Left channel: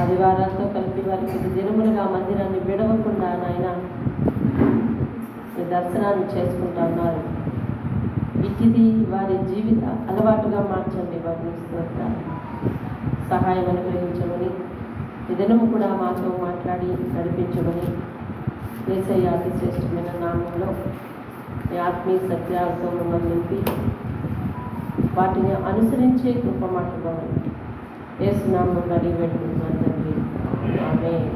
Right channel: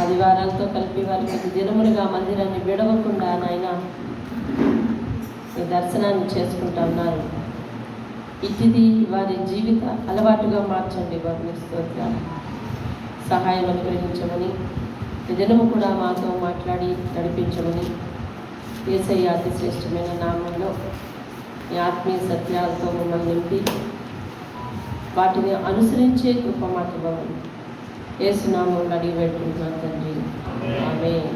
ఆదివారాలతో కలిపి వారి కొద్ది దినములుగా మందిరాన్ని విడవకుండా నాయన దర్శనాన్ని చేసుకుంటా ఉన్నారు. ఇది వారి జీవిత అలవాటుగా మార్చండి బాబు. స్తోత్రాలు. సహాయం అనుగ్రహించమని ఈ దినము కూడా మాతో మాట్లాడి నడిపించమని యేసయ్య అతి శ్రేష్టమైన నామంలో ఈ ఆత్మీయ సత్యాలతో మమ్మల్ని నింపి వాటిని అనుసరించే కృప మాకు బాబు యేసు నామం అడిగి పెట్టుకుంటున్నాను తండ్రి. ఆమేన్.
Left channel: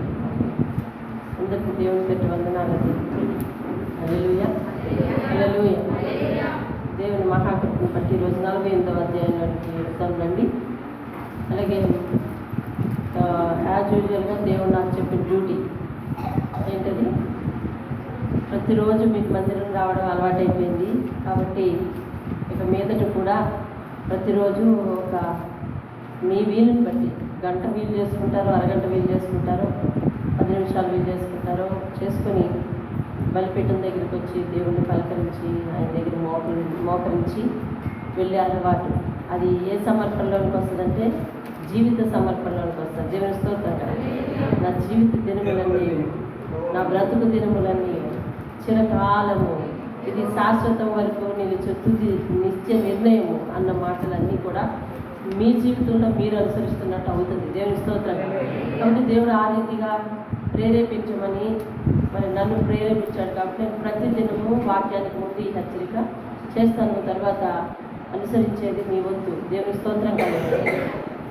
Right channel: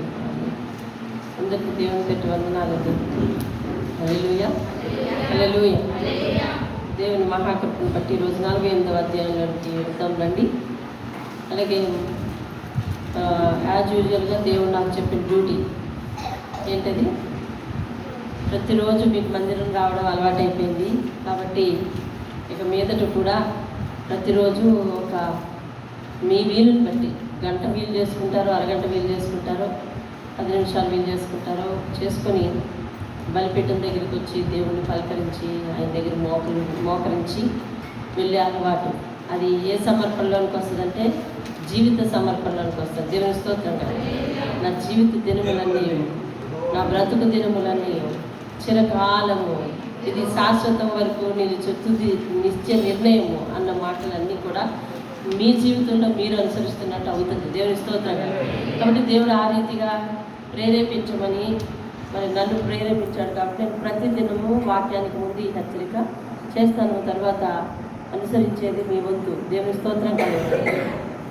అందరికీ దేవుని పెట్టి వందనాలండి. హల్లెలూయా, హల్లెలూయా. దేవుని మహాకృపను బట్టి ఈరోజు 48వ అధ్యాయంలోకి వెళ్తాం రండి. అలాగే యాజ్ యూజువల్గా దేవుడు నాకు చెప్పిన డ్యూటీ ఏంటది, ప్రతిరోజు మీకు మందిరం రావడం అలవాటైపోయింది కాబట్టి ఇక మీదట కూడా ప్రతిరోజు ఒక మీ వీలుని బట్టి గంట వీలు చేసుకుంటారో, అరగంట వీలు చేసుకుంటారో, 10 నిమిషాలు వీలు చేసుకుంటారో చేసుకొని బలిపీఠం దగ్గరికి వచ్చి దేవుణ్ణి పలకరించి ఆయన దగ్గర మోకరించి వెళ్ళే అలవాటు. అది ఏ సమర్పణలోనికి వస్తుందంటే జీవిత సమర్పణలోనికి వస్తుంది. దేవుని స్తోత్రం. నా జీవిత దినములన్నీ, నా బ్రతుకు దినములన్నీ చిరకాలము, ఇది శాశ్వతం వరకు నిలిచే తుది నిత్య నిర్ణయము అన్న మాటలన్నీ కూడా మీ జీవితంలో మీరు అనుసరిస్తున్నట్టు అవుతుంది. దేవుని స్తోత్రం. కాబట్టి దేవుడు ఆ రీతిగా ప్రేరేపించమని మరి నన్ను ప్రేరేపించాడు కాబట్టి నేను ప్రతిదినము వాక్యానికి ముందు ఈ హెచ్చరిక చేస్తాను. తర్వాత అనుసరించేది మీ వంతు. దేవుని స్తోత్రం కలగాలి.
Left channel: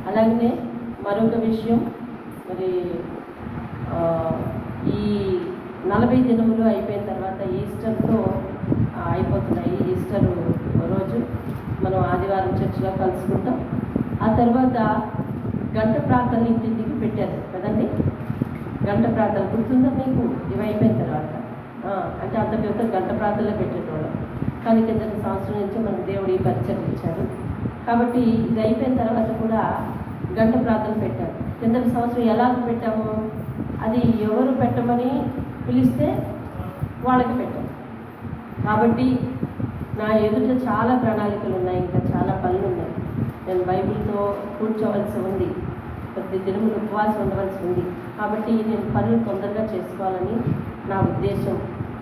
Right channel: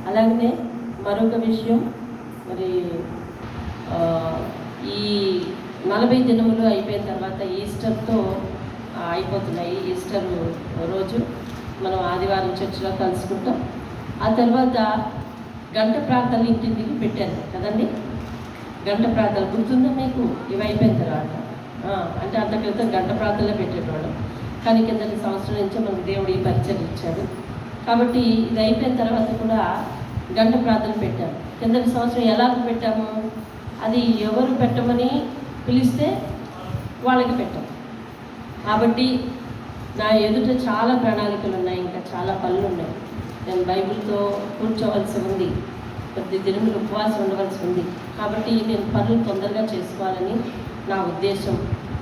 అలాగనే మరొక విషయం, మరి ఈ 40 దినములు అయిపోయిన తర్వాత ఈస్టర్తో అయిపోతున్నాయి. ఈస్టర్ రోజు మనం ఆదివారం చర్చిలో కలుసుకుంటాం. ఆ తర్వాత గంట ప్రార్థనలు ఇంటింటికి పెట్టారు కదండి. గంట ప్రార్థనలు గుర్తుందా మీకు? ఇవి అయిపోయిన తర్వాత అంటే అంత క్రితం గంట ప్రార్థనలో పెట్టేటవాళ్ళం. కానీ కిందటి సంవత్సరం నుంచి మనకు దేవుడు ఈ పరిచయం ఇచ్చాడు కాబట్టి ఇది అయిపోయిన తర్వాత కూడా గంట ప్రార్థన పెట్టారు. కిందటి సంవత్సరం ఎలా పెట్టాము, అది ఎవరు పెట్టమని పిలిస్తే వాళ్ళకి పెట్టాం. కాబట్టి నా ఎదుట చాలా ప్రణాళికలు ఉన్నాయి, ఇంకా చాలా పనులు ఉన్నాయి. నేను బైబిల్తో కూర్చోవలసి ఉంది, కొద్ది దినములు ఉపవాసం ఉండవలసి ఉంది. కాబట్టి నేను పనులు తొందరగా చేసుకోవాలని నా ఉద్దేశం.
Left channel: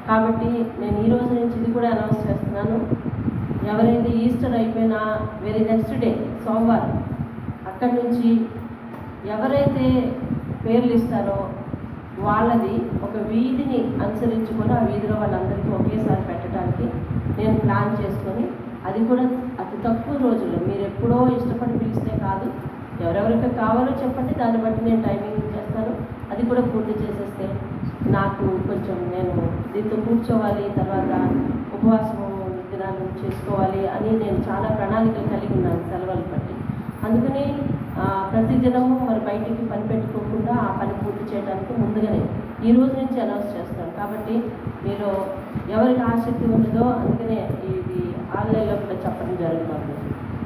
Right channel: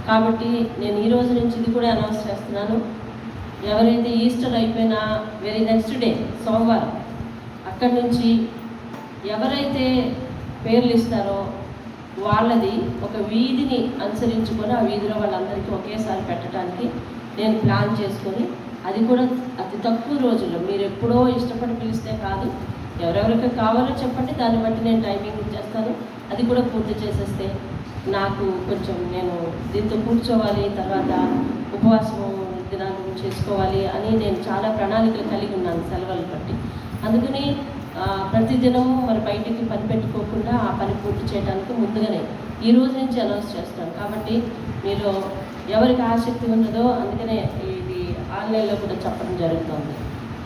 కాబట్టి నేను ఈ రోజు నుంచి ఇది కూడా అనౌన్స్ చేస్తున్నాను. ఎవరైతే ఈస్టర్ అయిపోయినా వెరీ నెక్స్ట్ డే సోమవారం అక్కడి నుంచి ఎవరైతే పేర్లు ఇస్తారో వాళ్ళది ఒక వీధిని అనుసరించుకొని ఆ వీధిలో వాళ్ళందరికీ ఒకేసారి పెట్టడానికి నేను ప్లాన్ చేసుకొని, అది కూడా అతి తక్కువ రోజుల్లో, మీరు ఎప్పుడో ఇష్టపడి పిలిస్తే కాదు, ఎవరెవరికి కావాలో చెప్పండి, దాన్ని బట్టి నేను టైమింగ్ చేస్తాను. అది కూడా పూర్తి చేసేస్తే నాకు కొంచెం నేను దీంతో కూర్చోవాలి, తర్వాత ఉపవాసము దినాలు చేసుకోవాలి అని నేను చాలా ప్రణాళికలు కలిగి ఉన్నాను సెలవులు బట్టి. అందుకని ప్రతిదినము మరి బయటికి పని పెట్టుకోకుండా ఆ పని పూర్తి చేయడానికి ముందుగానే ఈ రోజు నుంచి అనౌన్స్ చేస్తాను. కాబట్టి మీరు ఎవరికి ఆసక్తి ఉన్నదో, అందుకనే ఇది ఆన్లైన్లో కూడా చెప్పడం జరుగుతుంది.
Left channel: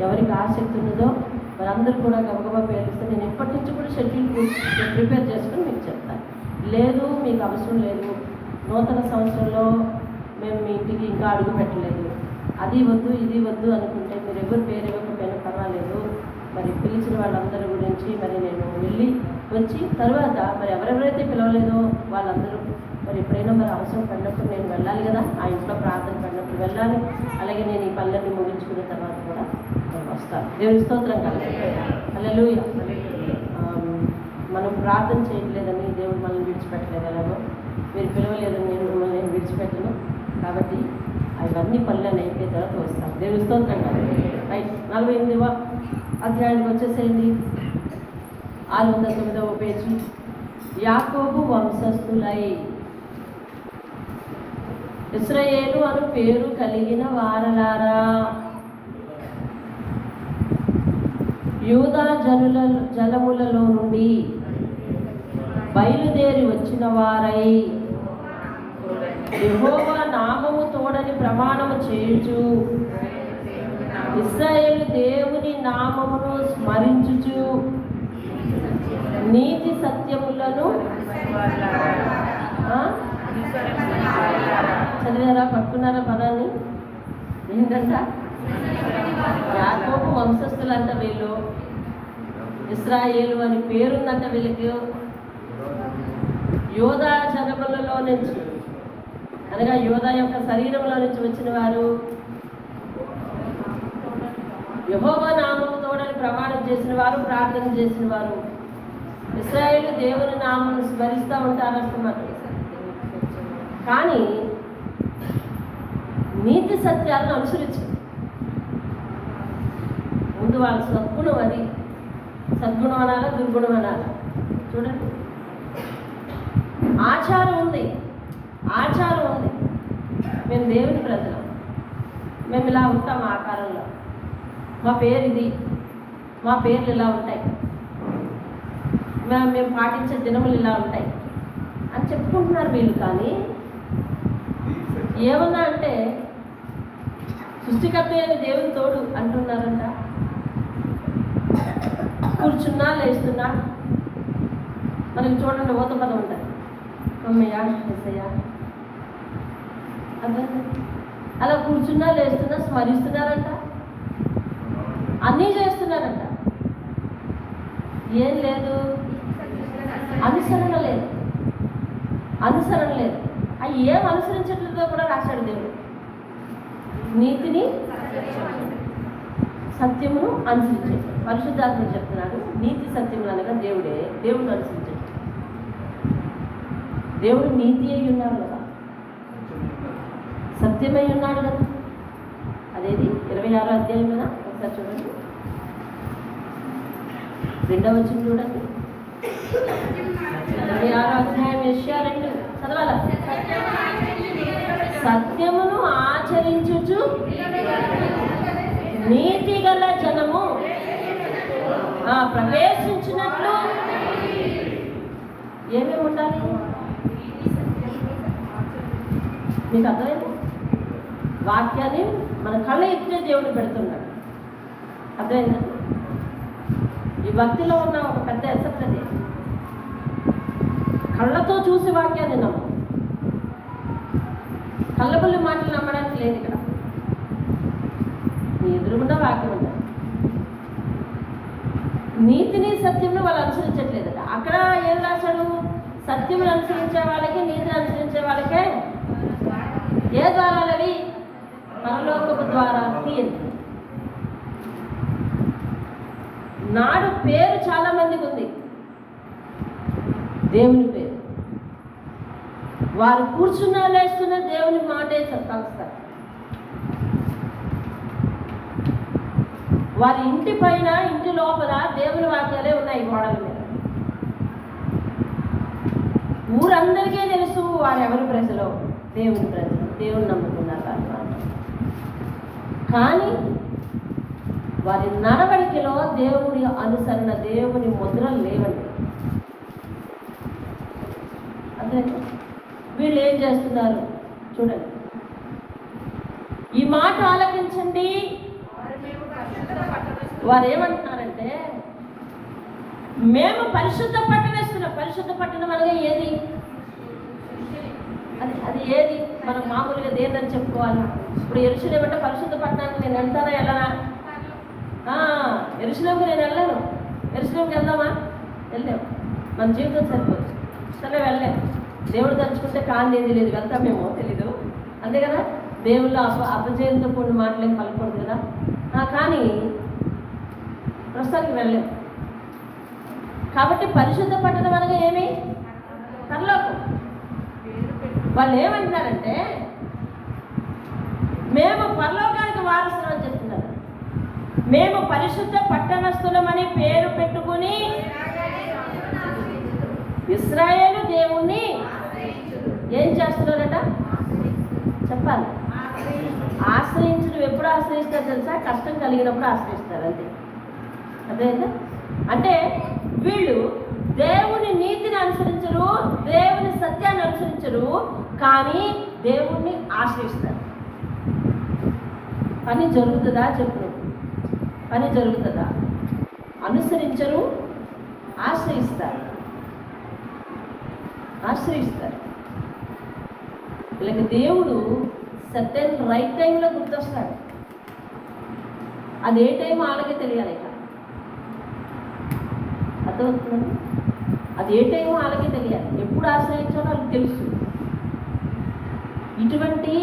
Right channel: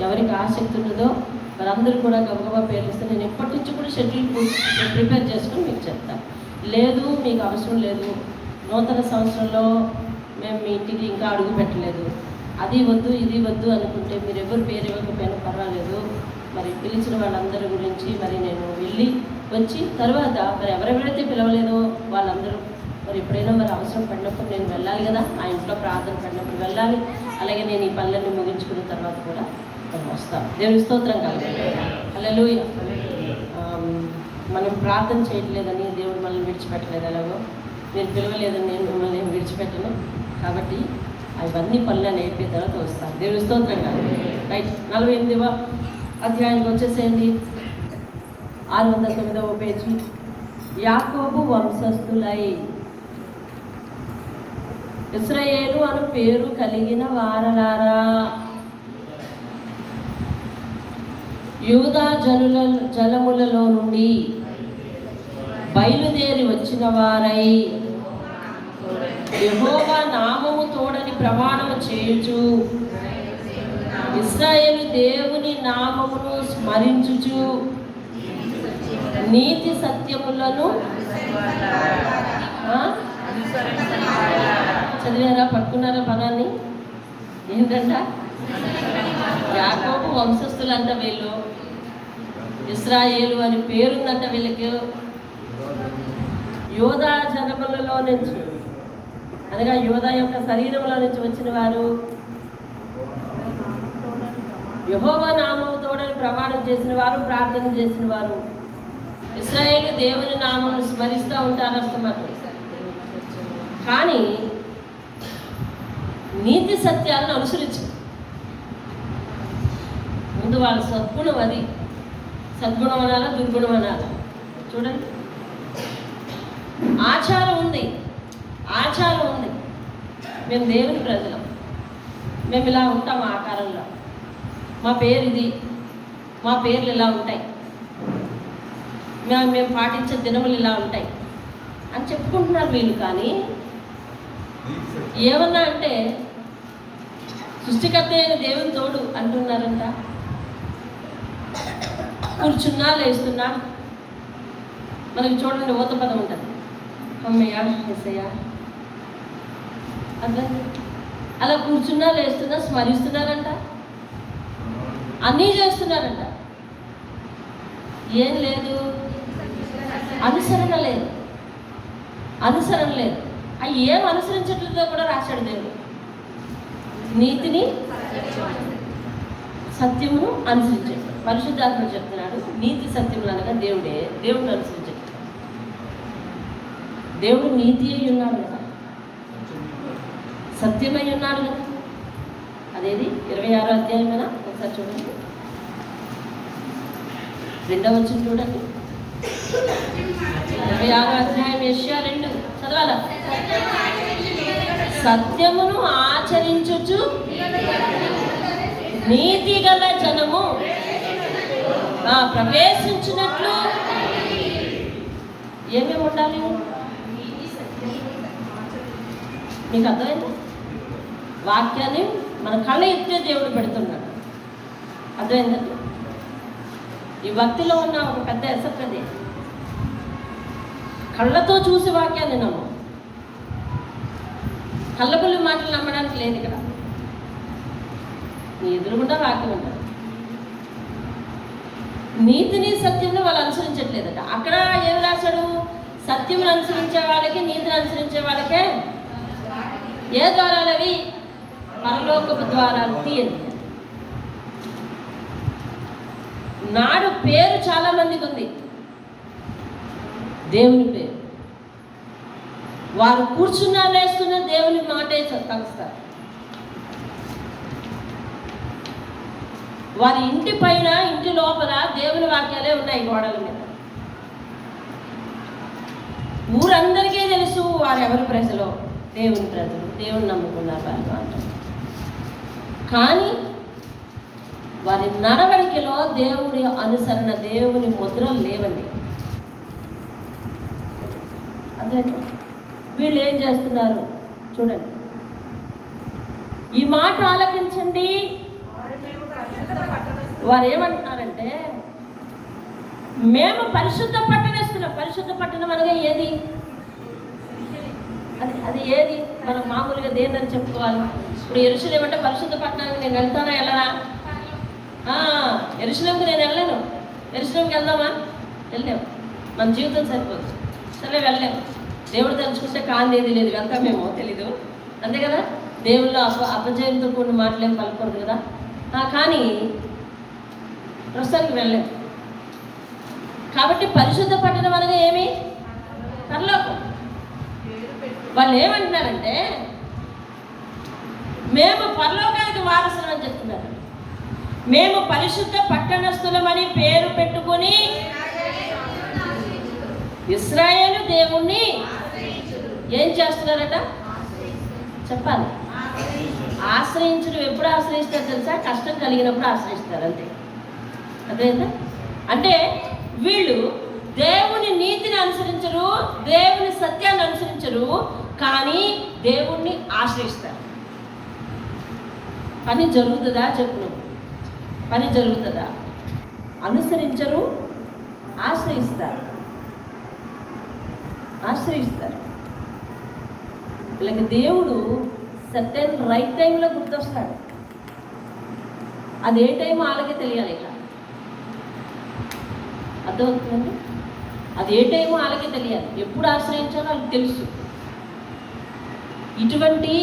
ఎవరికి ఆసక్తి ఉన్నదో వారందరూ కూడా గబగబా పేర్లు ఇస్తే నేను ఎప్పటి నుంచి కూడా షెడ్యూల్ ప్రిపేర్ చేసుకుని మీకు చెప్తాను. లేదు మీకు అవసరం లేదు, నూతన సంవత్సరంలో మేము మీ ఇంటికి ఇంకా అడుగు పెట్టలేదు, అది వద్దు ఇది వద్దు అనుకుంటే మీరు ఎవరు పేరు ఇవ్వకపోయినా పర్వాలేదు. మరి పిలిచిన వాళ్ళందరి గురించి మరి నేను వెళ్ళి వచ్చి తర్వాత మరి ఎవరెవరైతే పిలవలేదో వాళ్ళందరూ మరి ఎప్పుడైనా మరి అవసరం పడినప్పుడు నేను వెళ్ళాలి కదా, ఆ ఇంట్లో ప్రార్థన పడినప్పుడు వెళ్ళాలి. అలాగే నేను ఈ పనులన్నీ ముగించుకున్న తర్వాత కూడా నేను వస్తాను. దేవుని స్తోత్రం కలగాలి. హల్లెలూయా. మనం ప్రార్థన చేయట్లేదని దేవుడు మనల్ని విడిచిపెట్టలేదు. ఎలాగో మీరు పిలవలేదని నేను మిమ్మల్ని విడిచిపెట్టను. కాబట్టి అవన్నీ పనులు అయిపోయిన తర్వాత వస్తాను. దేవుని స్తోత్రం కాదు. రైట్, 48వ అధ్యాయానికి వచ్చేసేయండి. 609వ పేజీ. యాకోబు వంశస్థులై ఇశ్రాయేలు అను పేరు కలిగిన వారలారా, యూదా జలములలో నుండి బయలుదేరి వచ్చిన వారై యెహోవా నామము తోడని ప్రమాణము చేయుచు ఇశ్రాయేలు దేవుని నామమును స్మరించుచు నీతి సత్యములను చదివారా, పట్టుకున్నారా పదాన్ని? ఏంటంట? యాకోబు వంశస్థులంట వీళ్ళు. ఇశ్రాయేలు అని పేరుందంట వీళ్ళకి. యోధా జనములలో నుంచి, అనగా యోధా యొక్క శరీరంలో నుంచి వచ్చిన వారు, యెహోవా నామముతో ప్రమాణం చేసిన వారు, ప్రార్థన చేసిన వారు. ఇశ్రాయేలు దేవుని నామమును స్మరిస్తూ ఉంటారు అన్నమాట. కానీ నీతి సత్యాలను అనుసరించు. ముందు వాళ్ళ సద్గుణం, అది సద్గుణం అనాలా దుర్గుణం అనాలా చూడండి. ఆచారం ఉంది, ఆచారం ఉంది. మేము దేవుని ప్రజలం, మేము ఇలా ఉంటాం ఆకారంలో, మా పేరు ఇది, మా పేర్లు ఇలా ఉంటాయి, మేము పాటించే దినములు ఇలా ఉంటాయి అని చెప్పుకుంటున్నారు వీళ్ళు. కానీ ఏమన్నా అంటే సృష్టికర్త అయిన దేవుని తోడు అంటున్నారంట. కూర్చున్నా లేస్తున్నా మనకి చూడండి ఊత పదం ఉంటుంది, అమ్మయ్య ఎస్సయ్య అంత. అలా కూర్చున్నా లేస్తున్నా స్మరిస్తున్నారంట, అన్నీ చేస్తున్నారంట. ఏం లేదు, అనుసరణ లేదు, అనుసరణ లేదు. అవి ఏం అనుసరించట్లేదో కూడా రాశాడు దేవుడు. నీతిని సత్యమును అనుసరించాడు. పరిశుద్ధాత్మ చెప్తున్నాడు నీతి సత్యములు అనగా దేవుడే, దేవుడు అనుసరించాడు. దేవుడు నీతి అయి ఉన్నాడు కదా, సత్యమై ఉన్నాడు కదా. అదేది 26వ అధ్యాయం కదా, ఒకసారి చూడండి, 2వ వచనం చూడండి. 26వ అధ్యాయం యెషయా 2 చదవాలా? సత్యమును ఆచరించుచు నీతి గల జనము ప్రవేశించినట్లు ఏమేమి ఉండాలి? మీకు అర్థమైంది? వాక్యాన్ని మన కళ్ళ ఎత్తే దేవుడు పెడుతున్నాడు. అర్థమైందా? ఈ భక్తిలో ఉన్న ఒక పెద్ద ఎసక్కదే, కళ్ళతో చూసి వాక్యాన్ని నమ్ము. కళ్ళబుల్లి మాటలు నమ్మడానికి లేదు ఇక్కడ. నీ ఎదురుగుండా వాక్యం ఉంటారు. నీతిని సత్యంలో వాళ్ళు అనుసరించట్లేదట. అక్కడ ఏం రాశాడు? సత్యమును అనుసరించే వాళ్ళకి, నీతిని అనుసరించే వాళ్ళకే ఏ ద్వారాలు అవి? పరలోకపు ద్వారాలు తీయండి. నాడు పేరు చాలా మందికి ఉంది, దేవుని పేరు. వారు కూర్చున్నా లేస్తున్న దేవుని మాటే కలుస్తారు. వారి ఇంటి పైన, ఇంటి లోపల దేవుని వాక్యాలే ఉన్నాయి గోడల మీద. ఊరందరికీ తెలుసు వారు ఎవరి ప్రజలో, దేవుని ప్రజలు, దేవుని నమ్ముకున్నారు వారి మాట. కానీ వారి నడవడికలో దేవుని అనుసరణ, దేవుని ముద్రలు లేవండి. అదే వీళ్ళు ఏం చేస్తున్నారు చూడండి. ఈ మాట ఆలకించండి. వారు ఏమంటున్నారంటే, మేము పరిశుద్ధ పట్టణిస్తున్నాం. పరిశుద్ధ పట్టణం అనగా ఏది? అది ఏది? మనం మామూలుగా దేనిని చెప్పుకోవాలి. ఇప్పుడు యెరూషలేము అంటే పరిశుద్ధ పట్టణానికి నేను వెళ్తానా వెళ్ళనా? యెరూషలేముకి నేను వెళ్ళలేను. యెరూషలేముకి వెళ్దామా? వెళ్ళలేము. మన జీవితం సరిపోదు, సరే వెళ్ళలేము. దేవుడు తలుచుకుంటే కాందేది లేదు, వెళ్తామేమో తెలీదు, అంతే కదా. దేవుళ్ళు అపజయంతో కొన్ని మాటలేం కలపకూడదు కదా. కానీ ప్రస్తుతానికి వెళ్ళలేము. కాబట్టి పరిశుద్ధ పట్టణం అనగా ఏమి? పరలోకం. వాళ్ళు ఏమంటున్నారంటే, మేము పరలోకానికి వారసులు అని చెప్తున్నారు. మేము పరిశుద్ధ పట్టణస్థులమని పేరు పెట్టుకుని ఇశ్రాయేలు దేవుణ్ణి ఏం చేస్తున్నారట చెప్పాలి. ఆశ్రయించడం ఎప్పుడు ఆశ్రయిస్తారు తెలుసా? కష్టం కలిగినప్పుడు ఆశ్రయిస్తారు, అంతే. అదేంటా అంటే వీళ్ళు దేవుని నీతిని అనుసరించరు, దేవుని సత్యాన్ని అనుసరించరు, కానీ దేవుణ్ణి ఆశ్రయిస్తారు. పని జరుగుతుందా? చెప్పు, పని జరుగుతుందా? అనుసరించరు, ఆశ్రయిస్తారు. ఆశ్రయిస్తారు. వీళ్ళకి దేవుడు సర్టెన్ రైట్ టైంలో గుర్తొస్తాడు. అది ఏ టైం వాళ్ళకే తెలియాలి. ఇట్లా అర్థమవుతుంది. అది ఏ టైమో వాళ్ళకి తెలియాలి, ఎప్పుడు ఆశ్రయించాలో వాళ్ళకి తెలుసు. ఇటువంటి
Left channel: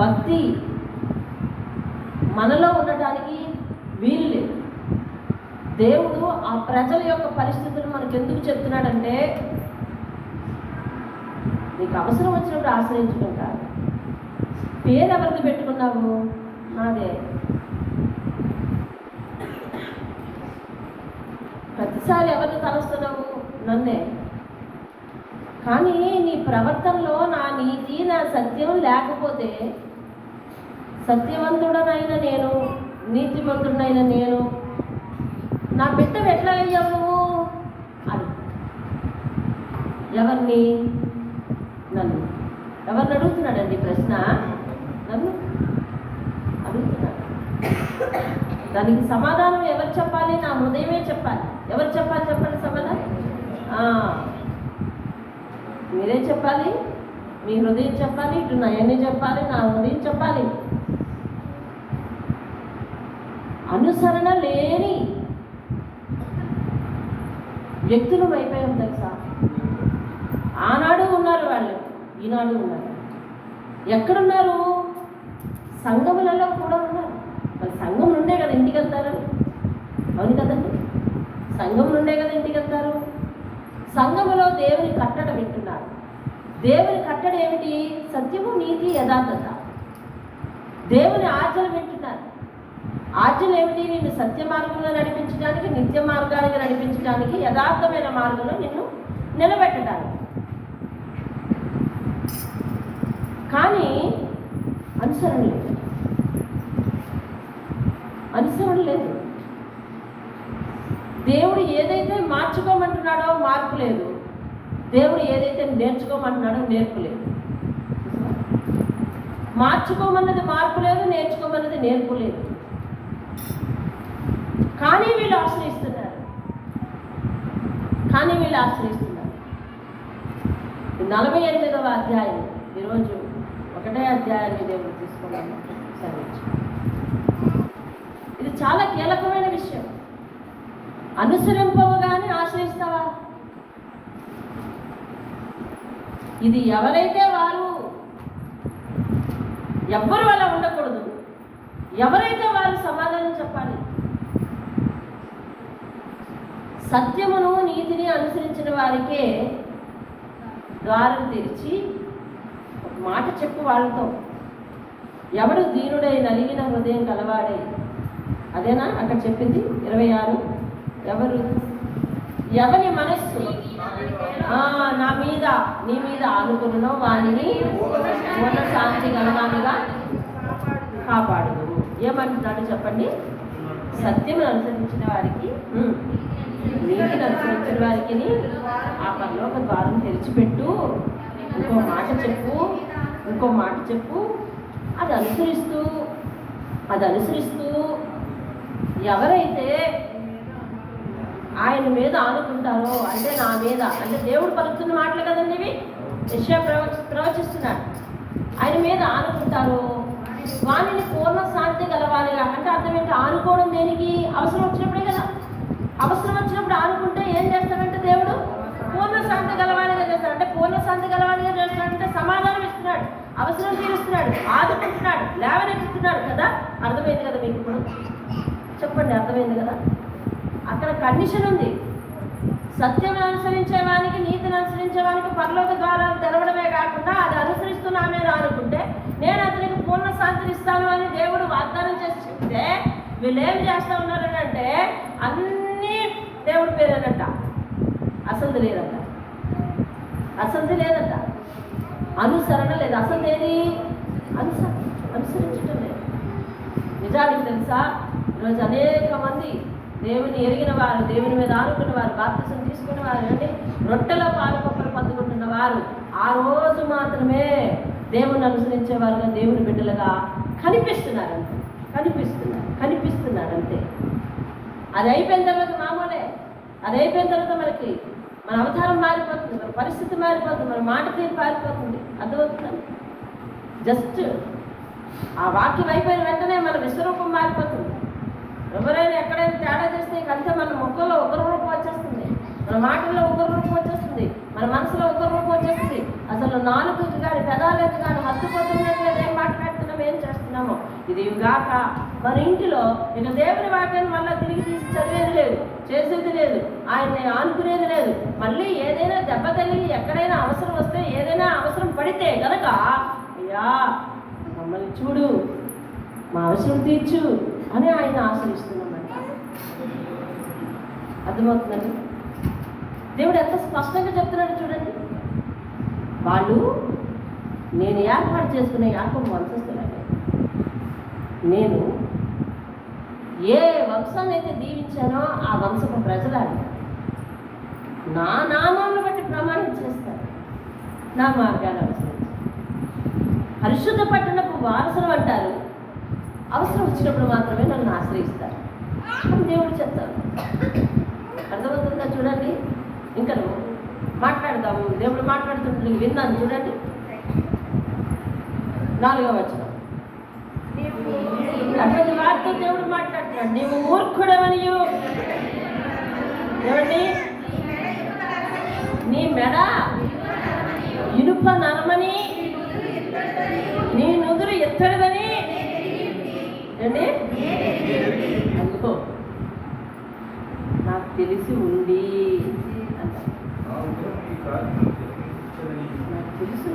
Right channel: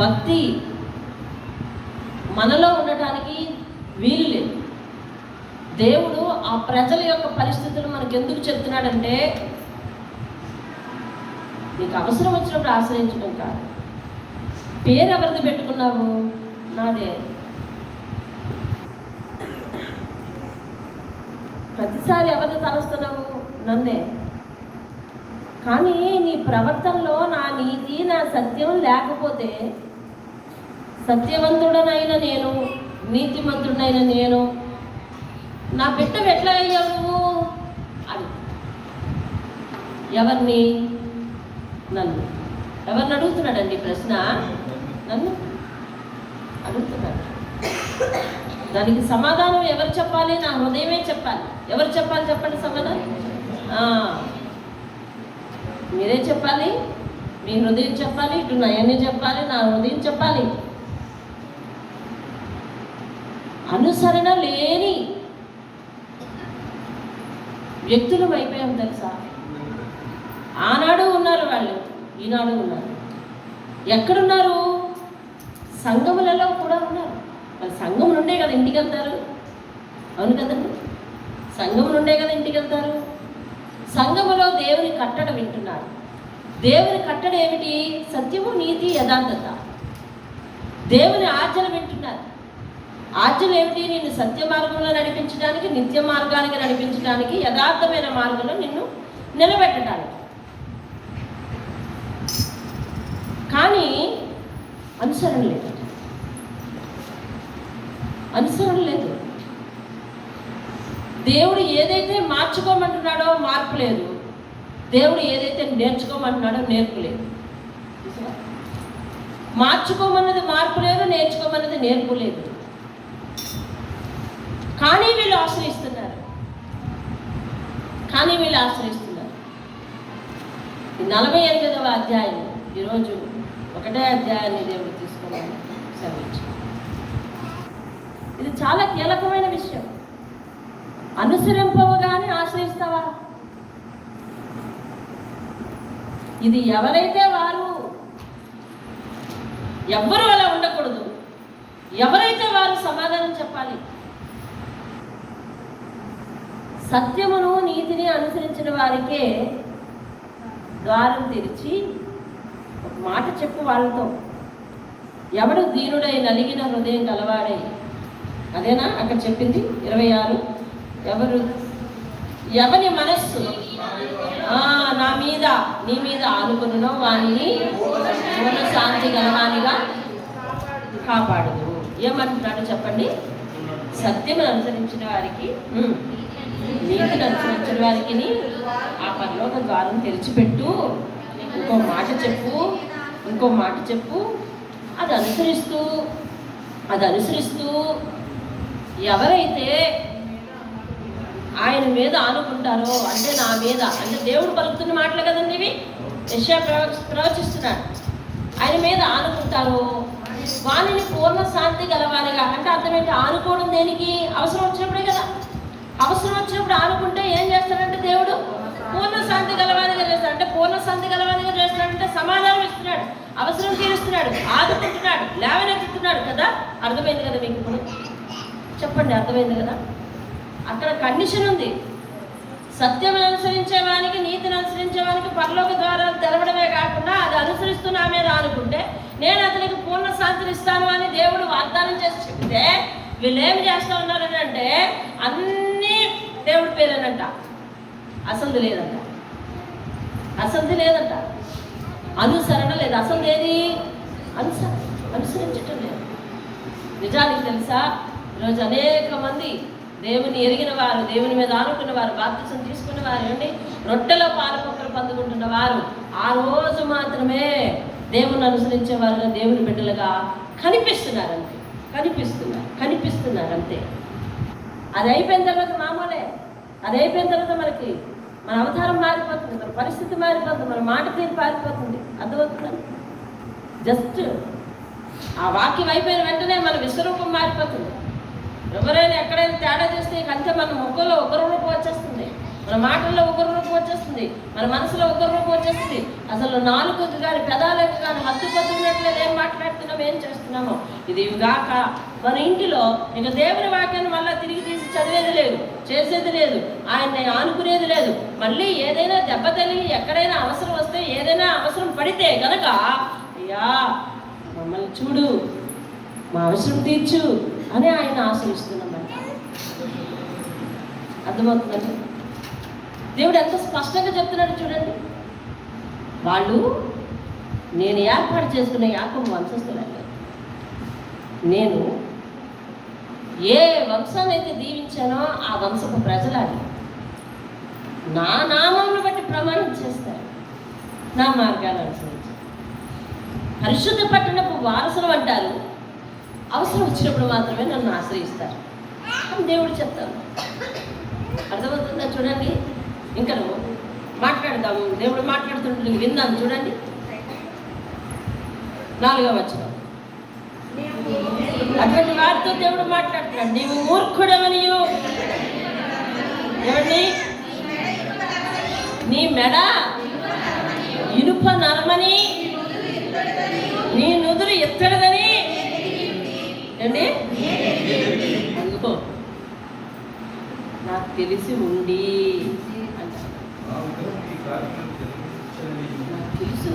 భక్తి మనలో ఉండటానికి వీలు లేదు. దేవుడు ఆ ప్రజల యొక్క పరిస్థితులు మనకు ఎందుకు చెప్తున్నాడంటే, నీకు అవసరం వచ్చినప్పుడు ఆశ్రయించడం కాదు. పేరు ఎవరిది పెట్టుకున్నావు? నాదే. ప్రతిసారి ఎవరిని తలుస్తున్నావు? నన్నే. కానీ నీ ప్రవర్తనలో నా నీతి, నా సత్యం లేకపోతే, సత్యవంతుడనైన నేను, నీతిమంతుడైన నేను, నా బిడ్డ ఎట్లా అయ్యావు నువ్వు? అది ఎవరిని? నన్ను. ఎవరిని అడుగుతున్నాడండి ప్రశ్న? నన్ను అడుగుతున్నాడు. దానికి సమాధానం ఎవరు చెప్పాలి? నా హృదయమే చెప్పాలి. ఎవరు చెప్పాలి చెప్పండి సమాధానం? మీరే చెప్పాలి. మీ హృదయం చెప్పాలి, ఇటు నయనే చెప్పాలి, నా హృదయం చెప్పాలి. అనుసరణ లేని వ్యక్తులం అయిపోయాం తెలుసా? ఆనాడు ఉన్నారు వాళ్ళు, ఈనాడు ఉన్నారు. ఎక్కడున్నారు? సంఘములలో కూడా ఉన్నారు. మరి సంఘం నుండే కదా ఇంటికి వెళ్తారు. అవును కదండి, సంఘం నుండే కదా ఇంటికి వెళ్తారు. సంఘములో దేవుని కట్టడ వింటున్నారు. దేవుని కట్టడ ఏమిటి? సత్యము, నీతి, యథార్థత. దేవుని ఆజ్ఞలు వింటున్నారు. ఆజ్ఞలు ఏమిటి? నిన్ను సత్య మార్గంలో నడిపించడానికి, నిత్య మార్గానికి నడిపించడానికి, యథార్థమైన మార్గంలో నిన్ను నిలబెట్టడానికి. కానీ అనుసరణ లేదు. అనుసరణ లేదు. దేవుడు ఏదైతే మార్చుకోమంటున్నాడో మార్పు లేదు. దేవుడు ఏదైతే నేర్చుకోమంటున్నాడో నేర్పు లేదు. మార్చుకోమన్నది మార్పు లేదు, నేర్చుకోమన్నది నేర్పు లేదు. కానీ వీళ్ళు ఆశ్రయిస్తున్నారు. 48వ అధ్యాయం, ఈరోజు 1వ అధ్యాయాన్ని దేవుడు తీసుకున్నాను. ఇది చాలా కీలకమైన విషయం. అనుసరింపవగానే ఆశ్రయిస్తావా? ఇది ఎవరైతే వారు, ఎవ్వరూ అలా ఉండకూడదు. ఎవరైతే వారు సమాధానం చెప్పాలి. సత్యమును, నీతిని అనుసరించిన వారికే ద్వారం తెరిచి ఒక మాట చెప్పు వాళ్ళతో. ఎవడు దీనుడై నలిగిన హృదయం గలవాడై, అదేనా అక్కడ చెప్పింది 26. ఎవరి మనస్సు నా మీద, నీ మీద ఆనుకున్నో వారిని పూర్ణ శాంతి గలవానిగా కాపాడదు. ఏమంటున్నాడు చెప్పండి? సత్యం అనుసరించిన వారికి, నీతిని అనుసరించిన వారికి ఆ పరలోక ద్వారం తెరిచిపెట్టు. ఇంకో మాట చెప్పు. అది అనుసరిస్తూ ఎవరైతే ఆయన మీద ఆనుకుంటారో, అంటే నా మీద, అంటే దేవుడు పలుకుతున్న మాటలు కదండి ఇవి. యెషయా ప్రవచిస్తున్నాడు. ఆయన మీద ఆనుకుంటారో వారిని పూర్ణ శాంతి గలవాలిగా. అంటే అర్థం ఏంటి? ఆనుకోవడం దేనికి? అవసరం వచ్చినప్పుడే కదా. అవసరం వచ్చినప్పుడు ఆనుకుంటే ఏం చేస్తాడంటే దేవుడు పూర్ణ శాంతి గలవానిగా చేస్తాడు. అంటే పూర్ణ శాంతి గలవానిగా చేస్తున్నాడంటే సమాధానం ఇస్తున్నాడు, అవసరం తీరుస్తున్నాడు, ఆదుకుంటున్నాడు, లేవనెత్తుతున్నాడు కదా. అర్థమైంది కదా మీకు? ఇప్పుడు చెప్పండి, అర్థమైంది కదా? అక్కడ కండిషన్ ఉంది. సత్యం అనుసరించే వానికి, నీతిని అనుసరించే వానికి పరలోక ద్వారాలు తెరవడమే కాకుండా అది అనుసరిస్తూ నా మీద అనుకుంటే నేను అతనికి పూర్ణ శాంతిని ఇస్తాను అని దేవుడు వాగ్దానం చేసి చెప్తే వీళ్ళు ఏం చేస్తూ ఉన్నారని అంటే అన్నీ దేవుడి పేరేనట. అసలు లేదంట. అనుసరణ లేదు. అసలు ఏది? అనుసరించటం లేదు. నిజానికి తెలుసా, ఈరోజు అనేక మంది దేవుని ఎరిగిన వారు, దేవుని మీద ఆనుకున్న వారు, బాప్తిసం తీసుకున్న వారు, అంటే రొట్టెలో పాలపొక్కలు పొందుకుంటున్న వారు ఆ రోజు మాత్రమే దేవుని అనుసరించే వారుగా, దేవుని బిడ్డలుగా కనిపిస్తున్నారు. అంతే. అది అయిపోయిన తర్వాత మామూలే. అది అయిపోయిన తర్వాత మనకి మన అవతారం మారిపోతుంది, మన పరిస్థితి మారిపోతుంది, మన మాట తీరు మారిపోతుంది. అర్థమవుతుంది? జస్ట్ ఆ వాక్యం అయిపోయిన వెంటనే మన విశ్వరూపం మారిపోతుంది. ఎవరైనా ఎక్కడైనా తేడా చేస్తే ఇక అంతే మన ముఖంలో ఒకరి రూపం వచ్చేస్తుంది, మన మాటల్లో ఒకరి రూపం వచ్చేస్తుంది, మన మనసులో ఒకరి రూపం వచ్చేస్తుంది. అసలు నాలుగుకి కానీ పెదాలకు కానీ హత్తుపోతున్నట్లేదు ఏం మాట్లాడుతున్నాం, ఏం చేస్తున్నామో. ఇది గాక మన ఇంటిలో ఇక దేవుని వాక్యాన్ని మళ్ళీ తిరిగి తీసి చదివేది లేదు, చేసేది లేదు, ఆయన్ని ఆనుకునేది లేదు. మళ్ళీ ఏదైనా దెబ్బ తగిలి ఎక్కడైనా అవసరం వస్తే, ఏదైనా అవసరం పడితే కనుక అయ్యా మమ్మల్ని చూడు, మా అవసరం తీర్చు అని ఆయన ఆశ్రయిస్తున్నామంట. అర్థమవుతుందండి? దేవుడు ఎంత స్పష్టంగా చెప్తున్నాడు చూడండి. వాళ్ళు నేను ఏర్పాటు చేసుకునే యాకోబు వంశస్థులండి. నేను ఏ వంశాన్ని అయితే దీవించానో ఆ వంశపు ప్రజలని నా నామాలను బట్టి ప్రమాణం చేస్తారు, నా మార్గాలు అనుసరించి పరిశుద్ధ పట్టణపు వారసులు అంటారు. అవసరం వచ్చినప్పుడు మాత్రమే నన్ను ఆశ్రయిస్తారు అని దేవుడు చెప్తారు. అర్థమవుతుందా? చూడండి, ఇంకా మాట్లాడదాము. దేవుడు మాట్లాడుతుంటే విన్నాను. చూడండి 4వ వచనం. అటువంటి వారితో దేవుడు మాట్లాడుతున్నాడు. నీవు మూర్ఖుడవనియు, ఏమండి, నీ మెడ ఇనుప నరమని, నీ నుదురు ఎత్తడదని అండి అందుకో నాకు తెలిసి ఉండి అంటారు. నాకు తెలుసు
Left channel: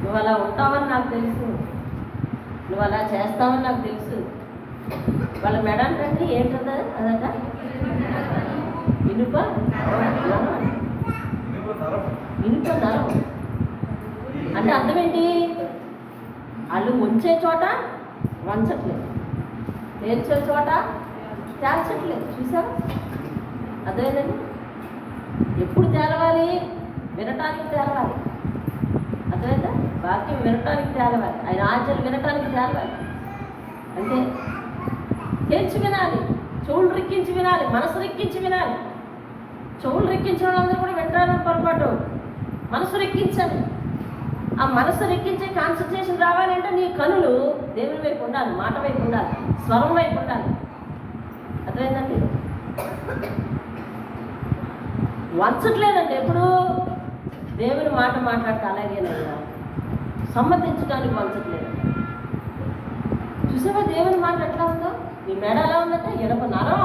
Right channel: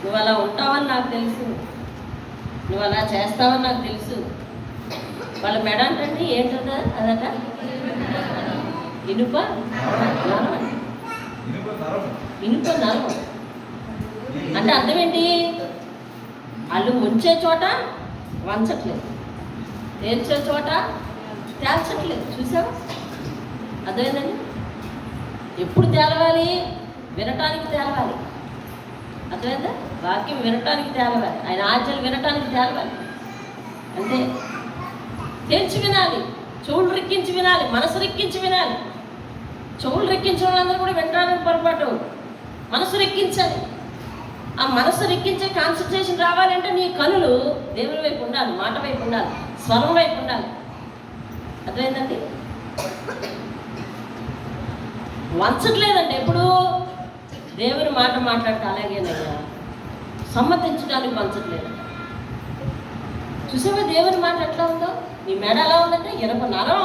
నువ్వు అలా ఉంటావని నాకు తెలుసు, నువ్వు అలా చేస్తావని నాకు తెలుసు. వాళ్ళ మెడ అంటే ఏంటద అదట ఇనుప నరం. ఇనుప నరం అంటే అర్థం ఏంటి? వాళ్ళు ఉంచే చోట వంచట్లేదు, తేల్చే చోట తేల్చట్లేదు. చూసావు? అర్థమైందండి? ఎప్పుడు తేలవాలి? వినటానికి తేలవాలి. అర్థమైందా? వాక్యం వినటానికి తేలవాలి, ఆయన ఆజ్ఞలు వినటానికి తేలవాలి. అంటే తేల్చి వినాలి, చెవులు రెక్కించి వినాలి, మనసు రెక్కించి వినాలి. చెవులు రెక్కించే వాళ్ళందరూ కూడా వినడానికి పొరపాటు, మనసు రెక్కించాలి. ఆ మనసు రెక్కించే కాన్సన్ట్రేషన్ రావాలంటే నీ కనులు దేవుని వైపు ఉండాలి, మాట వైపు ఉండాలి, స్వరం వైపు ఉండాలి. అర్థమైందండి? వంచట్లేదండి ఎప్పుడు. దేవుని మాట మాట్లాడితే అలాగేనయ్యా, సమ్మతించడానికి వంచట్లేదండి. చూసావా దేవుని మాట ఎట్లా ఉందో? నీ మెడ ఎలా ఉందంటే ఇనుప నరం.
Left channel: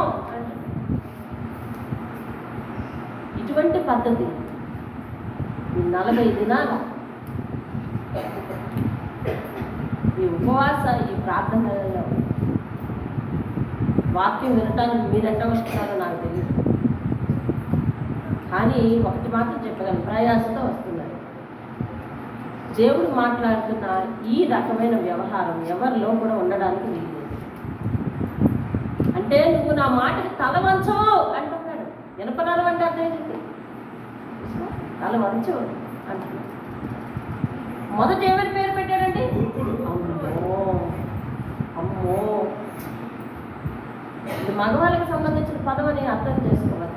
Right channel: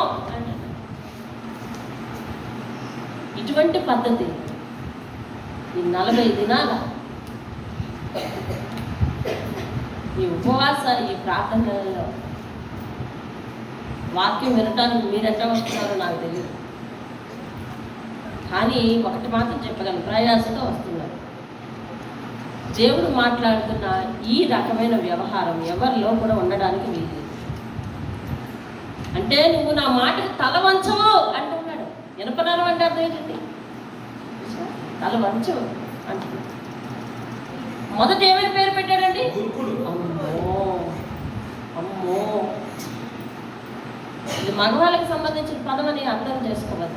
ఇటువంటి పద్ధతి ఈ 40 దినాల ఈ ఉపవాస, ఈ ప్రార్థనలలో వాక్యం వినటానికి మీరు ఎట్లా వస్తున్నారో నాకు తెలియదు, కానీ ఒకటి మాత్రం చెప్పగలను, ప్రయాసతో వస్తున్నారు. దేవుడు మాట్లాడుతున్న ఈ రకమైన వ్యవహారం ఎవరిలో కూడా ఉండడానికి వీలు. అంటే నువ్వు నా మాటకి తల వంచవు అంటున్నాడు. వినపనరం అంటే అర్థం ఏంటండి? తల వంచవు అంటున్నాడు. మొదట ఏమని పేరు పెట్టాడండి? అమ్మో అమ్మో. ఇది మగవాళ్ళకి సంబంధించిన పదం అని అర్థం చేసుకోవాలి.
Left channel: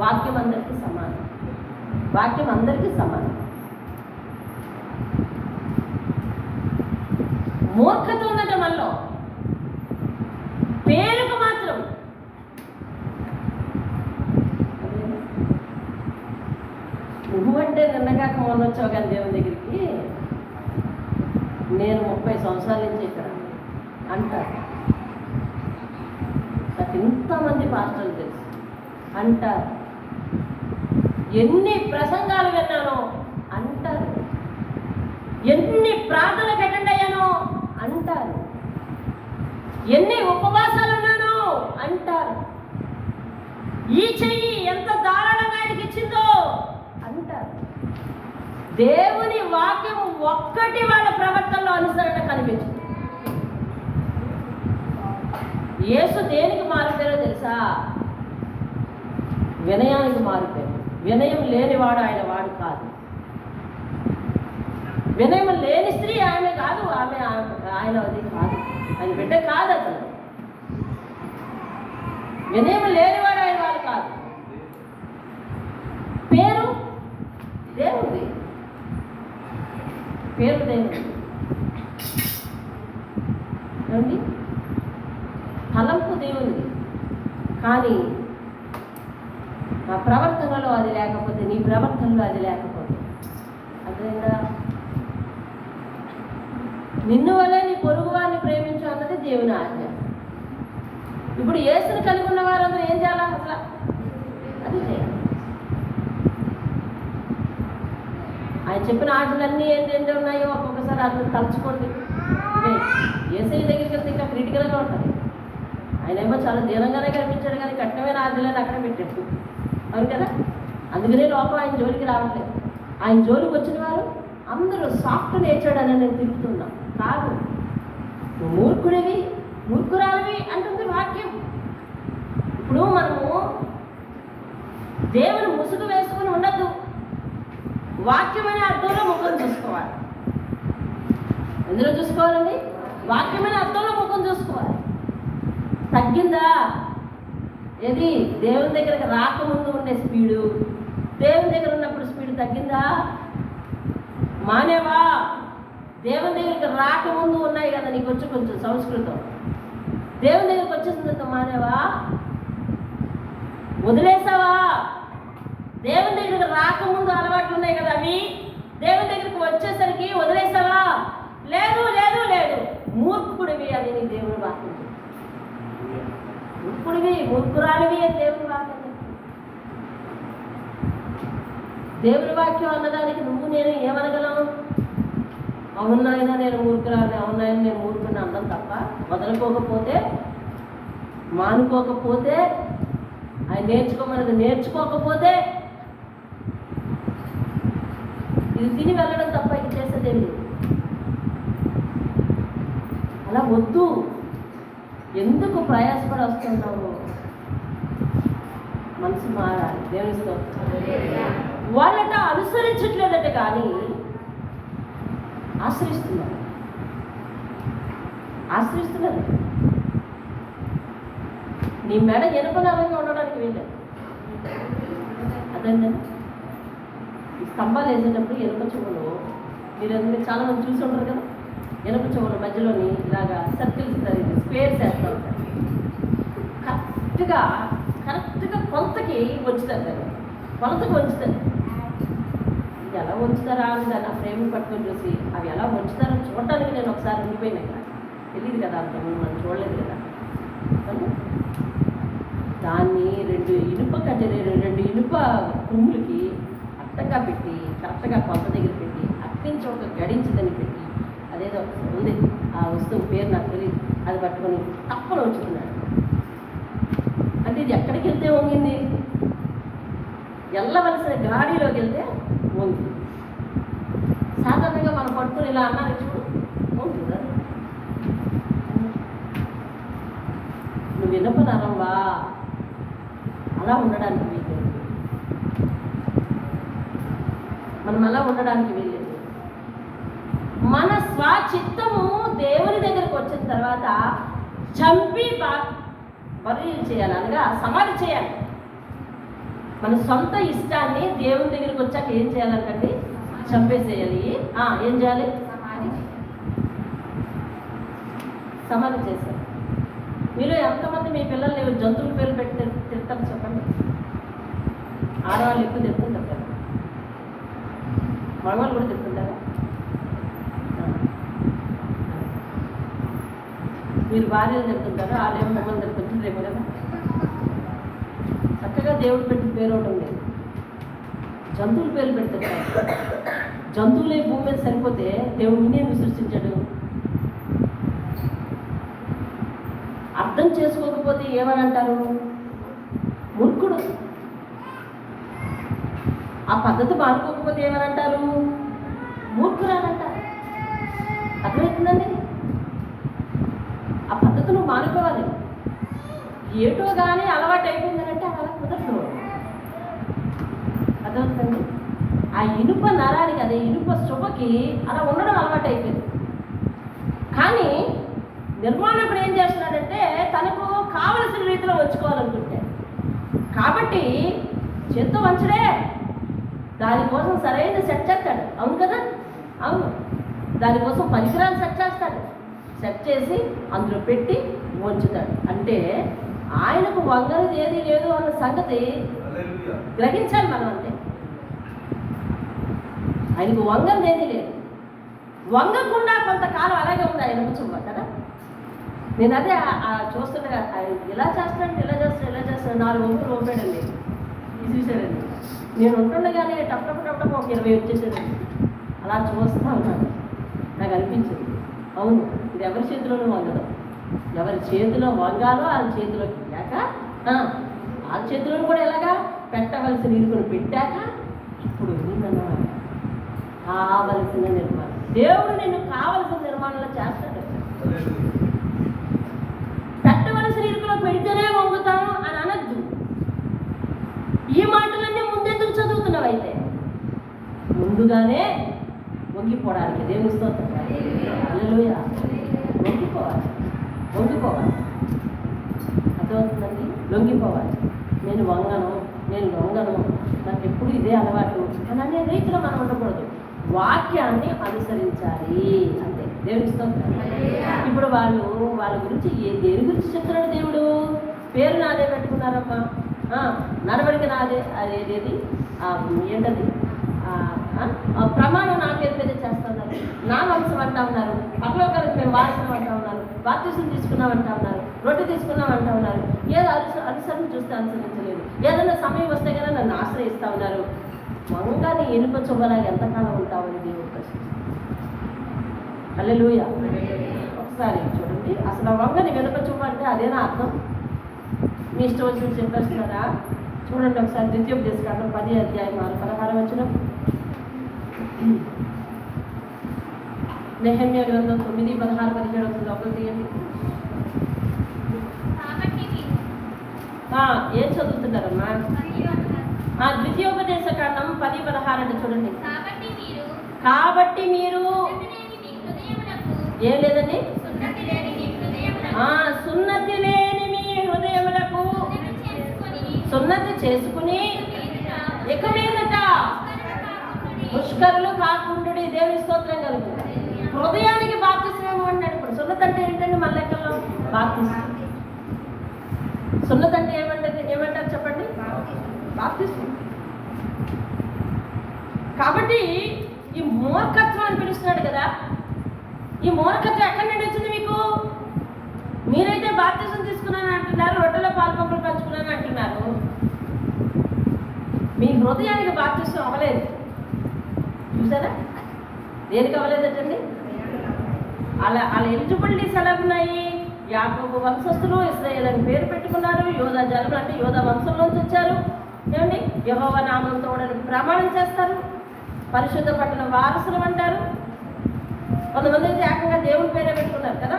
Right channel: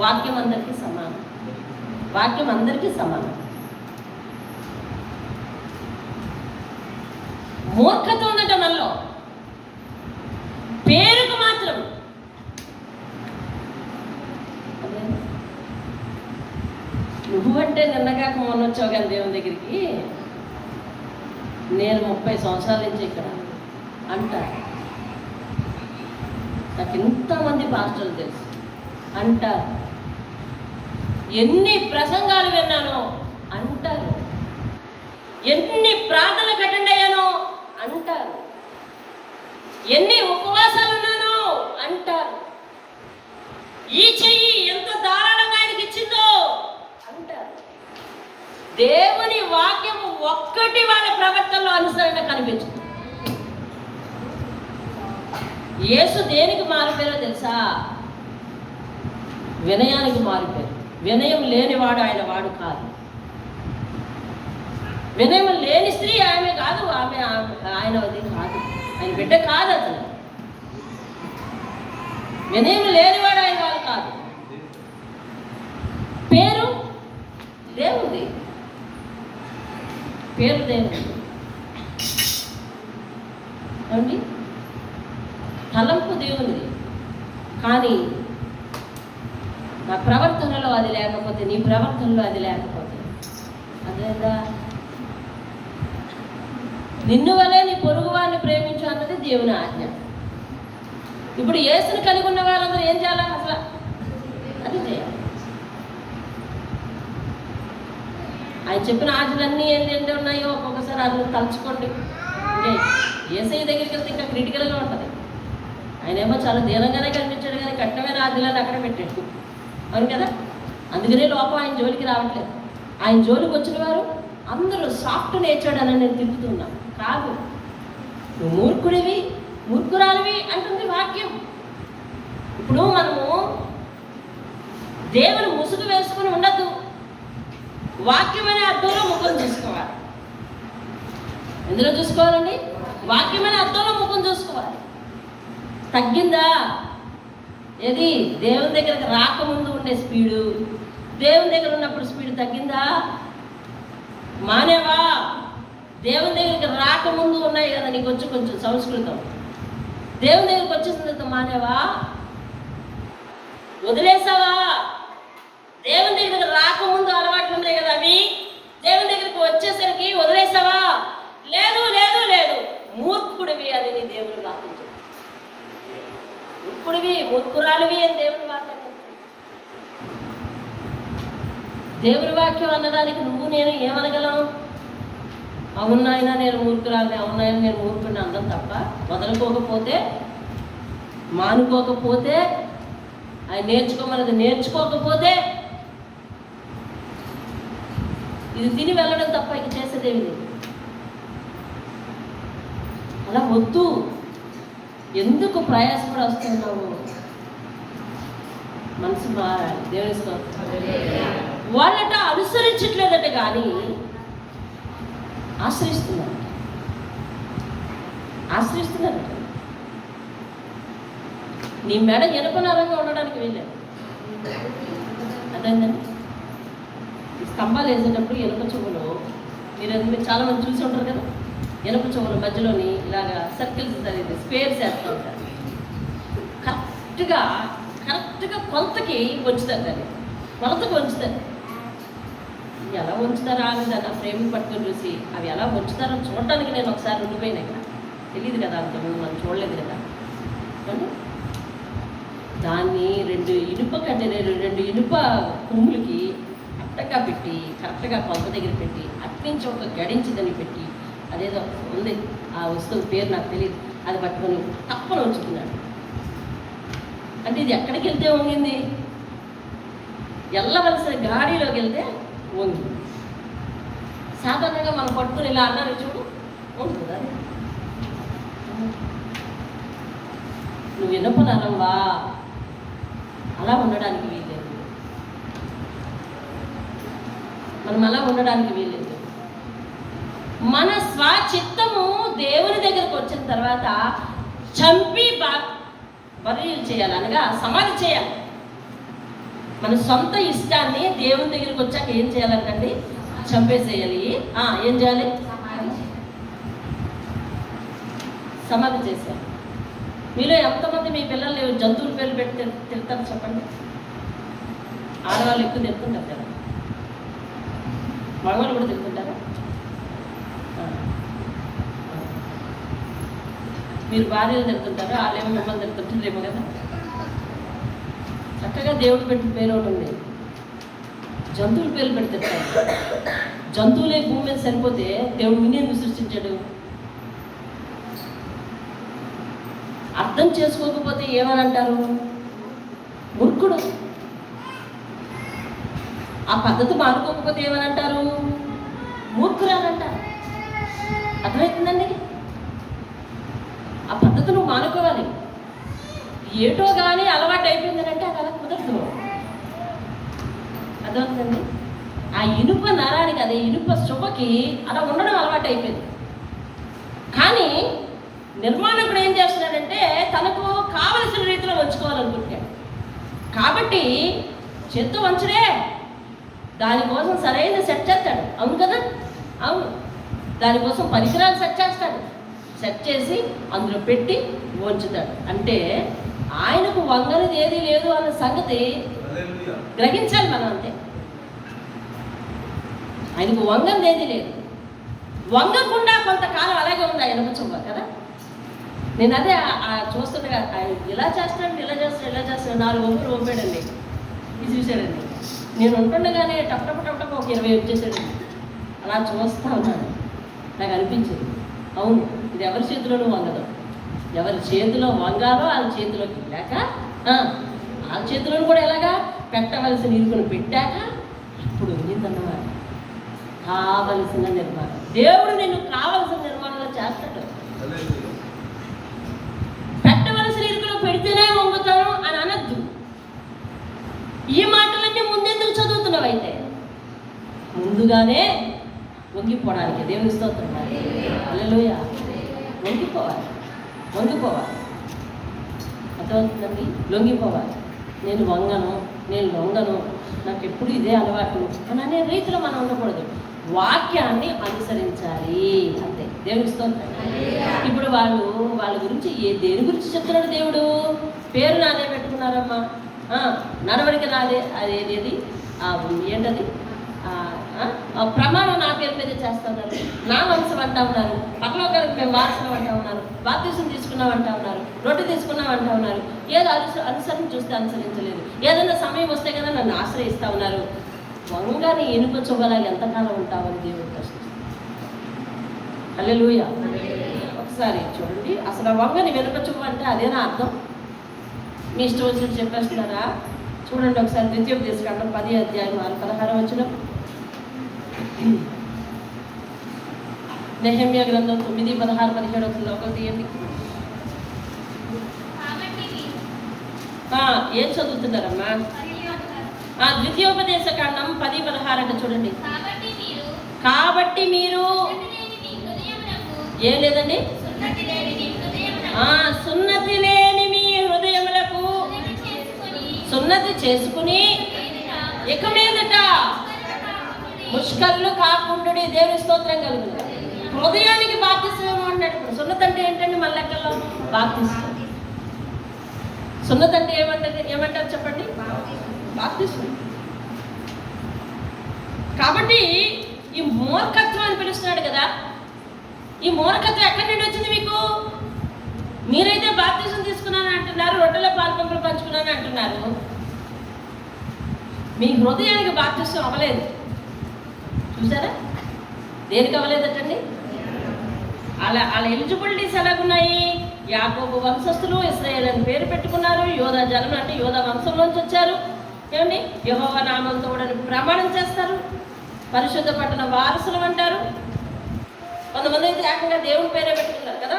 వాక్యం అందరికీ సమానం, వాక్యం అందరికీ సమానం. మూర్ఖత ఉందట మనలో, పేరుకు మాత్రం. నువ్వంటే నిన్నగాక మొన్న వచ్చావు కానీ దేవుని దగ్గరికి, నేను 30 సంవత్సరాల నుంచి ఇక్కడ అంటారు. నాకు ఇంతమంది పాస్టర్లు తెలుసు అంటారు. ఎన్ని ప్రసంగాలు విన్నానో అంటారు, ఎన్ని ప్రార్థనలకు అటెండ్ అయ్యానో అంటారు, ఎన్ని ఉపవాసాలు ఉన్నానో అంటారు, ఈ చెయ్యి ఎంత దారుణంగా ఆయనకి ఇచ్చిందో అంటారు. దేవుని వాక్యం ఒక్కటి వాళ్ళ ప్రవర్తనలో అనుసరణ కనిపించదు. యేసు దేనికి మారిపోయారో తెలుసా? వినయానికి మారిపోయారు. వినయం లేనివాడు ఆయన వాడు కాదు. వినయం లేని స్త్రీ ఆమె కాదు, ఆమె ఆయన అది కాదు, ఆయన బిడ్డ కాదు. అతను వినయం లేనివాడు ఆయన వాడు కాదు. పేరు దేవుడి, పేరు దేవుడి. ఏమండి? కానీ నా ప్రవర్తనలో అది లేకపోతే, నీ ప్రవర్తనలో అది లేకపోతే, అదేందా నిన్ను వలే నీ పొరుగు వారిని ప్రేమించు అన్నది దేవుని ఆజ్ఞ. ఇప్పుడు యేసుని కలిగి ఉన్న వారందరూ ఏం చేయాలి? అసలు అది చేయాలి. ఆయన చెప్పిన ఆజ్ఞలన్నీ ఏంటంటే ఉన్నాయో ఒక్కొక్కసారి అట్లా తలుచుకోండి. యేసయ్య దగ్గరికి వెళ్తే ఇంకా క్రిటికల్గా ఉంటుంది. ఆయనేమో చాలా దీనంగానే కనిపించాడు, కానీ కఠినమైన ఆజ్ఞలను అక్కడ పెట్టాడు. అవును కదా? అందుకనే లోపం ఆయన జోలికి రావట్లేదు. ఆయన జోలికి వచ్చిన వారు అందరూ సాఫ్ట్ నేచర్డ్ అని నేను తిప్పుతున్నా. కాదు, నువ్వు మూర్ఖుడివి, మూర్ఖురాలివి అంటుంది వాక్యం. ఇప్పుడు మనము దేవుని ముసుగు వేసుకుని ఉండద్దు. వాక్యమనే అర్థంలో ముఖం చూసుకోవాలి. ఎందులో చూసుకోవాలండి? వాక్యమనే అర్థంలో ముఖం చూసుకోవాలి. తగ్గిందా? ఏది దేవుని దగ్గరకు రాకముందు ఉండే స్పీడు, దేవుని దగ్గర ఉన్నప్పుడు స్పీడ్ తగ్గిందా? మానేవా? దేవుని దగ్గరికి రాకముందు ఉన్నాయి కదా నీకు వచ్చి కొంచెం సంస్కృతం, దేవుని దగ్గరికి వచ్చేసిన తర్వాత మానేవా? వదిలేసావా? దేవుని దగ్గరికి రాకముందు అలవాట్లు ఉన్నాయి కదా, అవి దేవుని దగ్గరికి వచ్చేసరికి వదిలేసావా? లేదు లేదు లేదు, మూర్ఖుడివి అని నీ దేవుని వాక్యం చెప్తుంది. మూర్ఖుడివి, మూర్ఖురాలివి అని దేవుని వాక్యం చెప్తుంది. దేవుని వాక్యం అన్నదానికి నువ్వు నేను ఏమనగలం? అవునాయన నేను మూర్ఖురాలి, అవునాయన నేను మూర్ఖుడిని అందం తప్ప, వదలుకోకపోతే, మానుకోకపోతే, ఆయన నేర్చుకోమన్నది నేర్చుకోకపోతే, ఇది తిని వెళ్ళడం తప్ప ఇక చేసేదేమి. అలా వద్దు. ఎందుకు ప్రయాసపడి వస్తున్నావు? మనసు మారాలి. దేవుని వాళ్ళట అనుసరించట్లేదట, కానీ ఆశ్రయిస్తున్నారు. నీ మెడ ఎనపనారంగా ఉండడానికి వెళ్ళాను. అదేంటండి, ఈ స్తంభాలు వేసేటప్పుడు ఎనుక చెవులు, మీరు చాలా మంది చూసి ఉంటారు కదా, ఎనుక చెవుల మధ్యలోని ఇలాగా సర్కిల్స్ ఉంటుంది, స్పేర్స్ వేస్తూ ఉంటారు. కరెక్ట్గా కొలతకి వంచుతారు. దాన్ని కొలతకి వంచుతారు. ఎలా వంచుతారా అని దాన్ని ఆ ఫ్రేమ్ పట్టుకొని చూసి అవి ఎలా వంచుతారో చూడటానికి నేను ఒకసారి ఉండిపోయినాయి కదా, తెలియదు కదా, అంతకుముందు మనం చూడలేదు కదా. దాన్ని రెండు ఇనుప కొమ్ములకి అట్టగా పెట్టి కరెక్ట్గా కొలత దగ్గర పెట్టి అట్నుంచి ఒక గడించదని పెట్టి, అదేదో ఉంది ఆ వస్తువు పేరు నాకు తెలియదు, అది పట్టుకొని తప్పని ఉంచుకున్నాడు. అంటే ఇది ఎక్కడికి వెళ్తే వంగింది? వెళ్ళవలసిన గాడిలోకి వెళ్తే వంగి. సాధారణంగా మనం పట్టుకుని ఇలా అన్నారు చూడు, వంగుతుందా? నువ్వు వినపనరంవా, అలా ఉండడానికి వీల్లేదు. మనం అలా ఉండడానికి వీల్లేదు. మన స్వచిత్తము దేవుని దగ్గరకు వచ్చిన తర్వాత చంపి బరియలు చేయాలి, అనగా సమాధి చేయాలి. మన సొంత ఇష్టాన్ని దేవుని దగ్గరికి వచ్చాక ఏం చేయాలంటండి? చంపేసేయాలి. ఏం చేయాలి? సమాధి చేసేయాలి. మీలో ఎంతమంది మీ పిల్లల్ని జంతువుల పేర్లు పెట్టి తిడతారు చెప్పండి? ఆడవాళ్ళు ఎక్కువ తిడుతుంటారు కదా, మగవాళ్ళు కూడా తిడుతుంటారా? మీరు భార్యలు తిడుతుంటారు, వాళ్ళేమో మిమ్మల్ని తిడుతుంటారేమో కదా. చక్కగా దేవుడు పెట్టిన పేరు ఒకటి ఉంది, జంతువుల పేర్లు పెడతారు. జంతువులే భూమి మీద సరిపోతే దేవుడు వినేందుకు సృష్టించాడు? అర్థం చేసుకోకపోతే ఏమని అంటారు? మూర్ఖుడు. ఆ పద్ధతి మానుకోకపోతే ఏమని అంటారు? మూర్ఖురాలు అంటారు. అర్థమవుతుందండి? ఆ పద్ధతి నువ్వు మానుకోవాలి. ఏటో కానీ అలవాటు అయిపోయిందని అంటే అలా కుదరదు. అర్థమవుతుందండి? ఆ ఇనుప నరానికి, అదే ఇనుప శుభకి అలా ఉండడం అలవాటు అయిపోయింది. కానీ నిర్మాణకుడు ఏం చేస్తున్నాడంటే తనకు కావలసిన రీతిలో వంచుకోవాలనుకుంటాడు. కాబట్టి చేత్తో వంచడే, దానికోసం సరైన సెట్ చేస్తాడు. అవును కదా? అవును. దానికోసం పరికరాలు సెట్ చేస్తాడు. సెట్ చేసి అందులో పెట్టి వంచుతాడు. అంటే ఆయనకు వంగనిది ఏది లేదు అన్న సంగతి గ్రహించాలి మనం. అంతే, ఆయనకు వంగనిది ఏది లేదు. వంగకుండా కొంతకాలం అలాగే ఉంది ఆయన చువ్వ కదా. నేను అదే చూస్తుండగా ఇలా చేస్తాడు, ఇలా చేస్తాడు, ఇలా చేస్తాడు. 4 వంపులు వంపాడండి, ఇది చూశాడండి. నేను ఉంటుండగానే టప్ ఒక 20 వచ్చేసాడండి. అలా చూస్తూ ఉన్నాను. నాకు అనిపించింది, అవును, ఇది ఎవరి చేతిలోనూ వంగదు. ఎవరి చేతిలో వంగాలో వాళ్ళ చేతిలోకి వెళ్ళాక వాళ్ళ చేతిలోనూ కూడా ఎలాగా పెట్టవలసిన ఇరుకును పెట్టాక ఇప్పుడు ఉండిందన్నమాట. కావలసిన నిర్మాణం దేవుడు నిన్ను కావలసిన నిర్మాణంలో చేస్తాడు. పెట్టవలసిన ఇరుకులో పెడితేనే వంగుతాను అని అనద్దు. ఈ మాటలన్నీ ముందెందుకు చదువుతున్నావు? అయితే ముందుగానే వంగిపోవడానికి. దేవుని స్తోత్రం. హల్లెలూయా. వంగిపోవాలి. అర్థమవుతుందండి? లొంగిపోవాలి. నేను లొంగను, నాకు ఎప్పుడు ఇదే అలవాటు అని అనే రీతిలో మనం ఉండకూడదు. వాక్యాన్ని అనుసరించాలి అంతే. దేవుని స్తోత్రం. ఇప్పుడు వాళ్ళ గురించి దేని గురించి చెప్తున్నాడు దేవుడు? పేరు నాదే పెట్టుకున్నారమ్మా, నడవడిక నాదే, అదేది ఏంటది, ప్రమాణం నా పేరు మీదే చేస్తున్నారు, నా వంశం అంటా ఉన్నారు, పరలోకానికి మేము వారసులం అంటా ఉన్నారు, బాప్తిసం తీసుకున్నాం అంటా ఉన్నారు, రొట్టె తీసుకున్నాం అంటా ఉన్నారు. ఏదో అనుసరణ చూస్తే అనుసరించలేదు. ఏదైనా సమయం వస్తే కదా నన్ను ఆశ్రయిస్తా ఉన్నారు. వంగానే ఇనుప చువ్వలాగా ఎంతకాలం ఉంటామని దేవుడు ప్రశ్నిస్తాడు. హల్లెలూయా. ఒకసారి చూడండి, అసలు వంగని ఇనుప చువ్వ అంటే అదేనా అర్థం? మీ ఇష్టం వచ్చినట్టు చెప్పేస్తున్నారా? చూడండి ఒకసారి ద్వితీయోపదేశకాండం 10:16 వచనం. నెహెమ్యా గ్రంథం 9:16-17 లోపల తీయండి. ఏం చదువుతున్నారమ్మా? ద్వితీయోపదేశకాండం 10:16 అంటే చూడండి. కాబట్టి మీరు ఏం లేదండి, సున్నతి లేని మీ హృదయములకు సున్నతి చేసుకుని ఇక మీదట ముష్కరులు కాకుండా దేవుని స్తోత్రం కలుగుతుంది. హృదయానికి బాప్తిసం అంటాడు. ఇప్పుడు సున్నతి అంటే ఏంటండి? మన లెక్కల్లో బాప్తిసం. సున్నతి అంటే ఏమంటారు చెప్పండి? బాప్తిసం. కాబట్టి ఈ మూర్ఖత్వం అని పిలుస్తున్నాడు కదా. ఈ మూర్ఖత్వం ఎక్కడి నుండి వచ్చింది మీకు? మీరైతే బాప్తిసం తీసుకున్నాను అంటున్నారు, రొట్టెలో పాల్పంపులు పంచుకున్నాను అంటున్నారు. మీ హృదయానికి బాప్తిసం అవ్వలేదు. చూసారా? దేనికి అవ్వలేదటండి? వాళ్ళ ఎలిజిబిలిటీస్ ఎలాగున్నాయి? యాకోబు వంశస్థులు, ఇశ్రాయేలు అని పేరు పెట్టుకున్నారు, యోధా జనం అంటే యోధా వంశంలోంచి వచ్చారు. ఏమండి? యెహోవా నామంతో ప్రమాణం చేస్తారు, పరిశుద్ధ పట్టణ వారసులు అంటారు. కొంతమంది అయితే ఏకంగా దేవుని పేరే పెట్టుకున్నారు కదా.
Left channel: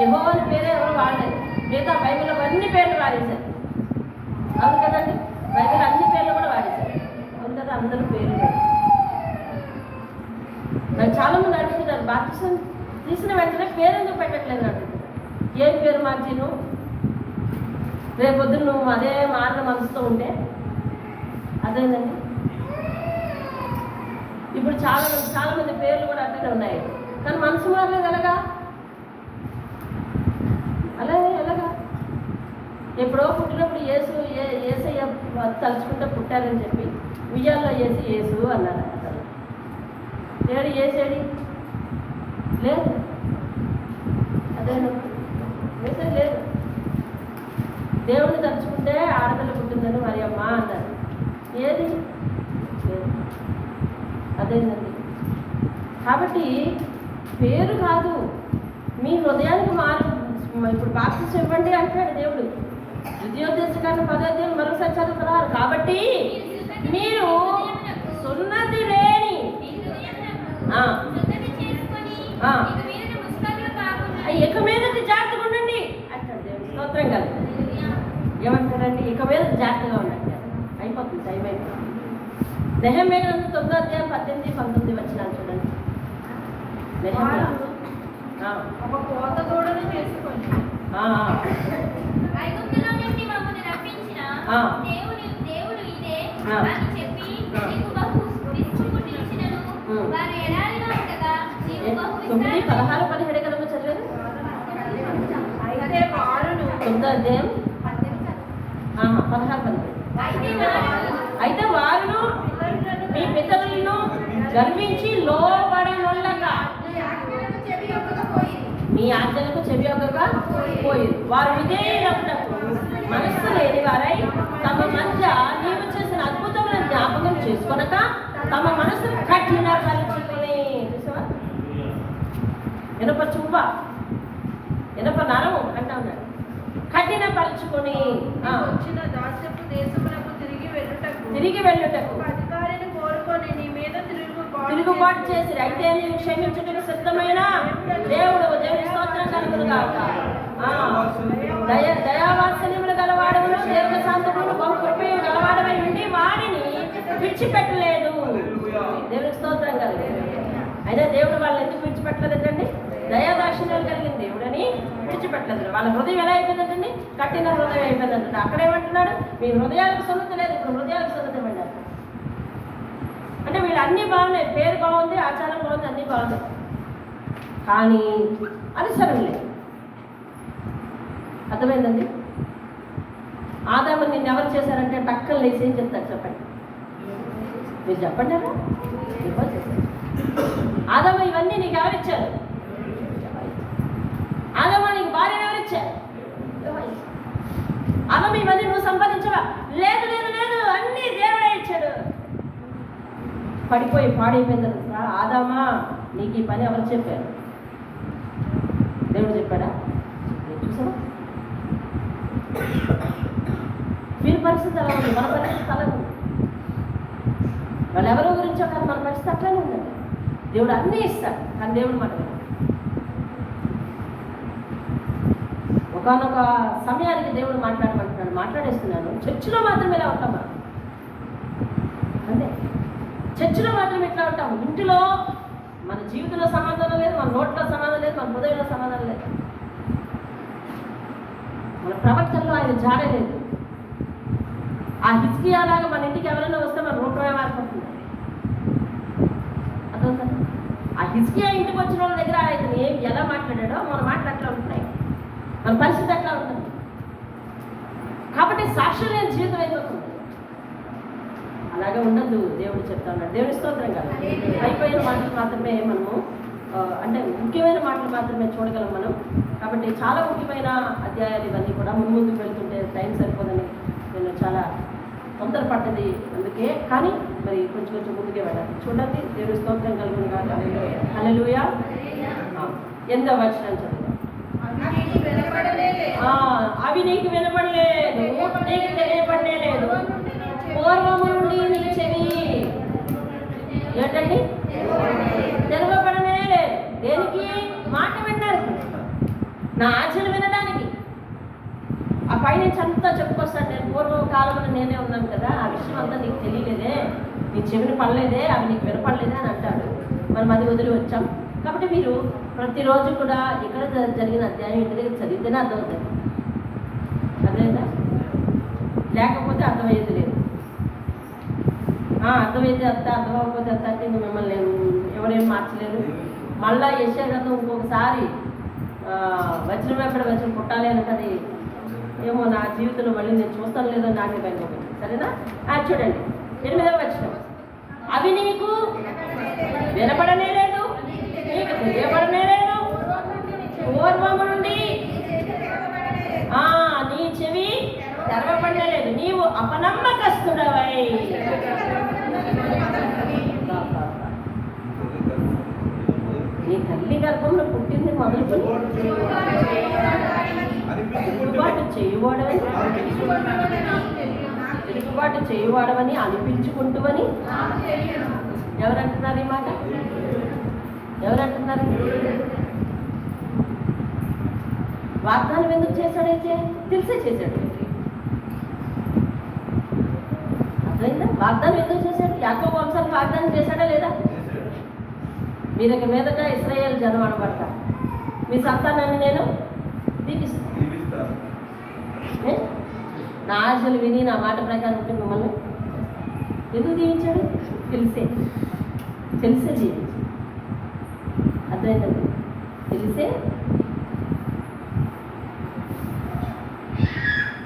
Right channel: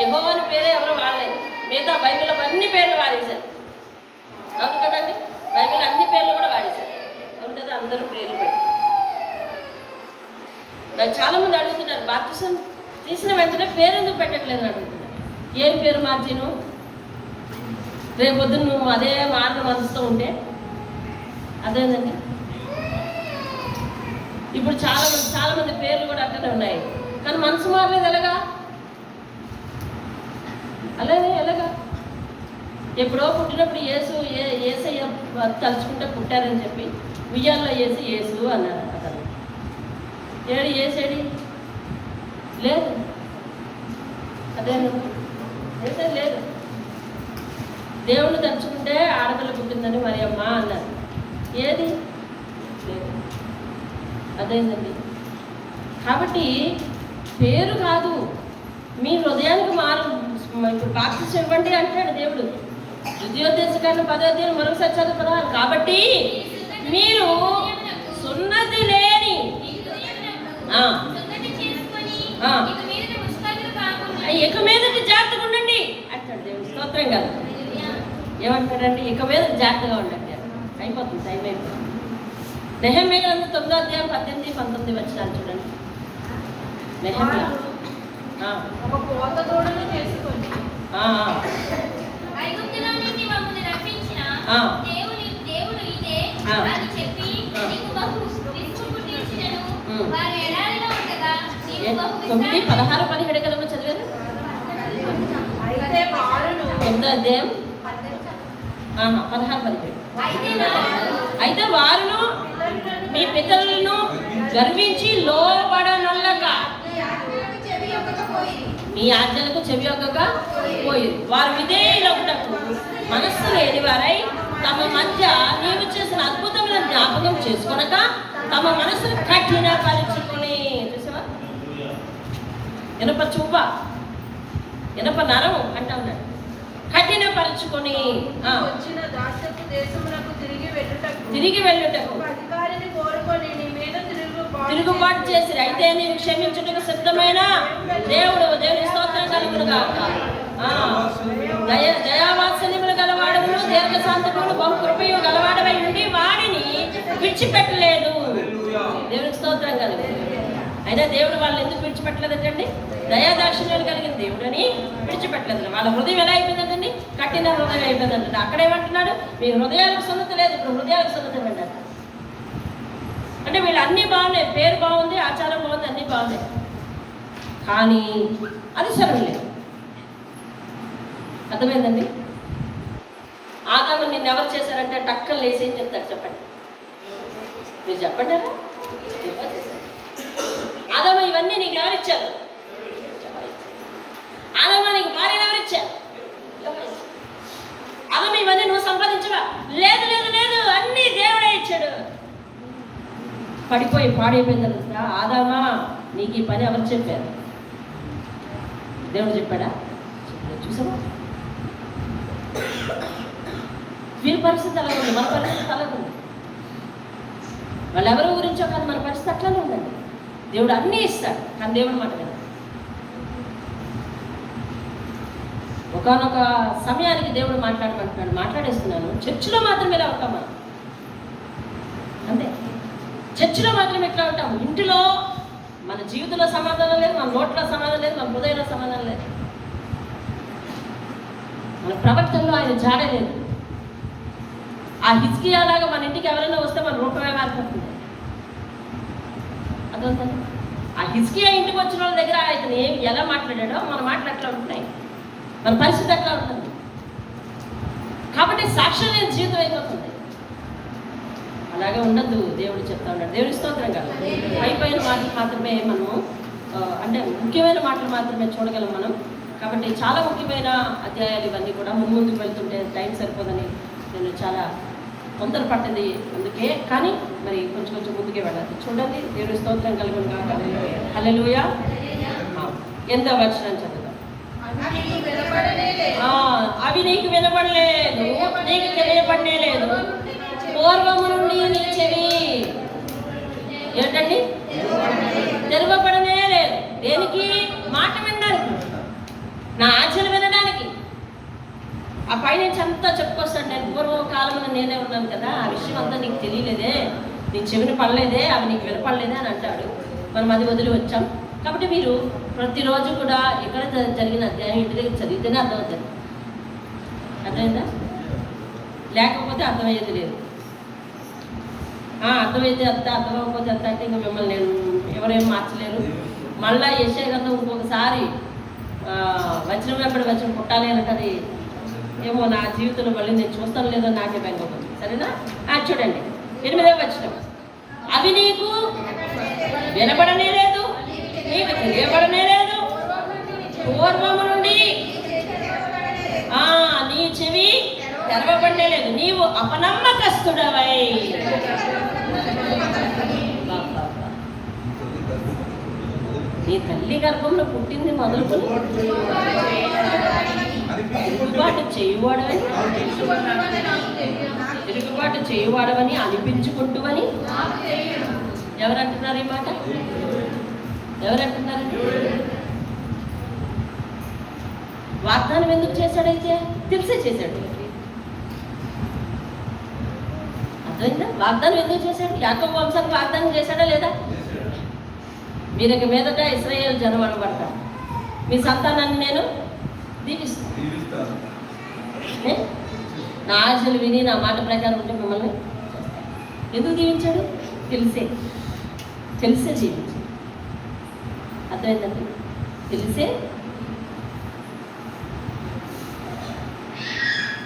యెహోవాని పేరే ఎవరు వాడలేదు. మిగతా బైబిల్లో అన్ని పేర్లు వాడేశారు. అవును కదండి? బైబిల్ అన్ని పేర్లు కూడా వాడేశారు. అవును కదా? అందరూ పేర్లు పెట్టి నాకు చాలామంది అడుగుతున్నారు, బాప్తిసం తీసిన వెంటనే పేరు ఎందుకు పెట్టట్లేదు అడుగుతున్నారు. ఏం పేరు మార్చిను? రేపొద్దున నువ్వు అదే మార్గం మనసుతో ఉంటే అదేనండి. ఇప్పుడు చాలా మంది పేర్లు కూడా అట్టనే ఉన్నాయి, కానీ మనసు మారలేదు. ఎలాగా? ఎలాగా? ఎప్పుడో పుట్టినప్పుడు యేసయ్య తలుచుకుంటే పుట్టారని చెప్పి ఉయ్యాల్లో యేసు అన్నారు. ఏడు ఏసేడి లేదు, అదేను లేదు. దేవుణ్ణి తలుచుకుంటే ఆడపిల్ల పుట్టిందని మరి అమ్మ అన్నారు. ఏది లేదు. అదేందండి. కాబట్టి పేరు కాదు, మీ హృదయానికి ఇప్పుడు బాప్తిసం ఇవ్వండి అంటాడు దేవుడు. ద్వితీయోపదేశకాండం 10వ మరొకసారి చదువుకున్నారు. కాబట్టి మీరు సున్నతి లేని ఇక మీదటి జాగ్రత్తగా ఉండండి అంటాడు దేవుడు. స్తోత్రం కాదు. ఏమంటాడండి? ఇక మీద జాగ్రత్తగా ఉండండి. అయిపోతుంది, టైం అయిపోతుంది. నెహెమ్యా గ్రంథం 9:18-19 వచనాలు చూడండి. నెహెమ్యా ఒక పోత దూడను చేసుకొని దేవుడు ఇదే అని చెప్పి నీకు బహు విసుగు తీర్చినను వారి ఎడారిలో ఉండగా నీవు బహు 9:16-17 కదా చదివారు. అయితే వారును 9వ అధ్యాయం 16-17. అయితే వారును మీ పితరులను గర్వించి లోబడనొల్లక మీ ఆజ్ఞలకు చెవి ఒగ్గక పోయిరు. వారు విధేయులగుటకు మనస్సు లేని వారై తమ మధ్య నీవు చేసిన అద్భుతమైన జ్ఞాపకం చేసుకొనక తమ మనసును కఠినపరుచుకొని, చూసావా, ఇనప చువ్వ, ఇనప నరము అంటా ఉన్నాడు, కఠినపరుచుకొని తిరిగి వెళ్ళుటకు తిరుగుబాటు చేసిరు. అయితే నీవు క్షమించుటకు సిద్ధమైన దేవుని స్తోత్రం కలుగునుగాక. దయావాత్సల్యములు గలవాడమును దీర్ఘశాంతమును బహుకృపయు గలవాడమై ఉండి వాడిని విడిచిపెట్టలేదు. దేవునికి స్తోత్రం కలుగు. అయినా దేవుడు వాళ్ళని ఎందుకు విడిచిపెట్టలేదంటండి? దయాదాక్షిణ్యాలు కలిగిన దేవుడని విడిచిపెట్టలేదు. వాళ్ళ హృదయం ఎలా అయిపోయిందంటండి? కఠిన హృదయం అయిపోయిందంటే అక్కడేమంటున్నాడు? మీ హృదయాలకు సున్నతి లేదు, ఇప్పుడు హృదయాలకు సున్నతి అంటారు. అంటే వీళ్ళు అన్నీ బాగున్నాయి, పేరు బాగుంది, ఆచారం బాగుంది, అన్నీ బాగున్నాయి, కానీ అనుసరణ లేదు. అర్థమైందండి? ఆదాము నిన్ను ఎవరు చేశారంటే టక్కలు లేసి ఏం చెప్తారు చెప్పండి, మీరు చెప్పండి. ఆదాము ఇవన్నీ నీకు ఎవరిచ్చారు? ఆదాము నీకు భార్యను ఎవరిచ్చారు? ఆదాము ఇవన్నీ నువ్వు సంపాదించవా? లేదు లేదు లేదు, అన్నీ దేవుడే ఇచ్చాడు. పడిపోయి పాడైపోయిన తర్వాత ఆదామా నీకు ఈ పని ఎవరు చెప్పారు? దేవుడు చెప్పాడా? చూసావా, వీరి పరిస్థితి అలా ఉంది, మన పరిస్థితి అలా ఉంది. వాళ్ళు ఎవరి గురించో కాదు, మన పరిస్థితి అట్లానే ఉందండి. దేవుడు అన్నీ ఇస్తాడు, కానీ దేవుడు మాట వినడు. ఒకనొక సమయానికి దేవుడు మాట్లాడమంటున్నాడు, మాట్లాడేస్తున్నాను. చర్చిలో మాత్రం ఇలా ఉంటాం మనం, అంతే. చర్చిలో మాత్రం ఇట్లా ఉంటాం. ఇంటిలో మన జీవితంలో సమాధానం లేదు, మన నోట్లో సమాధానం లేదు, మన హృదయంలో సమాధానం లేదు, మన ప్రవర్తనలో ఆయన జాడే లేదు. ఆ హిజ్కియా లాగా మన ఇంటికి ఎవరైనా వస్తే మన రూపమే మారిపోతుంది. అర్థమవుతుంది? ఆ హిజ్కియా ఇంటికి వచ్చిన వాళ్ళ దగ్గర ఆయన ఎలా మాట్లాడాడో మన మాటలు అట్లా ఉంటున్నాయి, మన పరిస్థితి అట్లా ఉంటుంది. కాబట్టి సాక్ష్యం లేని జీవితం అయిపోతుంది. అలాగే ఉండద్దు, దేవుడు చెప్తా ఉన్నాడు. దేవుని స్తోత్రం కదా. అయిపోయిన మాటలు మాత్రమే మనము, అంటే ముఖ్యమైన మాటలు మాత్రమే చూడగలం మనం. కాబట్టి చాలా ముఖ్యమైన అధ్యాయాలు ఇవన్నీ కూడా ముందుకు వెళ్తుంటే టైం సరిపోదని నేను చాలా తొందరపడ్డది అందుకే. కానీ మరి కొంచెం కొంచెం ముందుకే వెళ్ళాలి. చూడండి, దేవుని స్తోత్రం కలుగును కాక. హల్లెలూయా. 8వ వచనం చదువుదాం. అవి నీకు వినపడలేదు, నీకు తెలియబడనే లేదు, పూర్వము నుండి నీ చెవి ఏంటండి తెరవబడనే లేదు. దేనికి? మాట వినడానికి, నా ఆచరణ వినడానికి. ఆ పైనుంచి అంతా చెప్పుకొస్తాడు. నేను పూర్వకాలంలో నేనే ఉన్నాను కదా, ఆ విషయం అంతా నీకు తెలియలేదే, నీ చెవిని పడలేదే, అవి నీకు వినపడలేదే అని అంటాడు. మనం అది వదిలి వచ్చాం. కాబట్టి మీరు ప్రతిరోజు కూడా ఎక్కడ జరిగిన అధ్యాయం ఇంటి దగ్గర చదివితేనే అర్థమవుతుంది. అర్థమైందా? లేకపోతే అర్థమయ్యేది లేదు. అర్థమైతే అంత, అర్థమైపోతే అంత అంటే ఇంక మిమ్మల్ని నేను ఎవరేం మార్చలేరు. మళ్ళా యెషయా గ్రంథం ఇంకొకసారి వచనం వెంబడి వచనం పుట్టాలి అనుకది ఏమో నా జీవితంలో మళ్ళీ నేను చూస్తాను లేదో నాకే భయం. సరేనా? చూడండి 8వ వచనం. అవి నీకు వినపడనే లేదు, నీకు తెలియబడనే లేదు, పూర్వము నుండి నీ చెవి తెరవబడనే లేదు, నీవు అపనమ్మకస్తుడవై. నీ తల్లి గర్భంలో పుట్టింది మొదలుకొని తిరుగుబాటు చేయువాడవని అనిపించుకుంటువని ఎవరంటున్నారు? ఈ మాట ఎవరంటున్నారు? వాగ్దానం ఎందుకు చేశాడైతే? తెలిసే చేశాడు. అర్థమైందా? వాగ్దానం ఎందుకు చేశాడు? యాకోబు వంశానికి వాగ్దానం చేశాడా లేదా? మీరు మీదట ఇశ్రాయేలు జనం అనబడతారు, మీ సంతానాన్ని నేను దీవిస్తాను. నా ఆశలు విని నా మాట ప్రకారం ఉంటే మిమ్మల్ని ఎందుకు దీవించాడు? తెలిసే జీవించాడు. అర్థమైందండి? తెలిసే.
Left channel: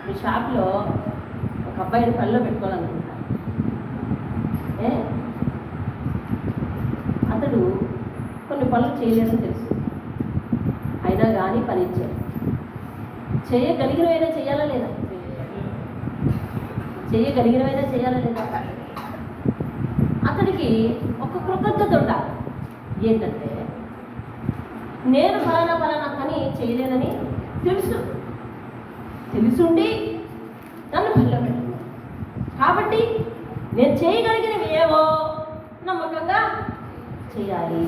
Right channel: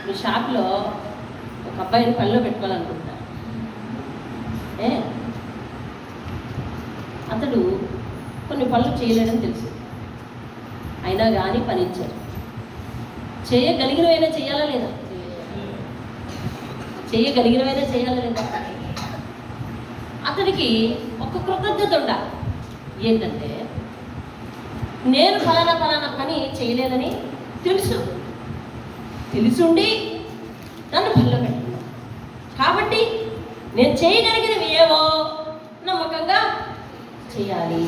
మీ షాప్లో ఒక అబ్బాయిని పనిలో పెట్టుకోవాలనుకుంటారు. అతడు కొన్ని పనులు చేయలేడని తెలుసు, అయినా కానీ పని ఇచ్చారు. చేయగలిగినవైనా చేయాలా లేదా? చేయగలిగినవైనా చేయాలా లేదా? అతడికి ఒక కృతజ్ఞత ఉండాలి. ఏంటంటే నేను ఫలానా పని చేయలేదని తెలుసుండి నన్ను పనిలో పెట్టుకున్నాను కాబట్టి నేను చేయగలిగినవి ఏవో నమ్మకంగా చేయాలి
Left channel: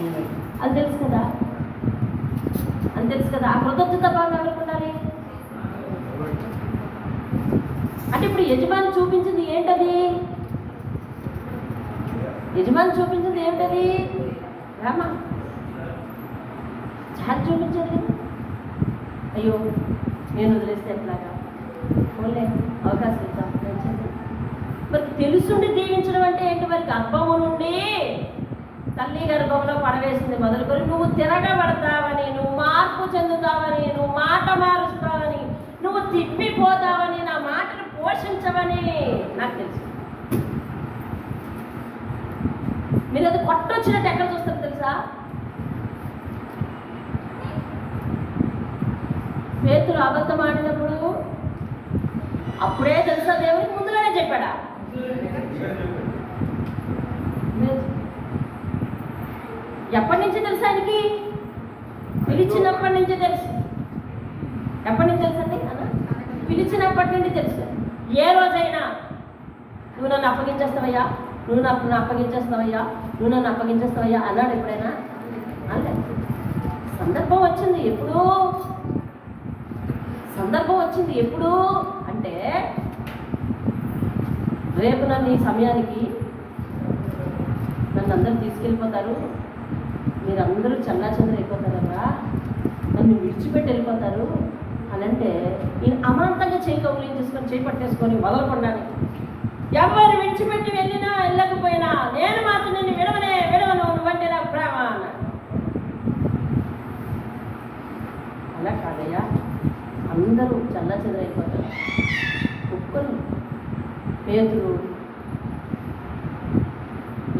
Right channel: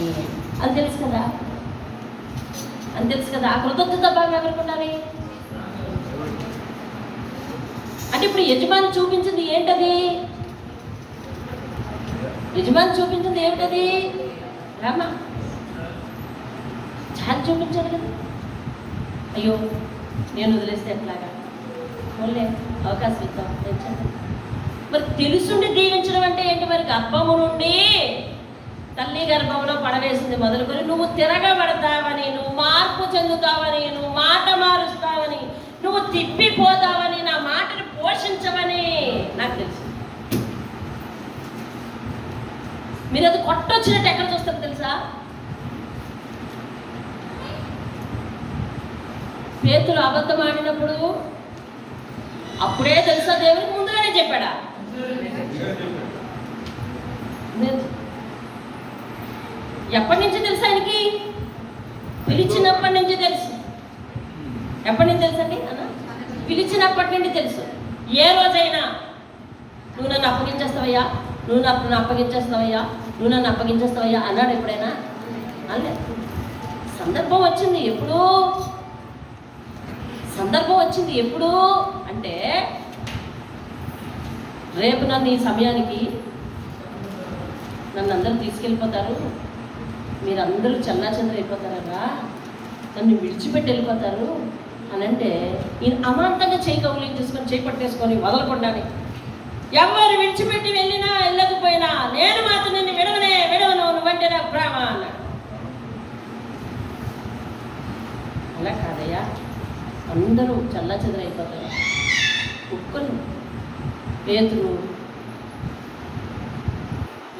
అని తెలుసు కదా. ఆ కృతజ్ఞత భావం ఎవరికి ఉండాలి? అంటే ఇప్పుడు యజమాని చూపించింది ఏంటది? రామా చాలా చూపించాడు కదా. అయ్యో నేను వదిలేస్తే ఎట్లాగా, ఓన్లే అవకాశం ఇద్దాం. మరి తెలుసుండి దీవించడం అంటే ఏంటి? మరి గర్భము నుండి తల్లి గర్భంలో పడవేసింది మొదలుకొని నువ్వు తిరగబడతావని, నువ్వు మార్పు చెందుతావని, నువ్వు మాట మారుస్తావని, నువ్వు తిప్పిపోతావని, నా మాటను పోషించవని నాకు తెలుసు. మీరు అది కొట్టొచ్చినట్టు ఎక్కడ చూస్తారు తెలుసా? పేతురు అబద్ధం ఆడినప్పుడు అప్పుడే తెలుసా? దేవునికి ముందుగానే చెప్పాడా? ఎప్పటి నుంచి తెలుసు ఆయనకి? పిలిచినప్పటి నుంచి తెలుసు. ఎప్పటి నుంచి తెలుసు అండి అన్న? పిలిచినప్పటి నుండి తెలుసు. ఏ రోజైనా నువ్వు నన్ను అప్పగించేస్తావయ్యా, నువ్వు నన్ను అప్పగించేస్తావయ్యా అన్నాడు ఎప్పుడైనా? అలే. సందర్భం వచ్చింది ఎప్పుడు అంటే రేపు నన్ను ఈ సమయానికి నన్ను అందరూ తీసుకెళ్ళిపోతారు, మీరందరూ చల్లాచంద్ర అయిపోతారరా, నన్ను విడిచిపెట్టి వెళ్ళిపోతారు అని అంటే ఈయన అమాంతంగా చేయి కౌలించేసుకొని చేపట్టేసుకొని వదలకుండానే ఎవరు విడిచిపెట్టి వెళ్ళినా వెళ్ళకపోయినా నేను మాత్రం నిన్ను విడవను, నువ్వంటే నాకు ప్రేమ అన్నాడు. అలా కాదయ్యా, అందరూ చల్లాచెదరైపోతారు. కుక్కలు పేతురు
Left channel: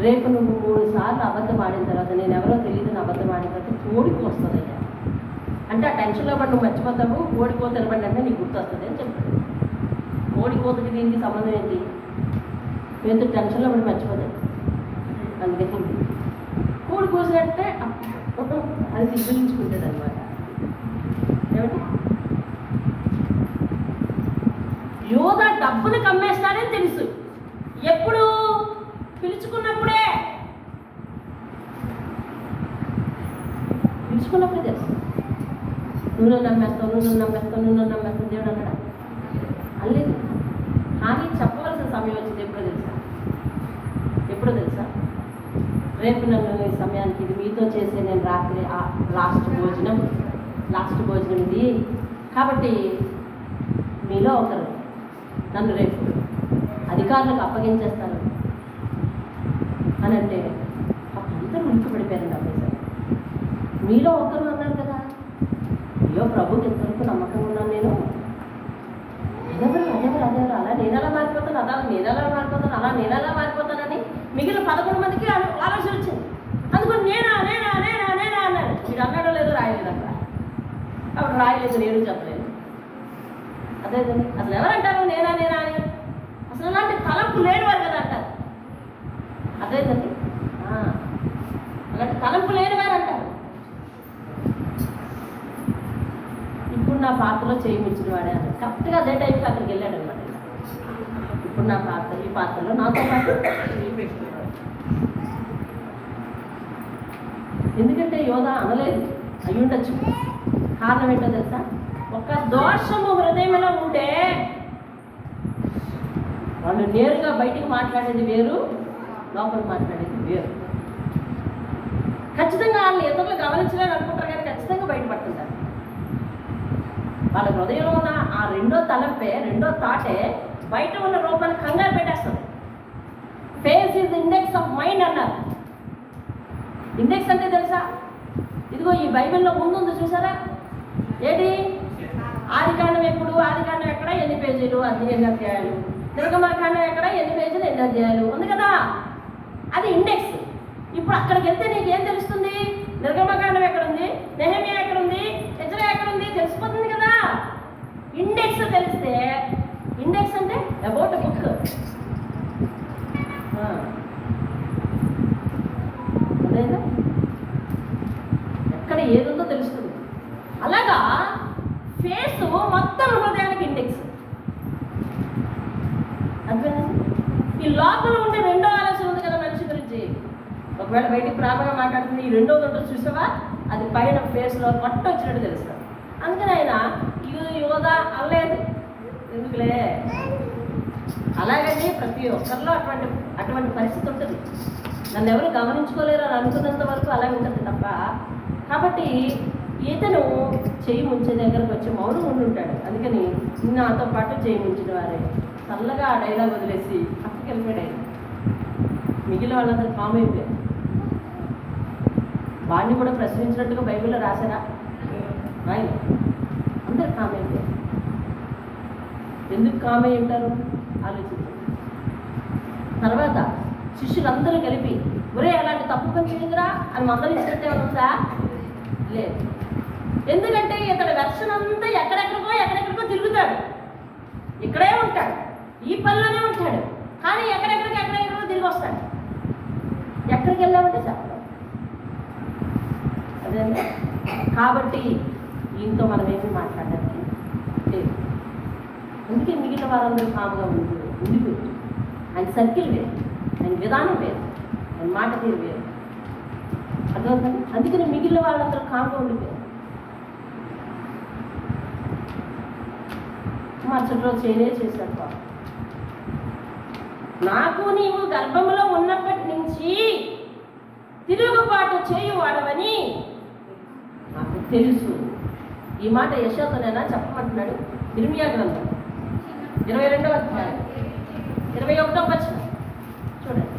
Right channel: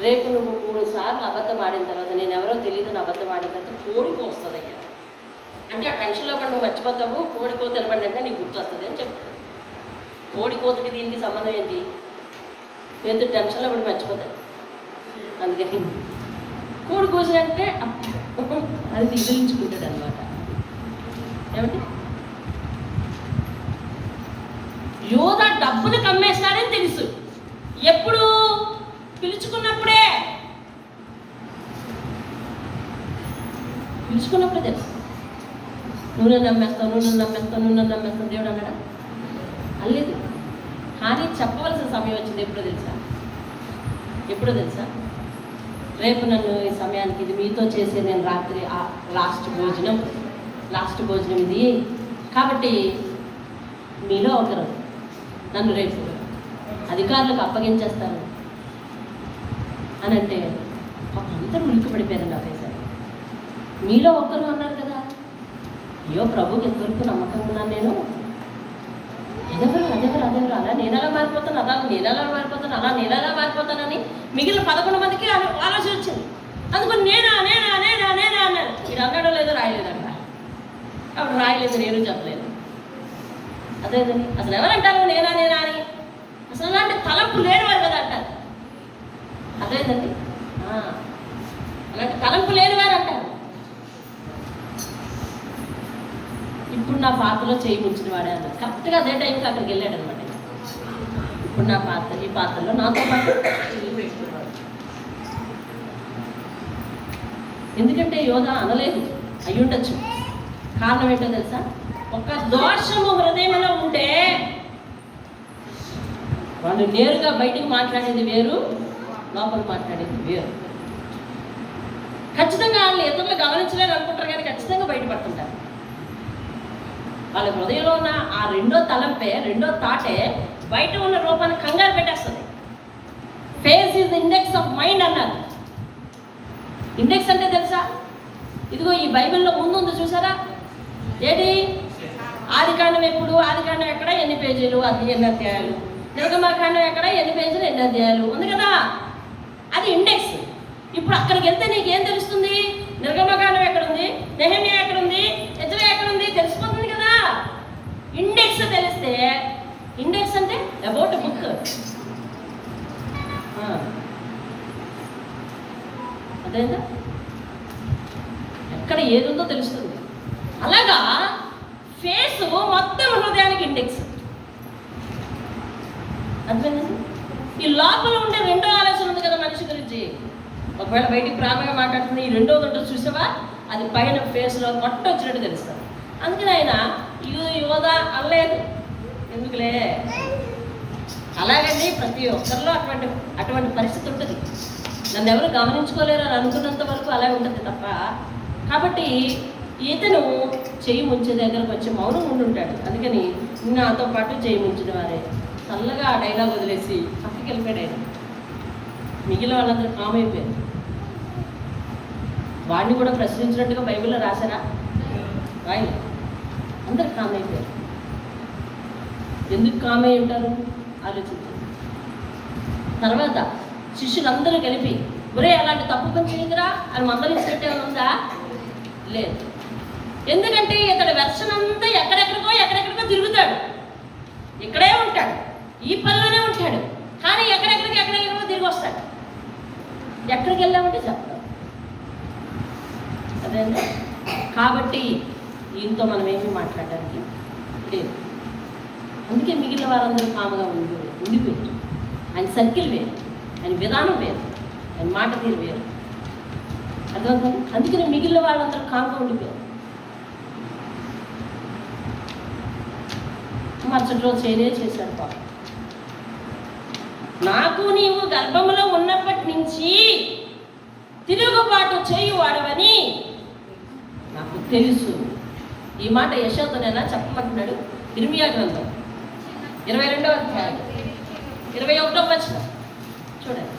రేపు నువ్వు 3 సార్లు అబద్ధం ఆడిన తర్వాత, నేను ఎవరో తెలియదు అబద్ధం ఆడిన తర్వాత కోడికి వస్తుందయ్యా అంటే ఆ టెన్షన్లో పడి నువ్వు మర్చిపోతావు. కోడికోత నిలబడి అంటే నీకు గుర్తు వస్తుంది అని చెప్పాడు. కోడికోతకి దీనికి సంబంధం ఏంటి? పేతురు టెన్షన్లో పడి మర్చిపోతాడు. అందుకని కోడి కోసినట్టే అది దిగులించుకుంటాడు అనమాట. ఏమంటే యోధ డబ్బును కమ్మేస్తాడని తెలుసు. ఎప్పుడు? పిలుచుకున్నప్పుడే తెలుసు. నువ్వు నమ్మేస్తావు దేవుడు అన్నాడా? అల్లేదు. కానీ చెప్పవలసిన సమయం వచ్చింది. ఎప్పుడో తెలుసా? రేపు నన్ను ఈ సమయానికి ఇది మీతో చేసే నేను రాత్రి లాస్ట్ భోజనం ఇది కాబట్టి మీలో ఒకరు నన్ను రేపు అధికారులకు అప్పగించేస్తారు అని అంటే అందరూ ఉలిక్కి పడిపోయారండి. అవేసారు మీలో ఒక్కరు అన్నారు కదా, అయ్యో ప్రభుకి ఎంతవరకు నమ్మకం ఉన్నాను నేను, అదెవరు అలా నేను ఎలా మారిపోతాను, అలా నేను ఎలా మారిపోతానని మిగిలిన 11 మందికి ఆలోచన వచ్చింది. అందుకని నేనా అన్నారు. మీరు అన్నాడో లేదో రాయలేదు అక్కడ. అప్పుడు రాయలేదు, నేను చెప్పలేదు. అదేదని అసలు ఎవరంటారు నేనా అని? అసలు అలాంటి తలంపు లేనివారు కదా అంటారు. అదేదండి, అలాంటి తలంపు లేనివారు అంటారు. ఇప్పుడు నా పాత్రలో చేయి ముంచిన వాడే అన్నారు. కరెక్ట్గా అదే టైంకి అక్కడికి వెళ్ళాడు అనమాట. ఇప్పుడు ఈ పాత్రలో నాతో పాటు ఎందుకంటే యోధ అనలేదు, అయ్యుండొచ్చు. కారణం ఏంటో తెలుసా? ఒక దోషము హృదయంలో ఉంటే వాళ్ళు నేరుగా బయటికి మాట్లాడేది వేరు, లోపల మాట్లాడేది వేరు. ఖచ్చితంగా వాళ్ళు ఇతరులు గమనించలేని అనుకుంటారు కానీ ఖచ్చితంగా బయటపడుతుంటారు. వాళ్ళ హృదయంలో ఉన్న ఆ రెండో థాటే బయట ఉన్న రూపాన్ని కంగారు పెట్టేస్తుంది. Face is index of mind అన్నారు. ఇండెక్స్ అంటే తెలుసా? ఇదిగో ఈ బైబిల్లో ముందు చూసారా? ఏంటి? ఆదికాండం ఎక్కడ, ఎన్ని పేజీలు, ఎన్ని అధ్యాయాలు, నిర్గమకాండం ఎక్కడ, ఎన్ని పేజీలు, ఎన్ని అధ్యాయాలు ఉంది కదా, అది ఇండెక్స్. ఇప్పుడు అక్కడికి వెళ్తే నీకేం తెలుస్తుంది? నిర్గమకాండం ఎక్కడుంది, నెహెమియా ఎక్కడుంది, ఎజ్రా ఎక్కడుంది తెలిసిపోతుంది కదా. ఇండెక్స్ తెలిస్తే, ఇండెక్స్ అంటే అబౌట్ బుక్, అదేనా, ఎక్కడ ఏది ఉందో తెలుస్తుంది. అలాగా ఫేస్ మొత్తం హృదయానికి ఇండెక్స్. అంతేనండి. ఈ లోపల ఉండే రెండో ఆలోచన ఉంది కదా మనిషి గురించి. ఒకవేళ బయటికి ప్రారంభంగా మాట్లాడుతుంది, ఈ రెండోది ఉంటుంది చూసావా, అది పైన ఫేస్లో కొట్టొచ్చినట్టు తెలుస్తుంది. అందుకని ఆయన యోధా అనలేదు, ఎందుకులే. అలాగండి ప్రతి ఒక్కరిలో అటువంటి పరిస్థితి ఉంటుంది. నన్ను ఎవరు గమనించుకోలేరు అని అనుకున్నంత వరకు అలాగే ఉంటుంది తప్ప. కాబట్టి ఇతను చెయ్యి ముంచే దగ్గరకు వచ్చి మౌనం ఉండుంటాడు. అందుకని నాతో పాటు చెయ్యి ముంచిన వారే చల్లగా ఆ డైలాగ్ వదిలేసి పక్కకి వెళ్ళిపోయాడు ఆయన. మిగిలిన వాళ్ళందరూ కామ్ అయిపోయారు. వాడిని కూడా ప్రశ్నించినట్టుగా బైబిల్లో రాశారా? రాయి. అందరు కామ్ అయిపోయారు. ఎందుకు కామ్ అయి ఉంటారు ఆలోచించండి. తర్వాత శిష్యులందరూ కలిపి ఒరే అలాంటి తప్పు పని చేయదురా అని మందలించినట్టే ఉందా? లేదు. ఎందుకంటే ఇతడు వెర్షన్ అంతా ఎక్కడెక్కడికో తిరుగుతాడు. ఇక్కడే ఉంటాడు, ఈ పనిలోనే ఉంటాడు, కానీ ఎక్కడెక్కడికో తిరిగి వస్తాడు. ఎక్కడికి వెళ్ళామంటే చెప్తాం. అదేంటే కాబట్టి ఈయనతో మనం ఏమీ మాట్లాడడానికి లేదు. అందుకే మిగిలిన వారందరూ కాముగా ఉండిపోయారు. ఆయన సర్కిల్ వేరు, ఆయన విధానం వేరు, ఆయన మాట తీరు వేరు. అర్థమవుతుంది. అందుకని మిగిలిన వాళ్ళందరూ కాముగా ఉండిపోయారు. మరుసటి రోజు చేశాడు బాబు. నాకు నీవు గర్భంలో ఉన్నప్పటి నుంచి తిరుగుబాటు చేయువాడవని నాకు తెలుసు. ఈ మాట యెషయాతోనేనా చెప్పమంటున్నాడు. ఇర్మియా గ్రంథం 22వ అధ్యాయం 21వ వచనం చూడండి.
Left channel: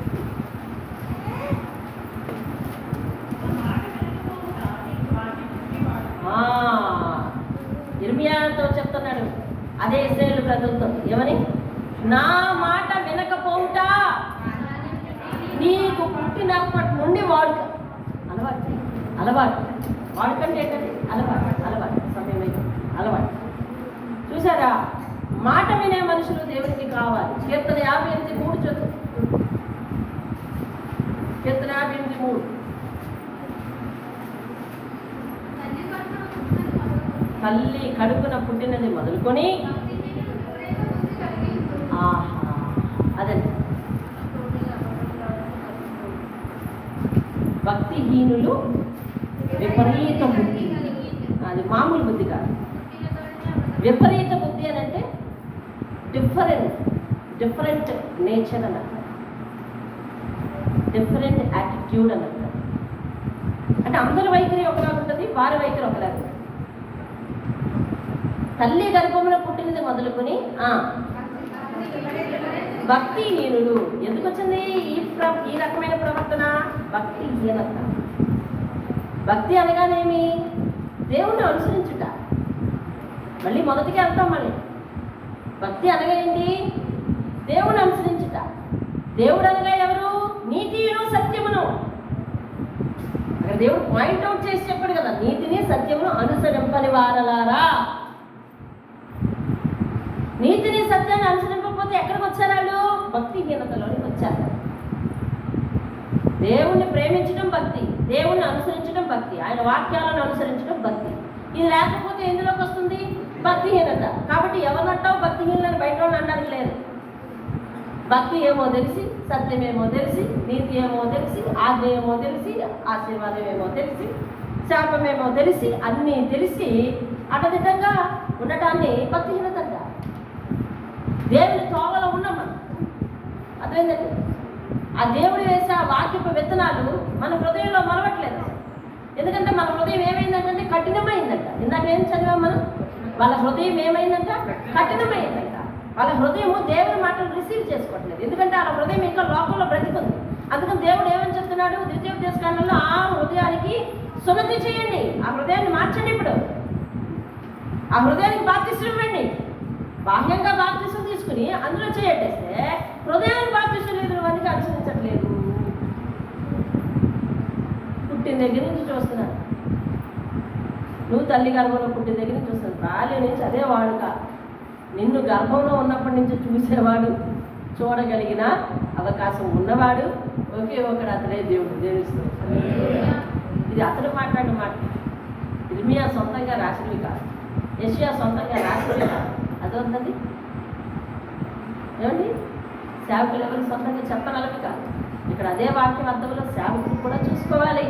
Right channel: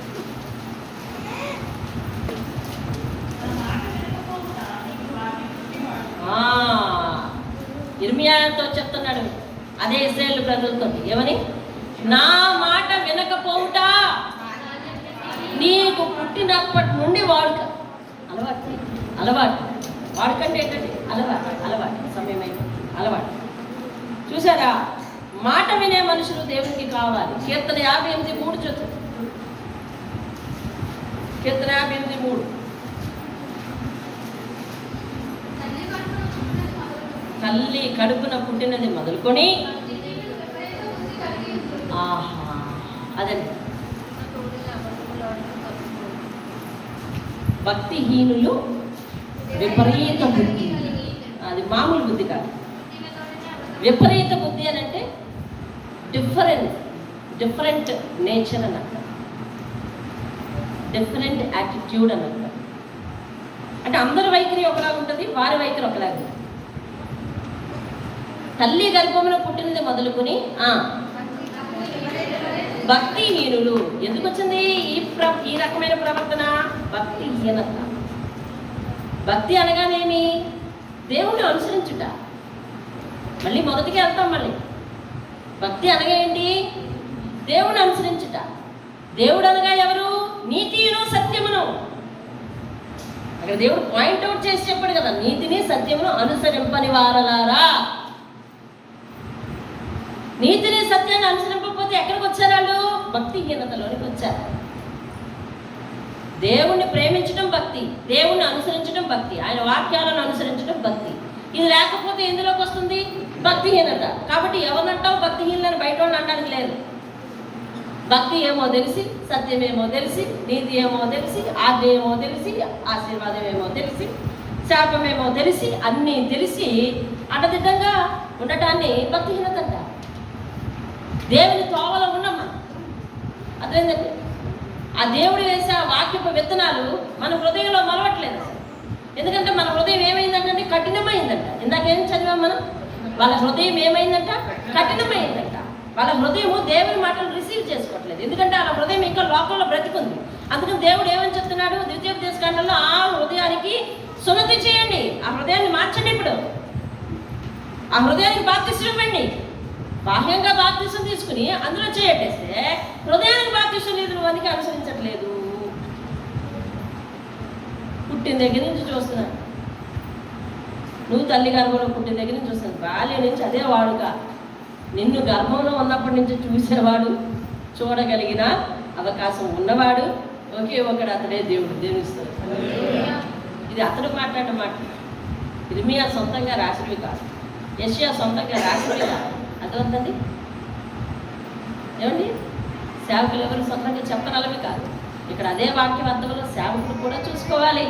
ఇర్మియాతో చెప్తున్నాడు అదే ఇశ్రాయేలు ప్రజలతో ఏమని, నా మాట వినకపోవుట నీకు పుట్టినప్పటి నుండి వాడుక. అలవాటు వాడుకంటే ఏంటంటే అలవాటు సమయమైంది. అలవాటు చూసారా, మాట వినే మనుషులు దేవునికి కావాలి. కీర్తన 58:3 చదువు. కీర్తన 58:3. తల్లి కడుపున పుట్టినది మొదలుకొని అదే భక్తిహీనులు విపరీత బుద్ధి. అది మామూలు బుద్ధి కాదు. విపరీత బుద్ధి అని అంటే డిఫరెంట్ నేచర్ అని అంటారు, డిఫరెంట్ యాటిట్యూడ్ అని అంటారు. అంటే అందరి వైఖరి ఒకలాగా ఉంటుంది, వారి వైఖరి ఒకలాగా ఉంటుంది. తల్లి గర్భంలో పుట్టినది మొదలుకొని భక్తిహీనులు. ఎందుకు వచ్చింది ఈ రకమైన ప్రవర్తన? భక్తిహీనత. భక్తి అనగానేమి? దేవుణ్ణి అనుసరించుట. మళ్ళీ మొదటికి వెళ్తాం. మళ్ళీ భక్తి అనగా ఏంటి? దేవుణ్ణి అనుసరించుట. దేవుడు అనగా ఎవరు? నీతియును సత్యమును. అక్కడ దేవుడు పాయింట్అవుట్ చేసి చెప్పాడు కదా, నీతిని సత్యమును అనుసరింపని వారలారా. నీతిని సత్యాన్ని అనుసరింపకపోతే ఎక్కడికి వచ్చారు వాళ్ళు? భక్తిహీనతలోనికి వచ్చారు. దేవుణ్ణి ప్రేమించడం భక్తి, దేవుణ్ణి అనుసరించడం భక్తి, ఆయన వాక్యాలను అనుసరించడం భక్తి. ఇది లేకపోతే ఎందులోకి వస్తుంది? భక్తిహీనత. కాబట్టి ఎవరినంటావు భక్తిహీనని? బయట అనడానికి లేదు. భక్తి ఏమో తెలిసి, సత్యం ఏమో తెలిసి, నీతి ఏమో తెలిసి, ఆజ్ఞ ఏమో తెలిసి, ఆశీర్వాదం ఏమో తెలిసి, శాపమేమో తెలిసి, అన్నీ తెలిసి అటదిడ్డంగా ఉండటాన్ని భక్తిహీనత అంట. దేవుని తోవలో ఉన్నామా? అదేంటంటే ఆ దేవుడు వేసే ఆ వాక్యపు విత్తనాలు మన హృదయంలో మలవట్లేదు. ఎందుకంటే మన హృదయం ఏమైందంటే కఠినమైందంట. ఇందాకేం చదివాం మనం? వాళ్ళ హృదయం ఏమైందంట? కఠినమైందంట. వాళ్ళ హృదయము దేవుని మాటలు రిసీవ్ చేసుకోవట్లేదు. ఎందుకంటే వాళ్ళ హృదయం ఇంకా లోకంలో బ్రతికుంది. అందుకని దేవుడు ఏమని చెప్తున్నాడు ద్వితీయోపదేశకాండంలో? ఆ హృదయానికి సున్నతి చేయండి, ఆ హృదయాన్ని మార్చండి. ఇప్పుడు ఆ హృదయానికి బాప్తిస్మం ఇవ్వండి. బాహ్యంగా బాప్తిసం తీసుకుని అందులో చేయట్టేస్తే హృదయానికి బాప్తిసం లేదు, వానికి అనుసరించట్లేదు. పుట్టిన దగ్గర నుంచి చూస్తున్నాను, నువ్వు తల్లి గర్భంలో పుట్టిన దగ్గర నుంచి చూస్తాను, బాల్యం నుంచి అదే వాడుగా నిన్ను గర్భంలో ఉన్నప్పటి నుంచి చూసేవాడు, చూడగలిగిన అవకాశం ఉన్నవాడు ఒకే ఒకడు, అతడే దేవుడు. దేవునిస్తాడు. ఇది అతడు మాట్లాడిన మాట. ఇర్మియా సొంతంగా రాసినవి కాదు, యెషయా సొంతంగా రాసినవి కాదు. అర్థమవుతుంది ఏమండి? సేవకులు ఎవరు సొంతంగా చెప్పనలవి కాదు. ఇక్కడ అదే వాక్యం అర్థంలో సేవకులు కూడా చూసుకోవాలి,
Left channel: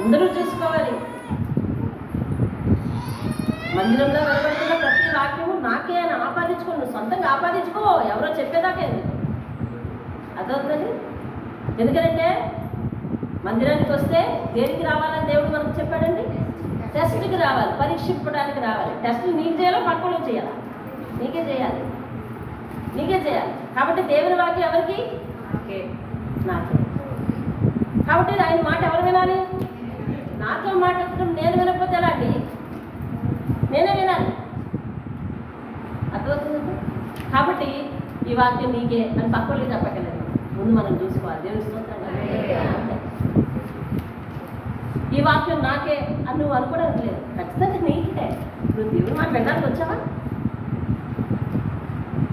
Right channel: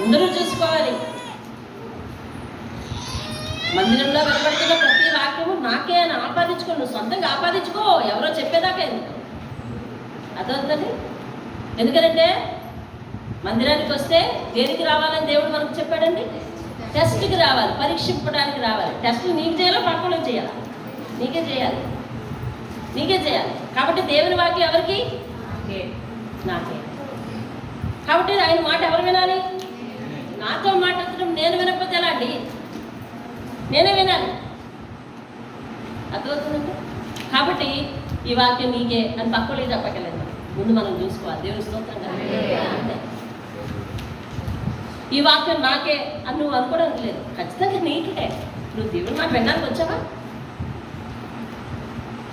అందరూ చూసుకోవాలి. మందిరంలో వెలువడుతున్న ప్రతి వాక్యము నాకే అని ఆపాదించుకో, నువ్వు సొంతంగా ఆపాదించుకో, ఎవరో చెప్పేదాకా ఎందుకు. అర్థమవుతుంది? ఎందుకంటే మందిరానికి వస్తే దేనికి రావాలని దేవుడు మనకు చెప్పాడండి? టెస్ట్కి రావాలి, పరీక్షింపడానికి రావాలి. టెస్ట్ నీకు చేయాలో పక్కలో చేయాలి, నీకే చేయాలి, నీకే చేయాలి. కాబట్టి దేవుని వాక్యం ఎవరికి? నాకే. కాబట్టి ఆయన మాట ఎవరు వినాలి? నాతో మాట్లాడటం నేను వినకపోతే ఎలా అండి? నేనే వినాలి. అర్థమవుతుందండి? కాబట్టి ఈ వాక్యం నీకే అని పక్కలే చెప్పగలేదు, ముందు మనం చూసుకోవాలి. దేవుని స్తోత్రం కదా. ఈ వాక్యం నాకే అని నువ్వు అనుకోవడానికి లేదు, ఖచ్చితంగా నీకే. నువ్వు దేవుని మాట వినడానికి వచ్చావా?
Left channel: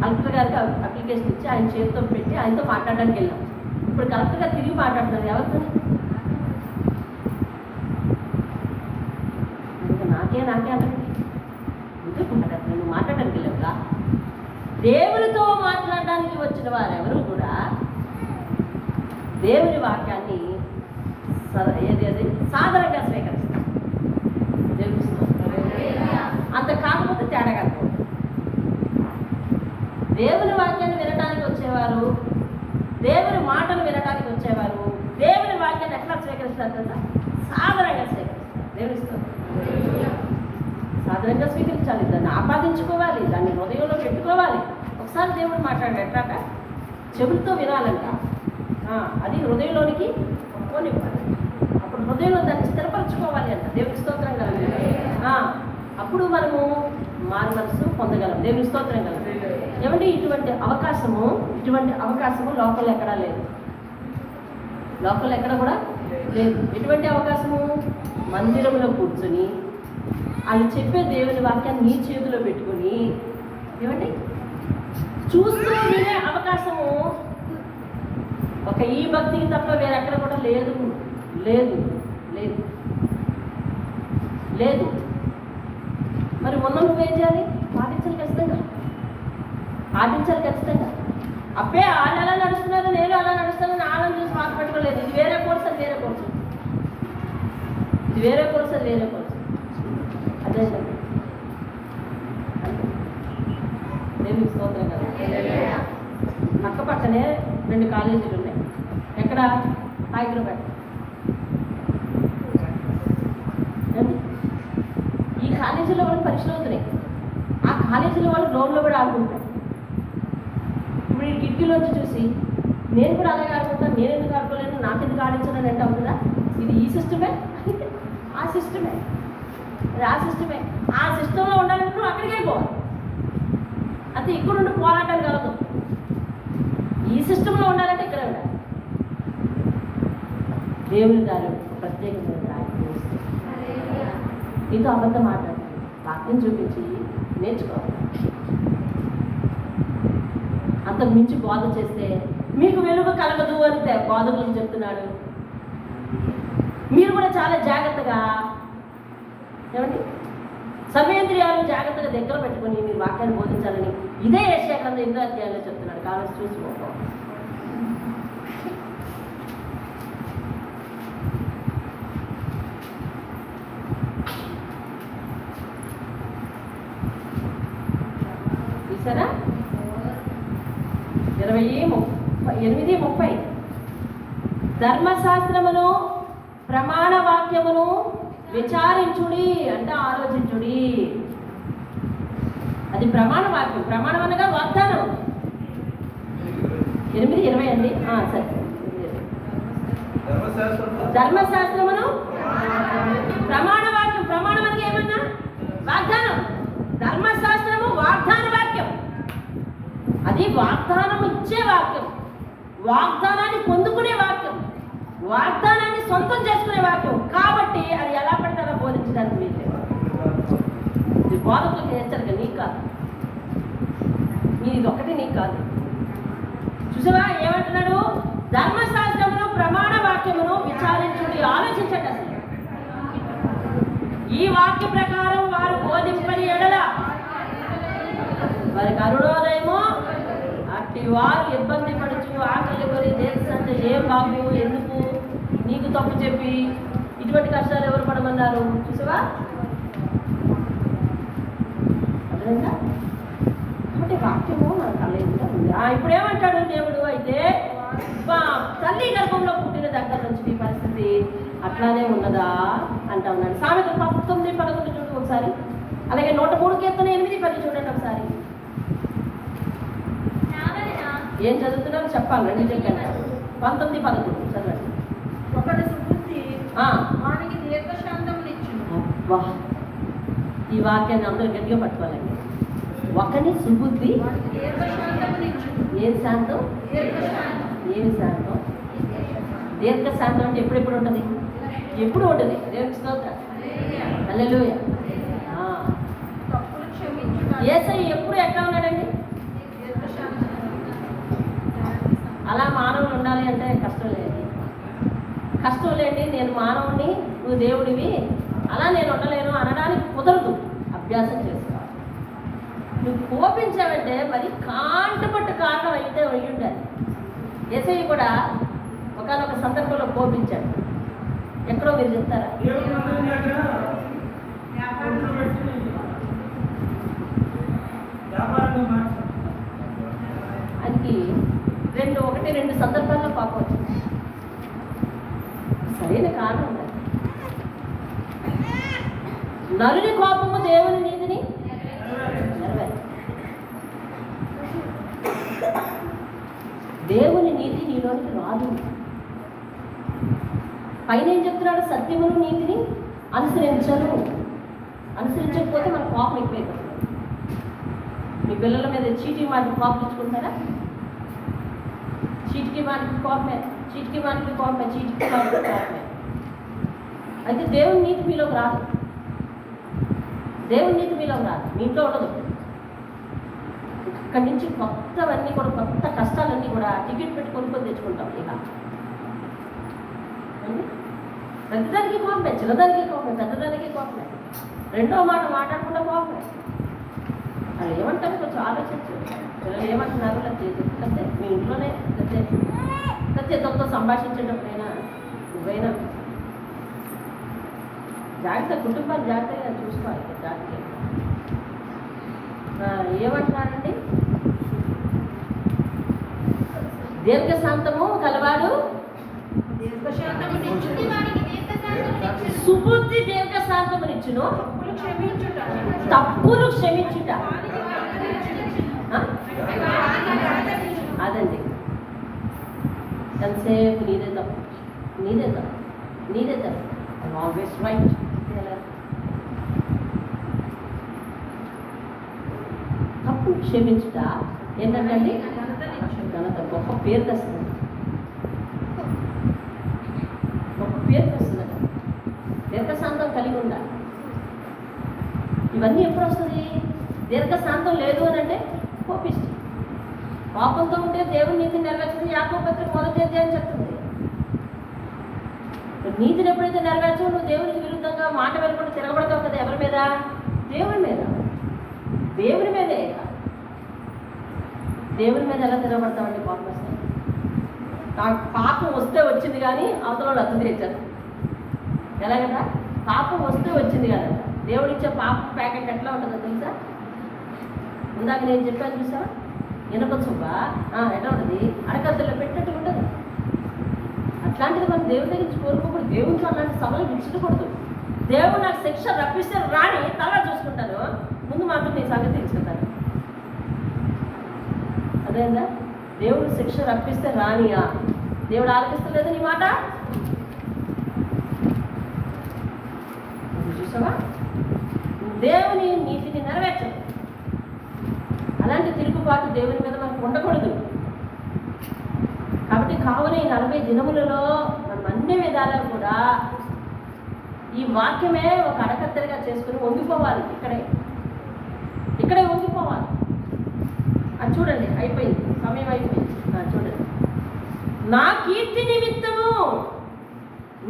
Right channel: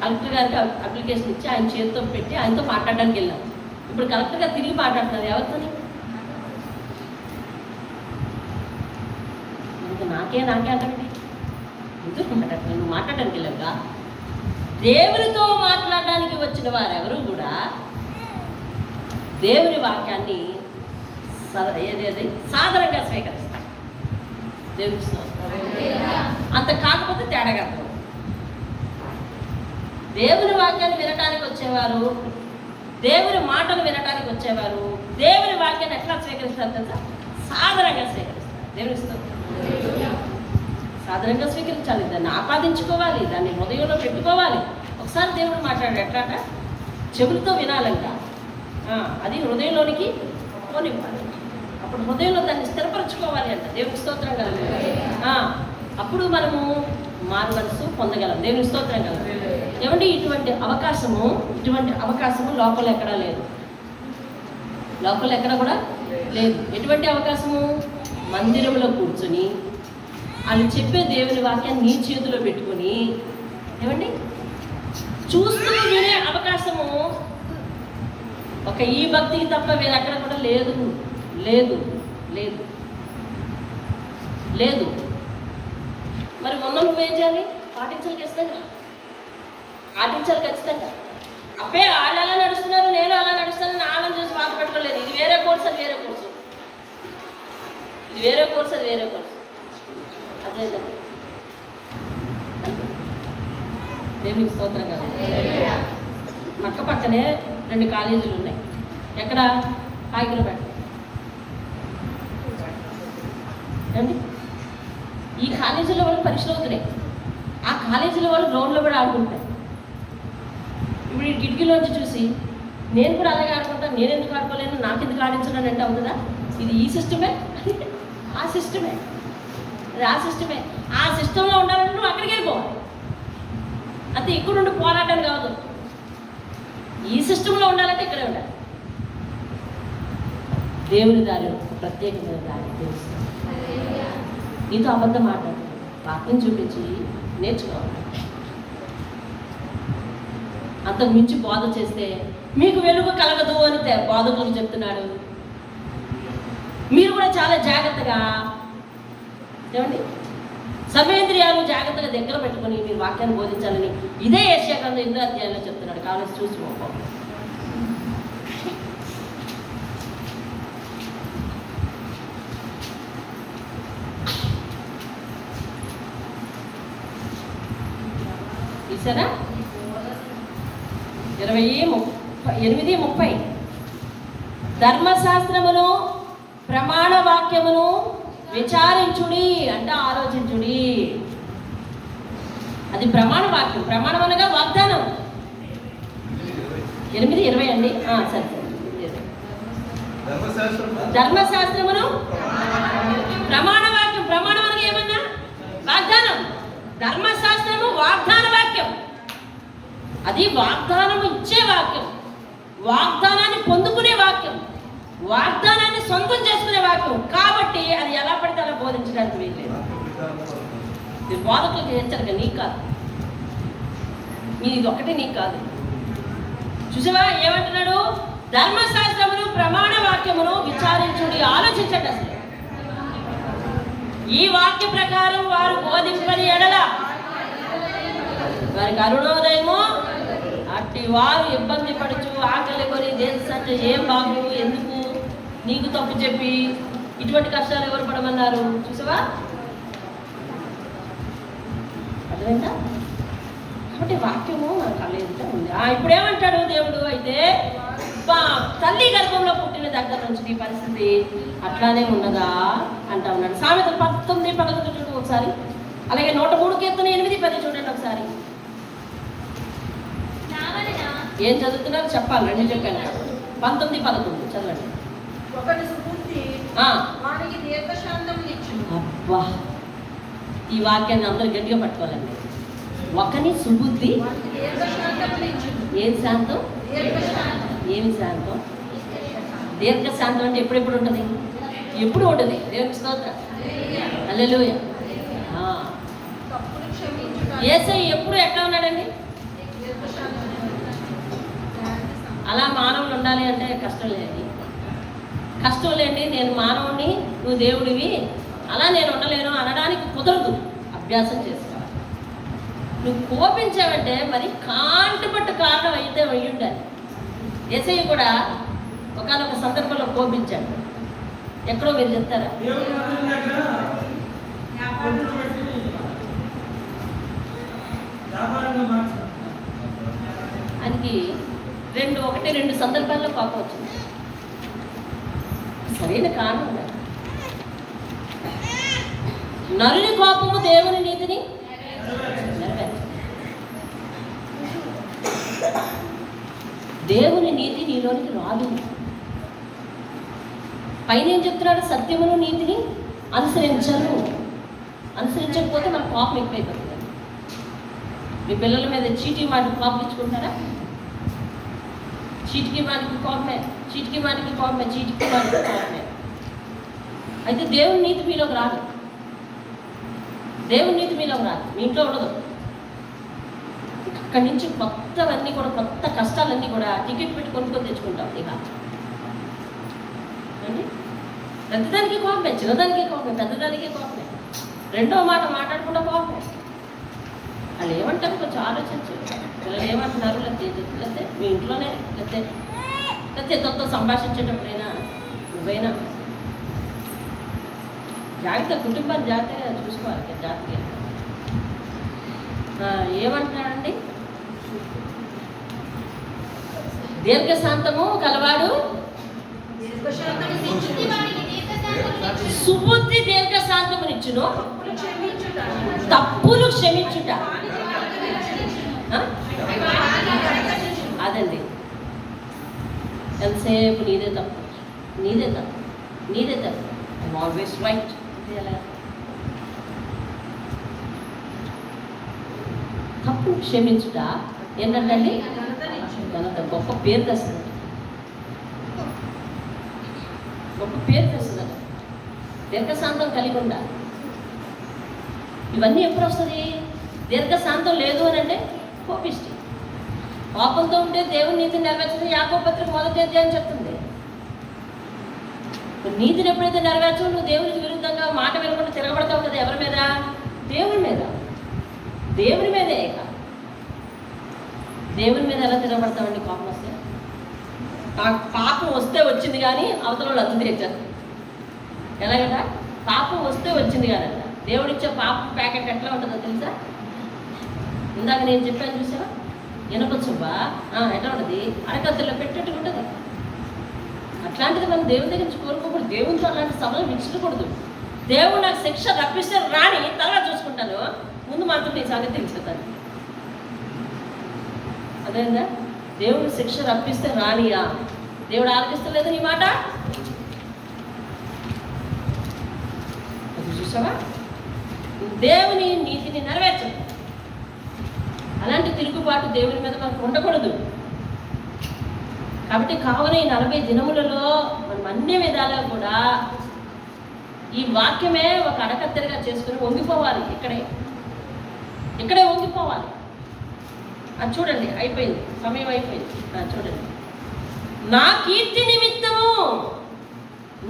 కలెక్టర్ గారికి అప్లికేషన్ ఇచ్చి ఆయన చేతితో పెట్టి ఆయనతో మాట్లాడడానికి వెళ్ళాం. ఇప్పుడు కలెక్టర్ గారు తిరిగి మాట్లాడుతున్నారు ఎవరితో? నాకే నాకే అంటే ఎందుకు మాట్లాడుతున్నాను? నువ్వు మాట్లాడడానికి వెళ్ళావుగా. దేవునితో మాట్లాడడానికి వచ్చిన వారెవరు కూడా దేవుని వాక్యాన్ని ఏదేది సాధారణంగా స్వీకరిస్తారు. దేవుని అంత కాకపోతే తేడాగా. దేవుని వాక్యాన్ని వినడానికి వచ్చేవారు, దేవుని మాటలు వినడానికి వచ్చేవారు దేవుని వాక్యాన్ని ఎట్లా స్వీకరిస్తారు తెలుసా? సాధారణంగా స్వీకరిస్తారు. దేవుని సాధారణంగా స్వీకరించాలి, దాన్ని ఆపాదించుకోవాలి, దాన్ని హృదయంలో పెట్టుకోవాలి. ఒకసారి దేవుడు మాట్లాడాడు ఎట్లాట? చెవులతో వినాలంట, అది హృదయంలోనికి పోనివ్వాలి. అప్పుడు హృదయంలో దాన్ని స్థిరపరచుకోవాలి అంట. దేవుని స్తోత్రం కలగ. అప్పుడు మనము మారు మనసు పొందగలం. దేవుని స్తోత్రం కలగ. ఏమంటే ఇటువంటి అవకాశము లోపల ఎక్కడా లేదు, లోపల ఎక్కడ కూడా లేదు. ఎటువంటి అవకాశము? మందిరంలో కూర్చొని వాళ్ళు చెప్పే దేవుని వాక్యాన్ని నీ చేతిలో పెట్టుకొని ఏమండి చూస్తూ వినే అవకాశము ఒక ఈ భక్తికి తప్ప వేరెక్కడ కూడా లేదు లేదు లేదు లేదు. మరి మొన్న నువ్వేం చేయాలి? పాటించాలి ఖచ్చితంగా, పాటించాలి ఖచ్చితంగా. అబ్బే వాళ్ళు అలా నడుస్తున్నారు, నేను అలా నడుస్తానని ఆనందం చూసి మాట పెట్టుకోలేదు. ఇది వేరే కోర్సు, అది వేరే కోర్సు, ఇది వేరే కోర్సు, అది వేరే కోర్సు. అదే దేవునికి స్తోత్రం కదా. పక్క పక్కనే 2 కాలేజీలు ఉన్నాయి. ఎక్కడ? హైదరాబాద్. ఈ కాలేజీలో వాళ్ళు పరీక్షలు అవుతున్నాయి, ఆ కాలేజీలో వాళ్ళు గ్రౌండ్లో కూడా ఆడుకుంటారు. ఇప్పుడు ఈ కిటికీలోంచి చూసి నేను కూడా అలాగే ఆడుకుంటాను, నేను ఎందుకు ఆడుకోలేను, నాకు ఎందుకు ఆడించడం అంటే అవుతుందా? ఇది ఈ సిస్టమే, ఆ సిస్టమే, అది ఆ సిస్టమే. ఆ సిస్టంలో ఉండాలంటే నువ్వు అక్కడికే పోవాలి. అంతే, ఇక్కడ ఉండి పోరాటం కాదు. ఈ సిస్టంలో ఉండాలంటే ఇక్కడే ఉండాలి. దేవుని దారి ప్రత్యేకమైన దారి. నీతో అబద్ధం మాట్లాడు, వాక్యం చూపించి నేర్చుకోవాలి. అంతకు మించి బోధ చేస్తే మీకు వెలుగు కలగదు అని బోధకులకు చెప్తున్నాడు. మీరు కూడా చాలా జాగ్రత్తగా ఏమండి సర్వేంద్రియాలు జాగ్రత్తగా దగ్గర పెట్టుకుని మీరు వాక్యాన్ని బోధించాలని ఇదే యెషయా గ్రంథం 8వ అధ్యాయంలో చెప్తున్నాడు. కావాల్సి చూసుకోవాలి. చూసారా? 28:30 ధర్మశాస్త్రమును ప్రమాణ వాక్యమును విచారించుడి అంటే ఆలోచించుడి. అది ప్రమాణ వాక్యం. ప్రమాణం అనగా వాగ్దానం. 8:20 అండి. సరే, ధర్మశాస్త్రమును ప్రమాణ వాక్యం. ప్రమాణం అనగా ఏమన్నా? వాగ్దానం. ధర్మశాస్త్రము వాగ్దాన వాక్యం. అది వాగ్దానం ఇచ్చే వాక్యం, వాగ్దానాన్ని పొందుకునే వాక్యం, వాగ్దానాన్ని సొంతం చేసుకునే వాక్యం. కాబట్టి అది ఎలా పడితే అలా బోధించడానికి వీల్లేదు. ఇది బోధకులకి హెచ్చరిక, నీకు కాదు, ఇది ఒకటి నీకు కాదు. చూసావా ఏమంటున్నాడు? ధర్మశాస్త్రమును ప్రమాణ వాక్యమును విచారించుడి, ఆలోచించండి. అసలు ఈ వాక్య ప్రకారం వారు బోధింపని ఎడల వారికి అరుణోదయము, అట్టి వారు ఇబ్బంది పడుచు ఆకలి కొని దేశం అంటే ఏం బాగు, ఎందుకు నీకు తప్పు చెప్పి ఇటువంటి కష్టాలు ఎవరు పడమన్నారు? చూసావా? అర్థమైందా? కాబట్టి వాక్యము మనకు అలా ఉంది. ఇప్పుడు ఏమంటాడు దేవుడు? అయితే తల్లి గర్భంలో పుట్టిన దగ్గర నుంచి ఈ పరిస్థితి అట్లానే ఉన్నదా అంటా ఉన్నాడు. సామెతలు 19:11 చూడండి ఒకసారి, అలాగే 103 కీర్తన 8:10 చూడండి ఒకసారి. ఏం చదువుతున్నారు చెప్పాలి, రెండు చెప్పాను. 19:11 చదవండి. అబ్బా, ఈ వాక్యాన్ని అందరూ గట్టిగా పట్టుకోవాలండి. ఒకని సుబుద్ధి, ఏం శాంతం, ఏమి శాంతం, దీర్ఘ శాంతం అంటే ఎప్పుడెప్పుడు ఉంటుంది? ఎప్పుడు ఉంటుంది. దేవునికి స్తోత్రం, హల్లెలూయా. యేసయ్య ఎప్పుడు ఎట్లా ఉన్నాడండి? అలా మానవులు ఉండాలి అంటే కష్టం లేదు, కష్టం లేండి. నేను మానవుడిని, నువ్వు దేవుడివి, అలా నేను ఉండలేను అనడానికి కుదరదు. అభ్యాసం చేసుకోవాలి. నువ్వు కోపించావంటే మరి కాంటపట్టు కారణం అయితే వెళ్ళి ఉండాలి. యేసయ్య కూడా ఒకనొక సందర్భంలో కోపించాడు. ఎక్కడో మీరు చెప్తారా? ఆయనకి రెండు సందర్భాల్లో కోపం వచ్చింది. సరైన కారణం ఉండాలి. నరుని కోపము దేవుని నీతిని నెరవేర్చు. దేవుని నీతి నీలోనికి రాదు. పైన ఏం చెప్తున్నాడు? సత్యమును నీతిని అనుసరించను. అనుసరించకపోతే మన కోపం ఎక్కువైపోతుంది. మీ పిల్లల మీద చీటీ వాటికి కోపం ఇచ్చుకుంటారా? చీటికి వానికి కోపమే, చీటికి వానికి కోపమే, చీటికి వానికి కోపమే. అయితే దేవుని నీతి మీలోకి రాదు. దేవుని నీతి మీలోకి రాదు, మీ ఇంట్లో ఉండదు. అక్కడి నుంచి కొత్తవన్నీ కూడా, కొత్త కష్టాలన్నీ కూడా టికెట్ పెట్టి కొనుక్కొని తెచ్చుకుంటాం. ఇక అండి, పెద్దదానికి కోపమే, చిన్నదానికి కోపమే, పెద్దదానికి కోపమే. రెండో మాట మాట్లాడకుండా కోపమే. వాళ్ళు ఏమంటారు కొంచెం ఆలోచించు. పిల్లలు ఏమంటున్నారు? లేకపోతే మీ ఇంట్లోనే, లేకపోతే తనతో సంభాషించేటప్పుడైనా నువ్వైనా జాగ్రత్త, కుటుంబాన్ని జాగ్రత్తగా చూసుకోవాలి. జాగ్రత్తగా ఏమంటున్నాడండి? దీర్ఘశాంతము కలవాడు సుబుద్ధి దీర్ఘశాంతమునిచ్చును, తప్పులు క్షమించుట. అదండి, ఎంతసేపు నీదే తప్పు, నీదే తప్పు, నీదే తప్పు, ఆల్వేస్ రైట్. తప్పు క్షమించుట ఏంటంటే ఘనత, గొప్ప పేరు తెస్తుంది, గొప్ప పేరు తెస్తుందట. దీర్ఘశాంతం కలిగి ఉండాలి. ఇవన్నీ ఎప్పుడు వస్తుంది? దీర్ఘశాంతం లేదు అని అంటే కోపిష్టి. కోపంతో ఉంటే దేవుని నీతిని నెరవేర్చడం యాకోబు పత్రిక 1వ అధ్యాయం చెప్తుంది. నీతిని ఎప్పుడైతే నెరవేర్చవు, నువ్వు దేవునికి విరుద్ధంగా మాట వినకుండా తిరగబడతావు కదా. ఎవరి మీద? దేవుని మీద. దేవుని మీదే. దేవుని మీద ఎలా తిరగబడతామండి? కోపం వస్తే. పాపం వస్తే వచ్చింది కానీ అవతల వాళ్ళు అర్థం తెచ్చారు. ఎలాగంట? పాపం వస్తే వచ్చింది కాదంట. దేవుడిచ్చే పాపం ప్యాకెట్ ఎట్లా ఉంటుందో తెలుసా? ఇందాక నేను చెప్పాను చూసా, ఇనప చుబ్బ ఎట్లా ఉంటుంది? అరకత్తుల్లో పెట్టేట్టు ఉంటుంది. అట్లాంటిది మనం దేవుని దగ్గర నుంచి కోరుకోకూడదు. దేవునితో అలాంటి సభలు విడిచికూడదు. దేవుడు నాకు శిక్ష రప్పిస్తే రాని తర్వాత చూసుకుంటాను, ముందు మాత్రం నీ సంగతి తెలుసుకుంటాను. అదేందా? దేవుడు శిక్ష రప్పిస్తే రానియా? దేవుడు ఆలకిస్తలేదు నీ మాట. చూసావా? దేవుని నీతిని నెరవేర్చదు. అలాంటి తిరుగుబాటు దేవుని మీద మనకు ఉండకూడదు. కాబట్టి కావున ఈ 40 దినములలో మనం అన్ని విధాలుగా కూడా ఈ వాక్యమే ఒక అడకత్తెరగా చేసుకుని వంగిపోవాలి. ఇక్కడే వంగిపోవాలి. అది చూడండి, అయిపోయింది, సమయం అయిపోయింది. చూడండి, నా కీర్తి నిమిత్తము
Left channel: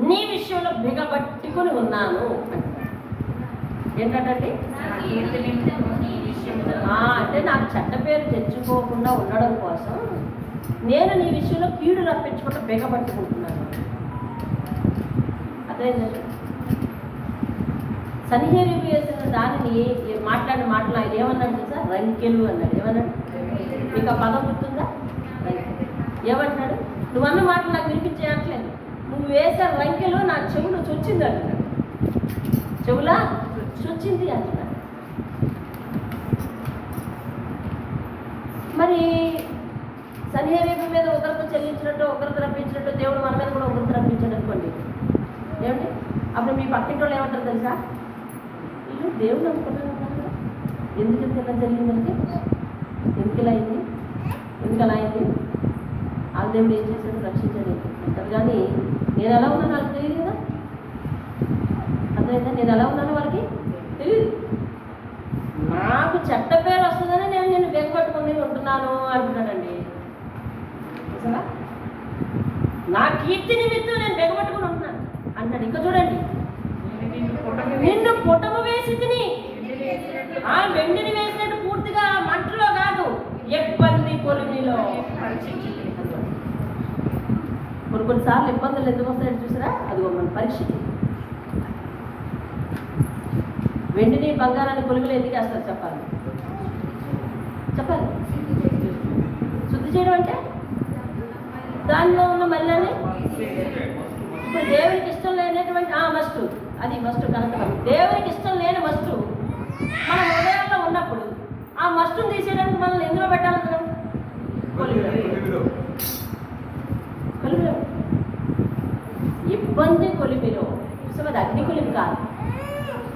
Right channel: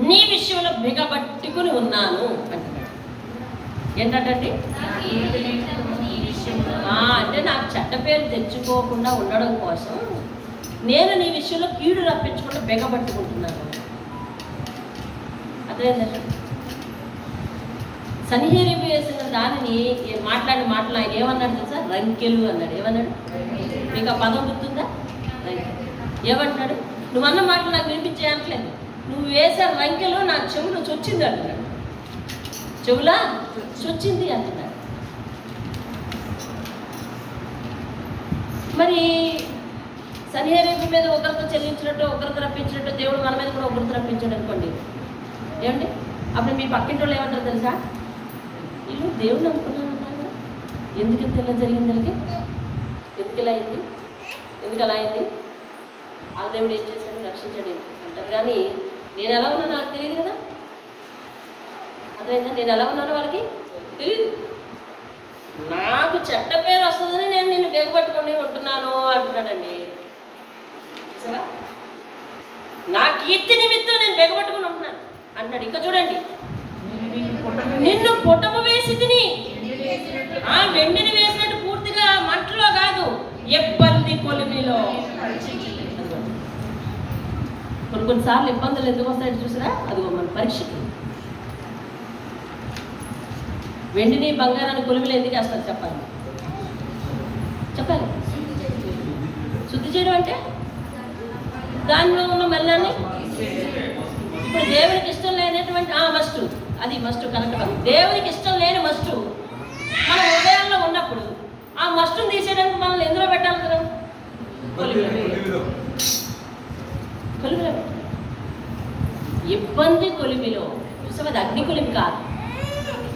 నీ విషయంలో బిగబట్టుకుని ఉన్నాను అంటున్నాడు. ఏంటంటే అంటే నాకు చెడ్డ పేరు తెచ్చుకోకుండా ఉండడం కోసం నేను నీ విషయంలో కీడు రప్పించకుండా బిగబట్టుకుంటున్నాను. అదేంటంటే సన్హెరీబు వేసిన దానిని మాట్లాడిన మాటలు ఆయన ఏమన్నాడు తెలుసా? రంకెలు అన్నాడు. ఏమన్నాడు? మీకు ఆ పదం గుర్తుందా? ఏమంటున్నాడు? నువ్వు అన్న మాటలు నాకు వినిపించేయట్లేదు, నువ్వు వేసే రంకెలు నా చెవులు చొచ్చింది అంటున్నాడు. చెవులా చొచ్చింది అంటున్నాడు. మరి సన్హెరీబు మీద ఒకరితో చెల్లించినట్టు ఒకరితో రప్పించినట్టు దేవుడు మన మీద కూడా ఒకరితో రప్పించాడు అనుకోండి. ఏమండి? అప్పుడు మీ పక్కింటి వాళ్ళు ఏమంటారు తెలుసా? వీళ్ళు దేవుడు నమ్ముకున్నాను అంటారు, ఎందుకంత ఇలా జరిగింది? ఎందుకు ఇలా అయింది? ఎందుకు అలా అయింది? ఆ దేవుడు ఏం చేశాడు? రక్షించాడు అంటారు. కానీ నేను ఎలా ఉన్నాను వాళ్ళకి తెలియదు కదా. అర్థమైందా? నేను ఎలా ఉన్నానో వాళ్ళకి తెలియదు. నాకు చెడ్డ పేరు వస్తుందని నేను బెగపట్టుకొని ఉంటున్నాను అంటున్నాడండి. సరే, నా కీర్తి నిమిత్తం నేను బెగపట్టుకుని ఉంటున్నాను అంటాడు. ఇంకా చూడండి, నిన్ను పుటము వేసి తిని, ఆ వెండిని వేసినట్టు పూర్తిగా మంటలో కాదు, ఇబ్బంది కొలిమిలో. కొన్నిసార్లు ఇబ్బందులు ఎందుకు వస్తాయని చూసినా అదిగో మన పరీక్షకి. వెండిని బంగారాన్ని కొలిమిలో ఎందుకు వేస్తారు చెప్పాలి? శుద్ధి చేయడం అంటే దానిలో ఉన్న మల్లాన్ని ఇప్పుడు దేవునికి ఇష్టం లేనటువంటి మస్ట్ కనుక దేవునికి ఇష్టం లేని మస్టు మన హృదయాల్లో ఉన్నప్పుడు ఆ మస్టును తీసేయడానికి మనల్ని ఎందులో పెట్టాలి కదా? కొలిమిలో. ఇబ్బంది కొలిమిలో. చూసావు, అది అగ్ని కొలిమి కాదు,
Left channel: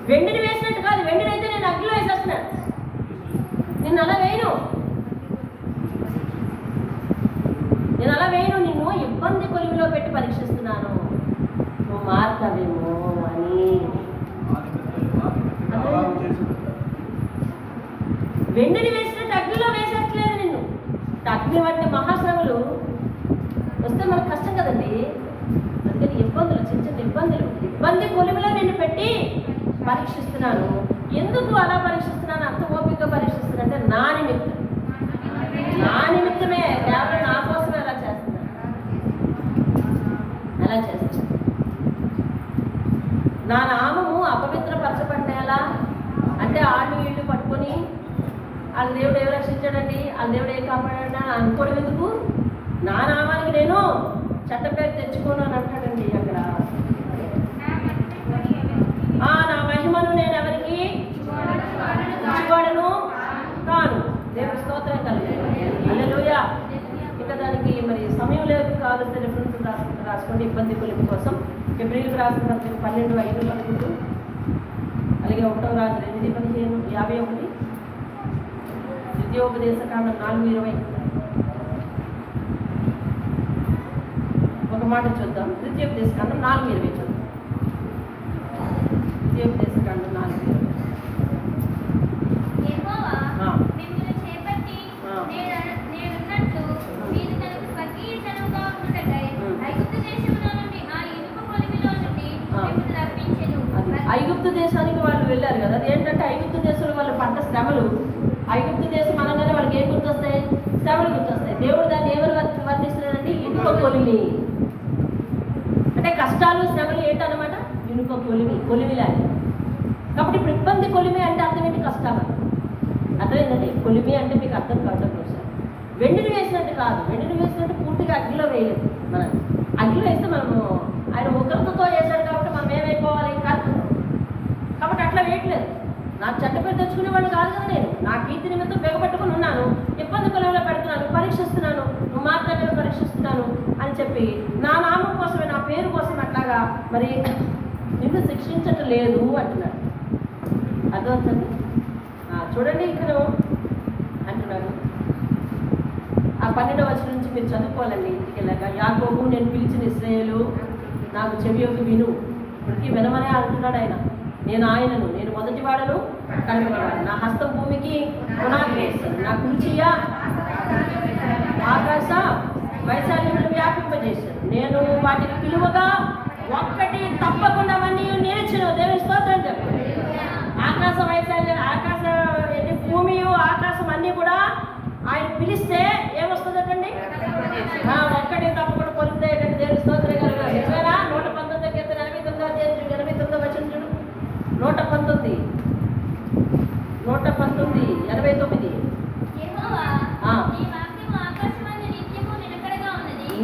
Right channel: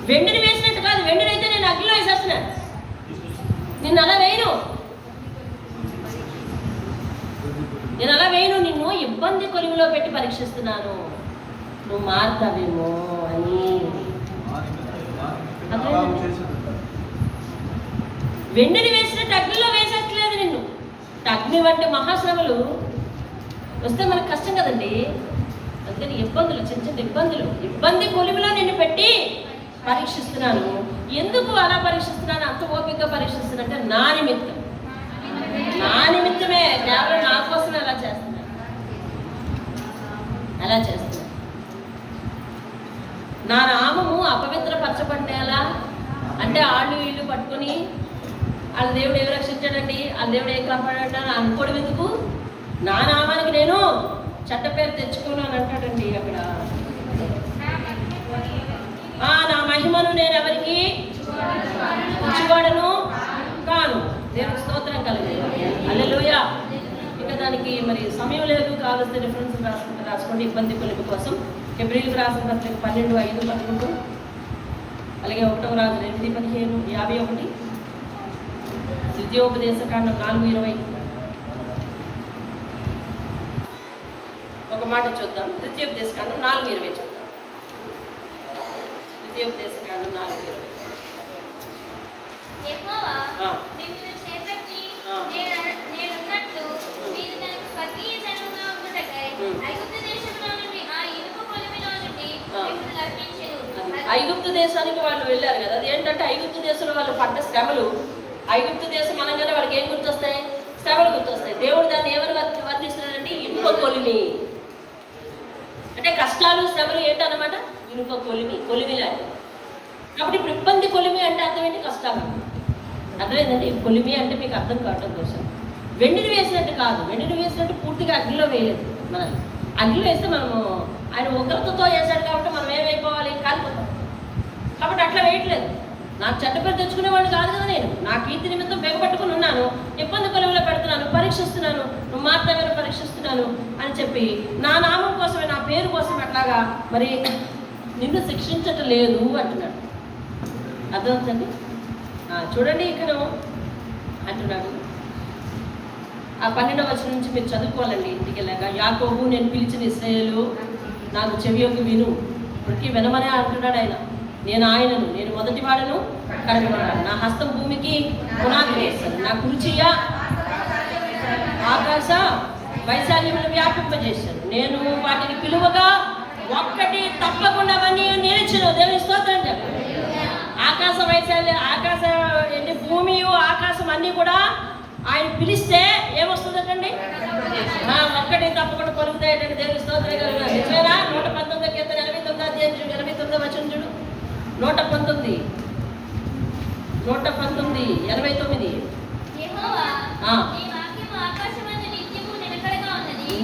వెండిని వేసినట్టు కాదు. వెండిని అయితే నేను అగ్నిలో వేసేస్తున్నాను, నిన్ను అలా వేయను. నిన్ను ఇబ్బంది కొలిమిలో పెట్టి పరీక్షిస్తున్నాను, నువ్వు మారుతావేమో అని. వెండిని వేసినట్టు అగ్నిలో వేసేట్లేదు నిన్ను. అగ్ని వంటి మహాశ్రమలు వస్తే మనకు కష్టం కదండి. అందుకని ఇబ్బందులు, చిన్న చిన్న ఇబ్బంది కొలిమిలో నిన్ను పెట్టి పరీక్షిస్తున్నాను. ఎందుకు అలా పరీక్షిస్తున్నాను, అంత ఓపికగా పరీక్షిస్తున్నాను అంటే నా నిమిత్తమే, కేవలం నా కోసమే అలా చేస్తున్నాను. నా నామము అపవిత్రపరచబడేలా అంటే ఆళ్ళు వీళ్ళు పట్టుకొని వాళ్ళ దేవుడు ఏమి రక్షించాడండి, వాళ్ళ దేవుడు ఏం కాపాడాడు అనుకోవడం ఎందుకు? నా నామానికి నేను చెడ్డ పేరు తెచ్చుకోను అని అంటాడండి అక్కడ. నా మహిమను నేను ఎవరికి ఇచ్చివాడను కాను. దేవునికి స్తోత్రం కలిగి. హల్లెలూయా. ఇక దానికి మరి సమయం లేదు, కావలసిన రిఫరెన్స్ రాసుకోండి ఇబ్బంది కొలిమి కోసం. హెబ్రీయులకు రాసిన పత్రిక 12:5-11, అలాగే 1వ రాజు 8:15-51, ద్వితీయోపదేశకాండం 4:20. ఒక మాట చూద్దాం. ద్వితీయోపదేశకాండం 4:20 చూద్దాం. ద్వితీయోపదేశకాండం 4:20. ఐగుప్తు దేశానికి వాళ్ళు వెళ్ళారు కదా. అది ఏంటంటే ఐగుప్తు దేశంలో వాళ్ళు పడ్డ శ్రమలు. ఐగుప్తు దేశం అనగానే వాళ్ళకి ఏం గుర్తొస్తాయి? శ్రమలు గుర్తొస్తాయి. దేవుడు దాన్ని ఏమని వర్ణిస్తున్నాడంటే ఇనుప కొలిమి. అంటే కష్టాలు శ్రమలు ఏంటన్నమాట? ఇనుప కొలిమి లాంటి. కాబట్టి ఇప్పుడు ఇబ్బంది కొలిమి అంటే అర్థం ఏంటి? కష్టాలు. అర్థమైందండి? కొలిమి అంటే మీకు అర్థం కావడం కోసం. వెండిని వేసినట్టు కాదు. వెండిని వేసినట్టు పూర్తిగా అగ్నిలో వేయలేదు. మనం అగ్నిలో వేస్తే మనము ఆయన ఉగ్రతతో వేశాడు కాబట్టి మనం ఏమైపోవాలి? కాదు. కాబట్టి అట్లా వేయట్లేదు. నాకు చెడ్డ పేరు తెచ్చుకునేవాడిని కాదు కదా. నేను నా కీర్తి నిమిత్తం బెగపట్టుకుని ఉన్నాను, ఇబ్బంది కొలువులో పెడుతున్నాను, పరీక్షిస్తున్నాను, నువ్వు మాత్రమే పరీక్షిస్తున్నాను అని చెప్పి నా నామం కోసమే, నా పేరు కోసం అట్లాగా మరి నిన్ను శిక్షించటం లేదు అంటున్నాడు. అర్థమవుతుంది? చూడండి ఇక్కడ అంటున్నాడు ఆ 12వ వచనం నుంచి మీరు చదువుకోవాలండి ఇంటికి వెళ్ళాక. యాకోబు, నేను పిలిచిన ఇశ్రాయేలు, నాకు చెవియొగ్గి విను. ఇప్పటికీ వినమనే అంటున్నాడు ఆయన. నేను ఆయనను, నేను మొదటి వాడను, కడపటివాడు. నా హస్తం భూమికి పునాది వేశాను, నా కుర్చీయ ఆకాశ వైశాల్యములు వ్యాపింపజేశాను. నేను వాటిని పిలువగా ఒక్కటి తప్పకుండా అవన్నీ నిలిచను. దేవుని స్తోత్రం చెప్పండి. ఆకాశ వైశాల్యం, ఆకాశ భూమి, ఆకాశం అన్నీ కూడా ఆయన పిలిస్తే ఏమొస్తుందటండి? ఒక్కటి తప్పకుండా పలుకుతాయటండి. దేవుని స్తోత్రం కలుగుతారు. నిజమేనా? 119 కీర్తన 89 అధ్యాయం చూడు, 89 వచనం చూడు. 119 89.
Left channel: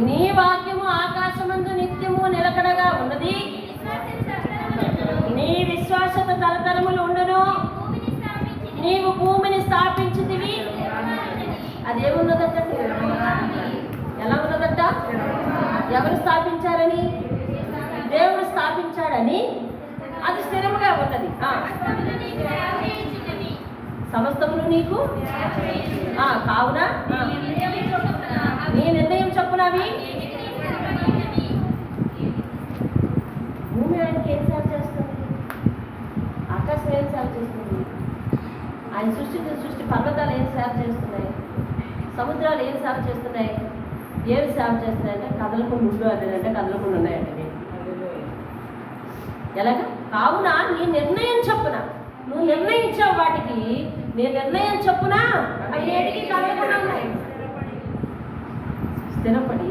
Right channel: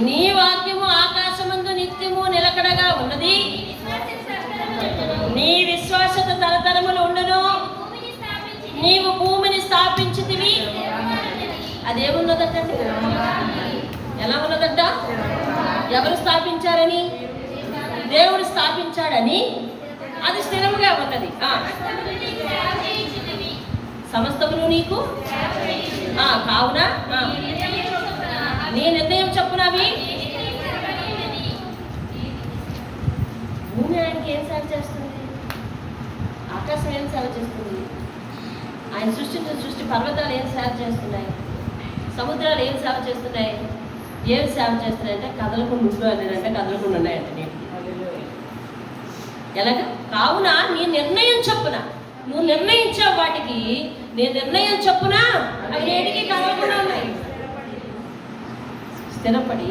నీ వాక్యము ఆకాశమందు నిత్యము నిలకడగా ఉన్నది, నీ విశ్వాసత తరతరములు ఉండును. నీవు భూమిని స్థాపించితివి. అదేమున్నదటండి? ఎలా ఉన్నదట? ఎవరు స్థాపించారని? దేవుడు స్థాపించాడని అది స్థిరముగా ఉన్నది. సమస్తమును నీకు కావున నీ నిర్ణయం చొప్పునవి. భూమి ఆయనకి ఏం సేవ చేస్తుంది? ఆకాశం ఏం సేవ చేస్తుంది? ఆయన సృష్టి పర్వతాలు ఏం సేవ చేస్తున్నాయి? సముద్రాలు ఏం సేవ చేస్తున్నాయి? ఏం సేవ చేస్తున్నాయంటే కదలకుండా ఉండు అంటే కదలకుండా ఉన్నాయంటే నేను ఎలాగ? కావున నీ నిర్ణయం చొప్పున, నువ్వు నిర్ణయించావు వాటికి, నీ నిర్ణయం చొప్పున అవి నేటికి కదలకుండా ఉన్నాయి, స్థిరపడి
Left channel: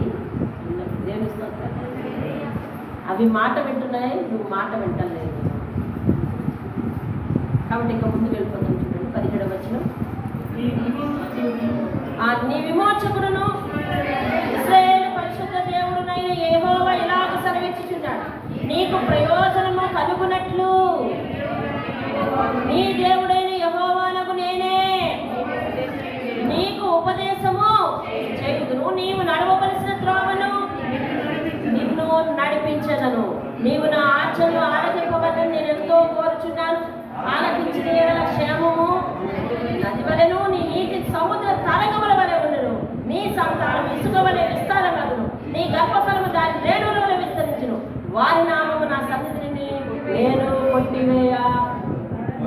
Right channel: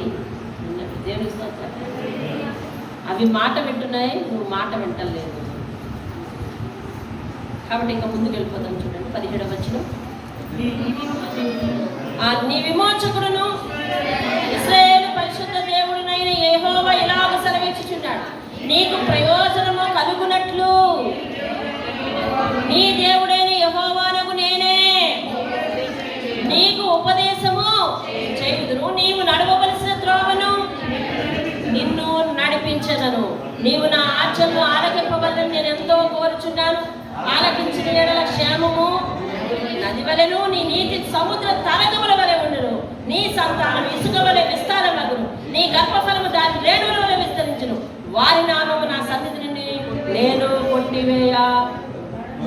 ఉన్నవి. దేవుని స్తోత్రం. అవి మాట వింటున్నాయి, నువ్వు మాట వింటలేదు. కాబట్టి ఇంకా ముందుకు వెళ్ళిపోతాం. చూడండి 17వ వచనం. నీ విమోచకుడును ఇశ్రాయేలు పరిశుద్ధ దేవుడునైన యెహోవా ఇలాగ సెలవిచ్చుచున్నాడు, నీకు ప్రయోజనము కలుగునట్లు నీ దేవుడైన యెహోవానగు నేనే నీకు ఉపదేశము చేయుదును. నీవు నడవవలసిన త్రోవను నిన్ను నడిపించదను. నీవు నా ఆజ్ఞలు ఆలకింపవలని నేను ఎంతో కోరుచున్నాను. ఆలకించిన యెడల క్షేమము నది వలెను, నీ నీతి సముద్ర తరంగముల వలె ఉండును. నీ సంతానం ఇసుక వలె విస్తారమగును, నీ గర్భఫలము దాని రేణువుల వలె విస్తరించును. వారి నామము నా సన్నిధి నుండి నేను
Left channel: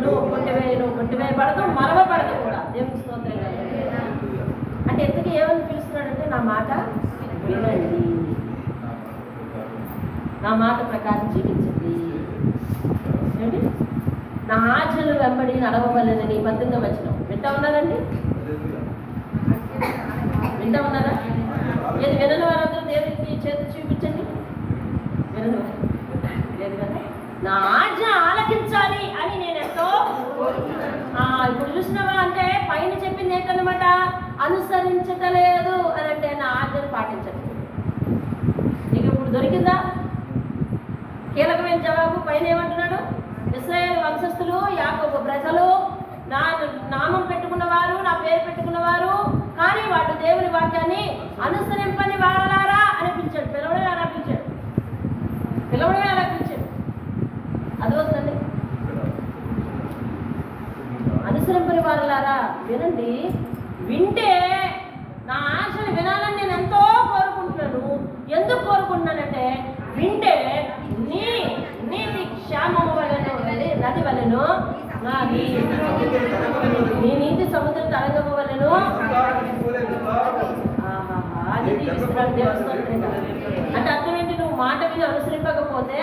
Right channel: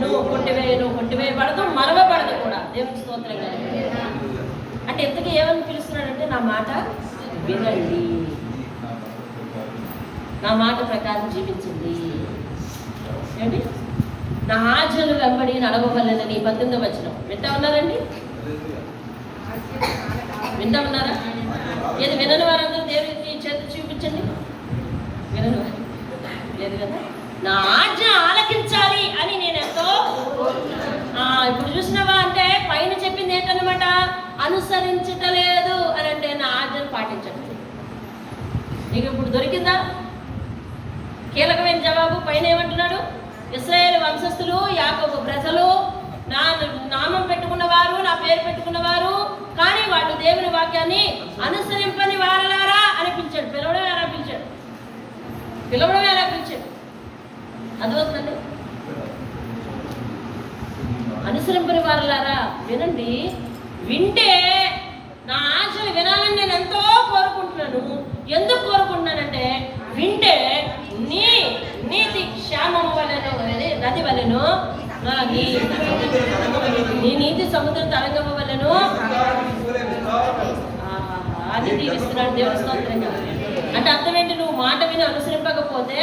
నువ్వు కొట్టివేయబడదు, మరవబడదు కూడా. దేవుని స్తోత్రం గారు. అంటే ఎంతకీ ఏమని పిలుస్తున్నాడంటే, నా మాట వినండి, నా మాట ప్రకారం జీవించండి, ఏంటి నా ఆజ్ఞలు వెంబడి నడవవలెనని 18వ వచనం. వింటా ఉన్నారండి? వింటా ఉన్నారా? ఏది వినని వారందరూ దేవునికి చేతి చూపించండి. వినని వారు లేదు కదా. నా ఆజ్ఞ ఆలకించాలి అని నేను ఎంతో ఇప్పుడు చూసినవా అంటే పైన చెప్పింది ఏంటన్నమాట? అనుసరించటలేదు అని అంటే నా ఆజ్ఞను పాటించట్లేదు. నీకు ఇప్పుడు దొరికిందా కీలకమైన జవాబు? పైన ఏమంటున్నాడు? ఇశ్రాయేలు వంశస్థులు, యాకోబు ప్రజలు, నా నామం పెట్టుకున్నవారు, నా పేరు పెట్టుకున్నవారు, కానీ వాళ్ళు దేవుని వాక్యాన్ని అనుసరింపని వారలారా అనిపించాడు. పిలవడం ఎలా పిలిచాడు? అదవుతుందండి. అనుసరింపని వారలారా వినండి. వింటే నా ఆశలు వినాలని నేను ఎంతో కోరుకుంటున్నాను. ఎందుకు కోరుకుంటున్నానంటే, వింటే నీ నీతి క్షేమము వలెను, నది వలెను, నీ నీతి సముద్ర తరంగము వలెను నిధి విస్తరాడు. దేవస్థానం అంటే అర్థం ఏంటి? నువ్వు మాట విని అనుసరింపకపోతే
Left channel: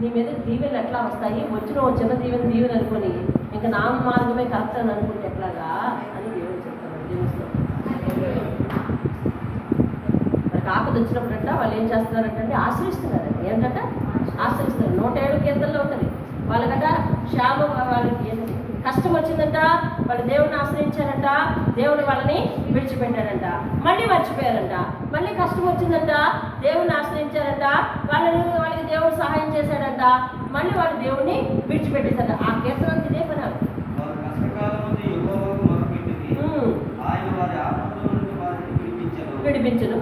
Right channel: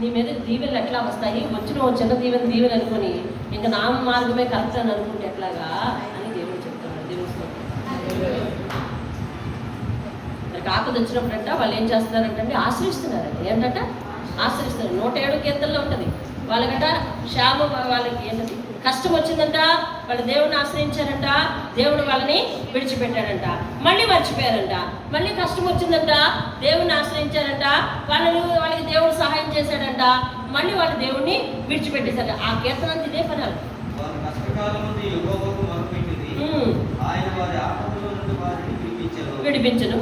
నీ మీద దీవెనలు ఎట్లా వస్తాయి? వచ్చిన చిన్న దీవెన అనుకొని ఇంకా నా మార్గమే కరెక్ట్ అని అనుకుంటే ఎట్లాగా అని దేవుడు చెప్తాడు. దేవస్థానం మరి ఆపద వచ్చినప్పుడంట వాళ్ళు ఏం చేస్తున్నారంటే ఆశ్రయిస్తున్నారంట. ఏంటంట? ఆశ్రయిస్తున్నారు. 107 కీర్తనలో ఉంటుంది. వాళ్ళకంట క్షేమ, వాళ్ళకి ఏంటంటే కష్టం వచ్చిందంట, వాళ్ళు దేవుడిని ఆశ్రయించారంట, దేవుడు వాళ్ళని విడిచిపెట్టాడంట, మళ్ళీ మర్చిపోయారంట. మళ్ళీ కష్టం వచ్చిందంట, దేవుడిని ఆశ్రయించారంట, వాళ్ళకి దేవుడు సహాయం చేశాడంట, మళ్ళీ వాళ్ళు దేవుడిని విడిచిపెట్టేశారంట. ఆ కీర్తన అంతా ఇదే పని. విడిపించను,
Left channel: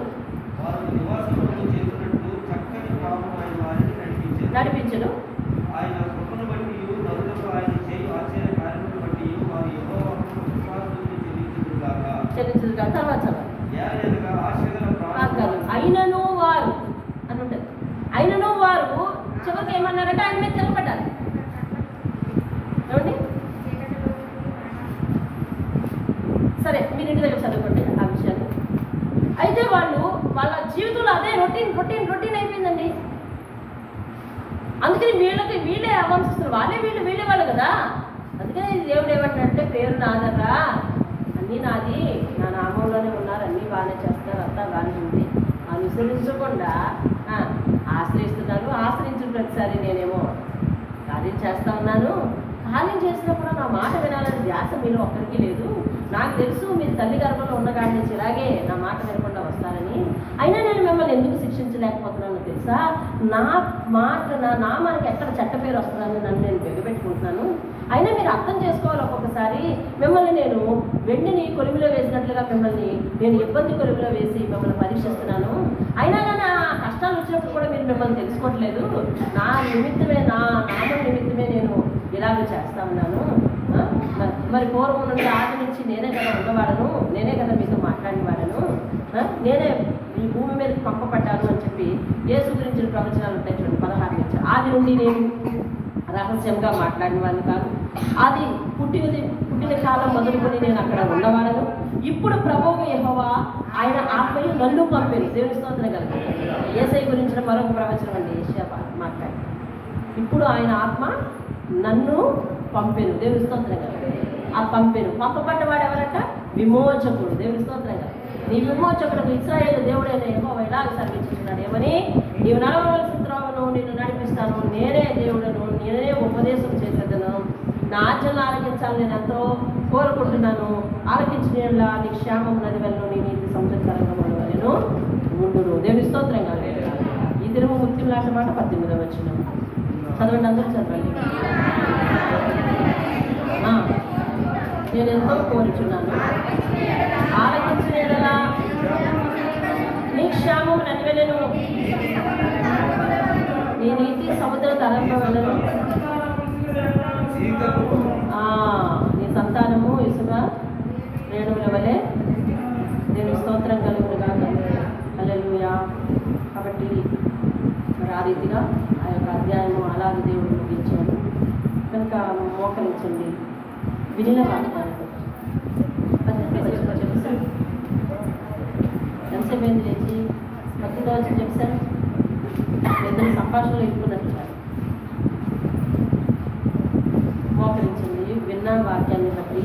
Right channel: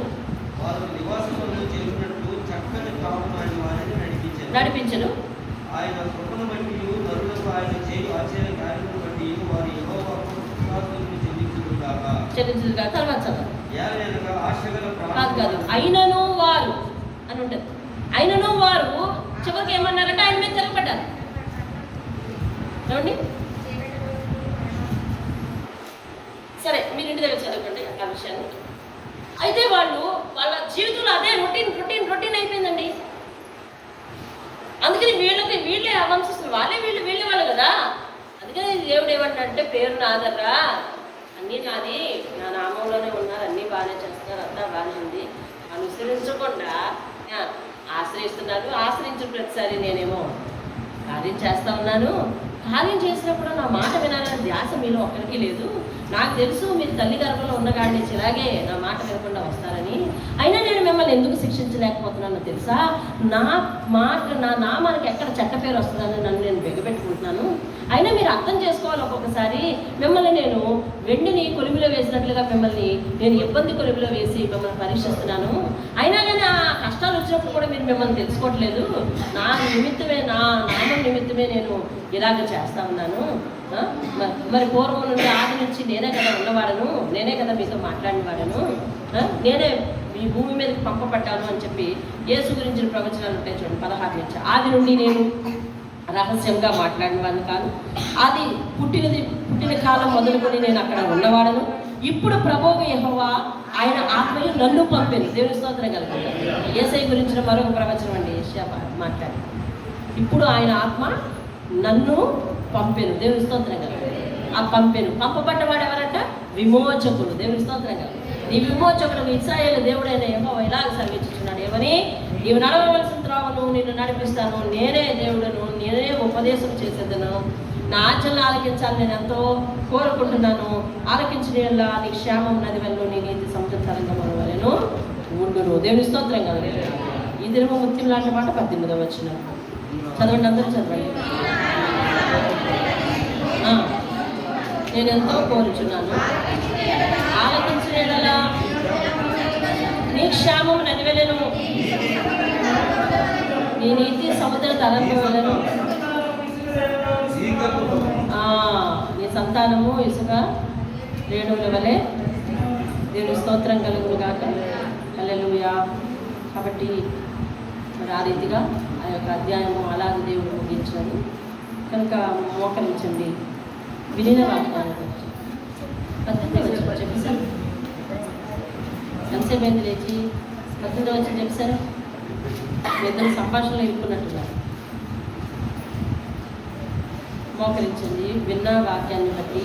నడిపించను. చెల్లించదుగా. తర్వాత కాదు, అయినను వారు అని ఉంటుంది. అయినను వారు చివరికి ఏమన్నారంటే ఆయన మీద తిరగబడ్డారు. ఏమండి? సరే, మీరు ఇంటి దగ్గర చదువుకోండి ఆ విషయాన్ని. అయితే వాళ్ళ జీవితంలో అదే రొటీన్ అయిపోయిందండి. అందుకని వీళ్ళే అవంశిస్తున్నారు, వీళ్ళే వాళ్ళు కదా. అందుకని దేవుడు ఏమంటాడంటే, పేరు నాదర్రా, అన్నీ నాది, నా నామంలోనే ఉన్నారు, అన్నీ బాగానే చేస్తున్నారు, అంతా బాగానే ఉంది, అనుసరించకుండా ఆశ్రయించిన ప్రతిసారి నేనేమో కార్యం చేస్తా ఉన్నాను. కార్యం చేసినప్పుడు నా మాట వినాలనే ధ్యాస మీలో ఒక్కరికి లేదు. నాకు తెలుసు మీరు తల్లి గర్భంలో ఉన్నగాడి నుంచి ఇలాగే నా మాట వినకుండా వస్తారని. అయినా నేను మిమ్మల్ని ఎందుకు శిక్షించలేకపోతున్నానో తెలుసా? నా నామానికి ఎక్కడ చెడ్డ పేరు వస్తుందని నన్ను నేను బెగబెట్టుకుంటున్నాను. అయినా మీరు అర్థం చేసుకోవాలి, ఒక్కొక్కసారి మిమ్మల్ని నేను వెండిని కొలుమిలో వేసినట్లుగా మిమ్మల్ని నేను ఇబ్బంది కొలుమిలో వేసి మిమ్మల్ని పరీక్షిస్తున్నాను. అయినా కానీ ఆ కష్టాలు వచ్చినప్పుడు కూడా మీరు మిమ్మల్ని తెలుసుకోవట్లేదు. నా నామం నిమిత్తమే నేను ఇలాగ చేస్తా ఉన్నాను. మరి పూర్వం నుండి ఆది నుంచి నేనే కదా ఉన్నవాడను, నేనే కదా మీతో మాట్లాడిన వాడను, నేనే మీ భూమి మీదకి పంపబడ్డాను అని చెప్పి యేసు గురించిన ప్రవచనాలు ఉంటాయి చూడండి. 16 నుంచి ఆది నుండి నేను రహస్యంగా మాట్లాడిన వాడిని కాదు, అది పుట్టిన కాలం మొదలుకొని నేను అక్కడ ఉన్నవాడను. ఇప్పుడు ప్రభువు యెహోవా ఆయన ఆత్మయు నన్ను పంపాను. దేవుని స్తోత్రం కలుగుతాను. యేసయ్య గురించిన మరొక ప్రవచనం అండి యెషయా మాట్లాడి. ఇప్పుడు ఆయన ఆత్మ నన్ను పంపాను. దేవుని స్తోత్రం కలుగుతాను. ఆ పంపబడ్డవాడు ఎవరంట? విమోచకుడు. దేవుని స్తోత్రం కలుగుతాను. నీ విమోచకుడు ఇశ్రాయేలు దేవుడైన యెహోవా ఇలాగ సెలవిస్తున్నాడు, ఏమని? నీవు నడవవలసిన త్రోవను నిన్ను నడిపిస్తాను, నేనే దేవుడను, నేనే ఉపదేశం చేసేదను, నా ఆచరణ ఆలకించాలని నేను ఎంతో కోరుకుంటున్నాను. ఆలకించిన నీ క్షేమం నది వెళ్ళను, నీ నీతి సముద్ర తరంగం వలెను ఉండును. దేవుని స్తోత్రం కాదు. ఈ దినము ముత్యం లాంటి మాట 18వ వచనం చదవండి, అందరూ చదవండి. నేను ఎంతో కోరుచున్నాను, ఆలకించిన యెడల నీ క్షేమం నది వెళ్ళను, నీ నీతి సముద్ర తరంగం వలెను, నీ సంతానము ఇసుక రేణువుల వలె. దేవుని స్తోత్రం కలుగును గాక. హల్లెలూయా. కాబట్టి ఆ రీతిగా ఆ యొక్క అధ్యాయము అలాగే దేవుడు ముగించాడు కనుక మోకరించండి. విలీన వాక్యానికి చెప్పేశారు. ఎంతసేపు ఏంది లేచి 18వ వచ్చి చెప్పేశారు. ఇద్దరు సంభాషణలు ఇరుక్కున్నట్టుగా మోకరించండి. విన్న వాక్యాన్ని బట్టి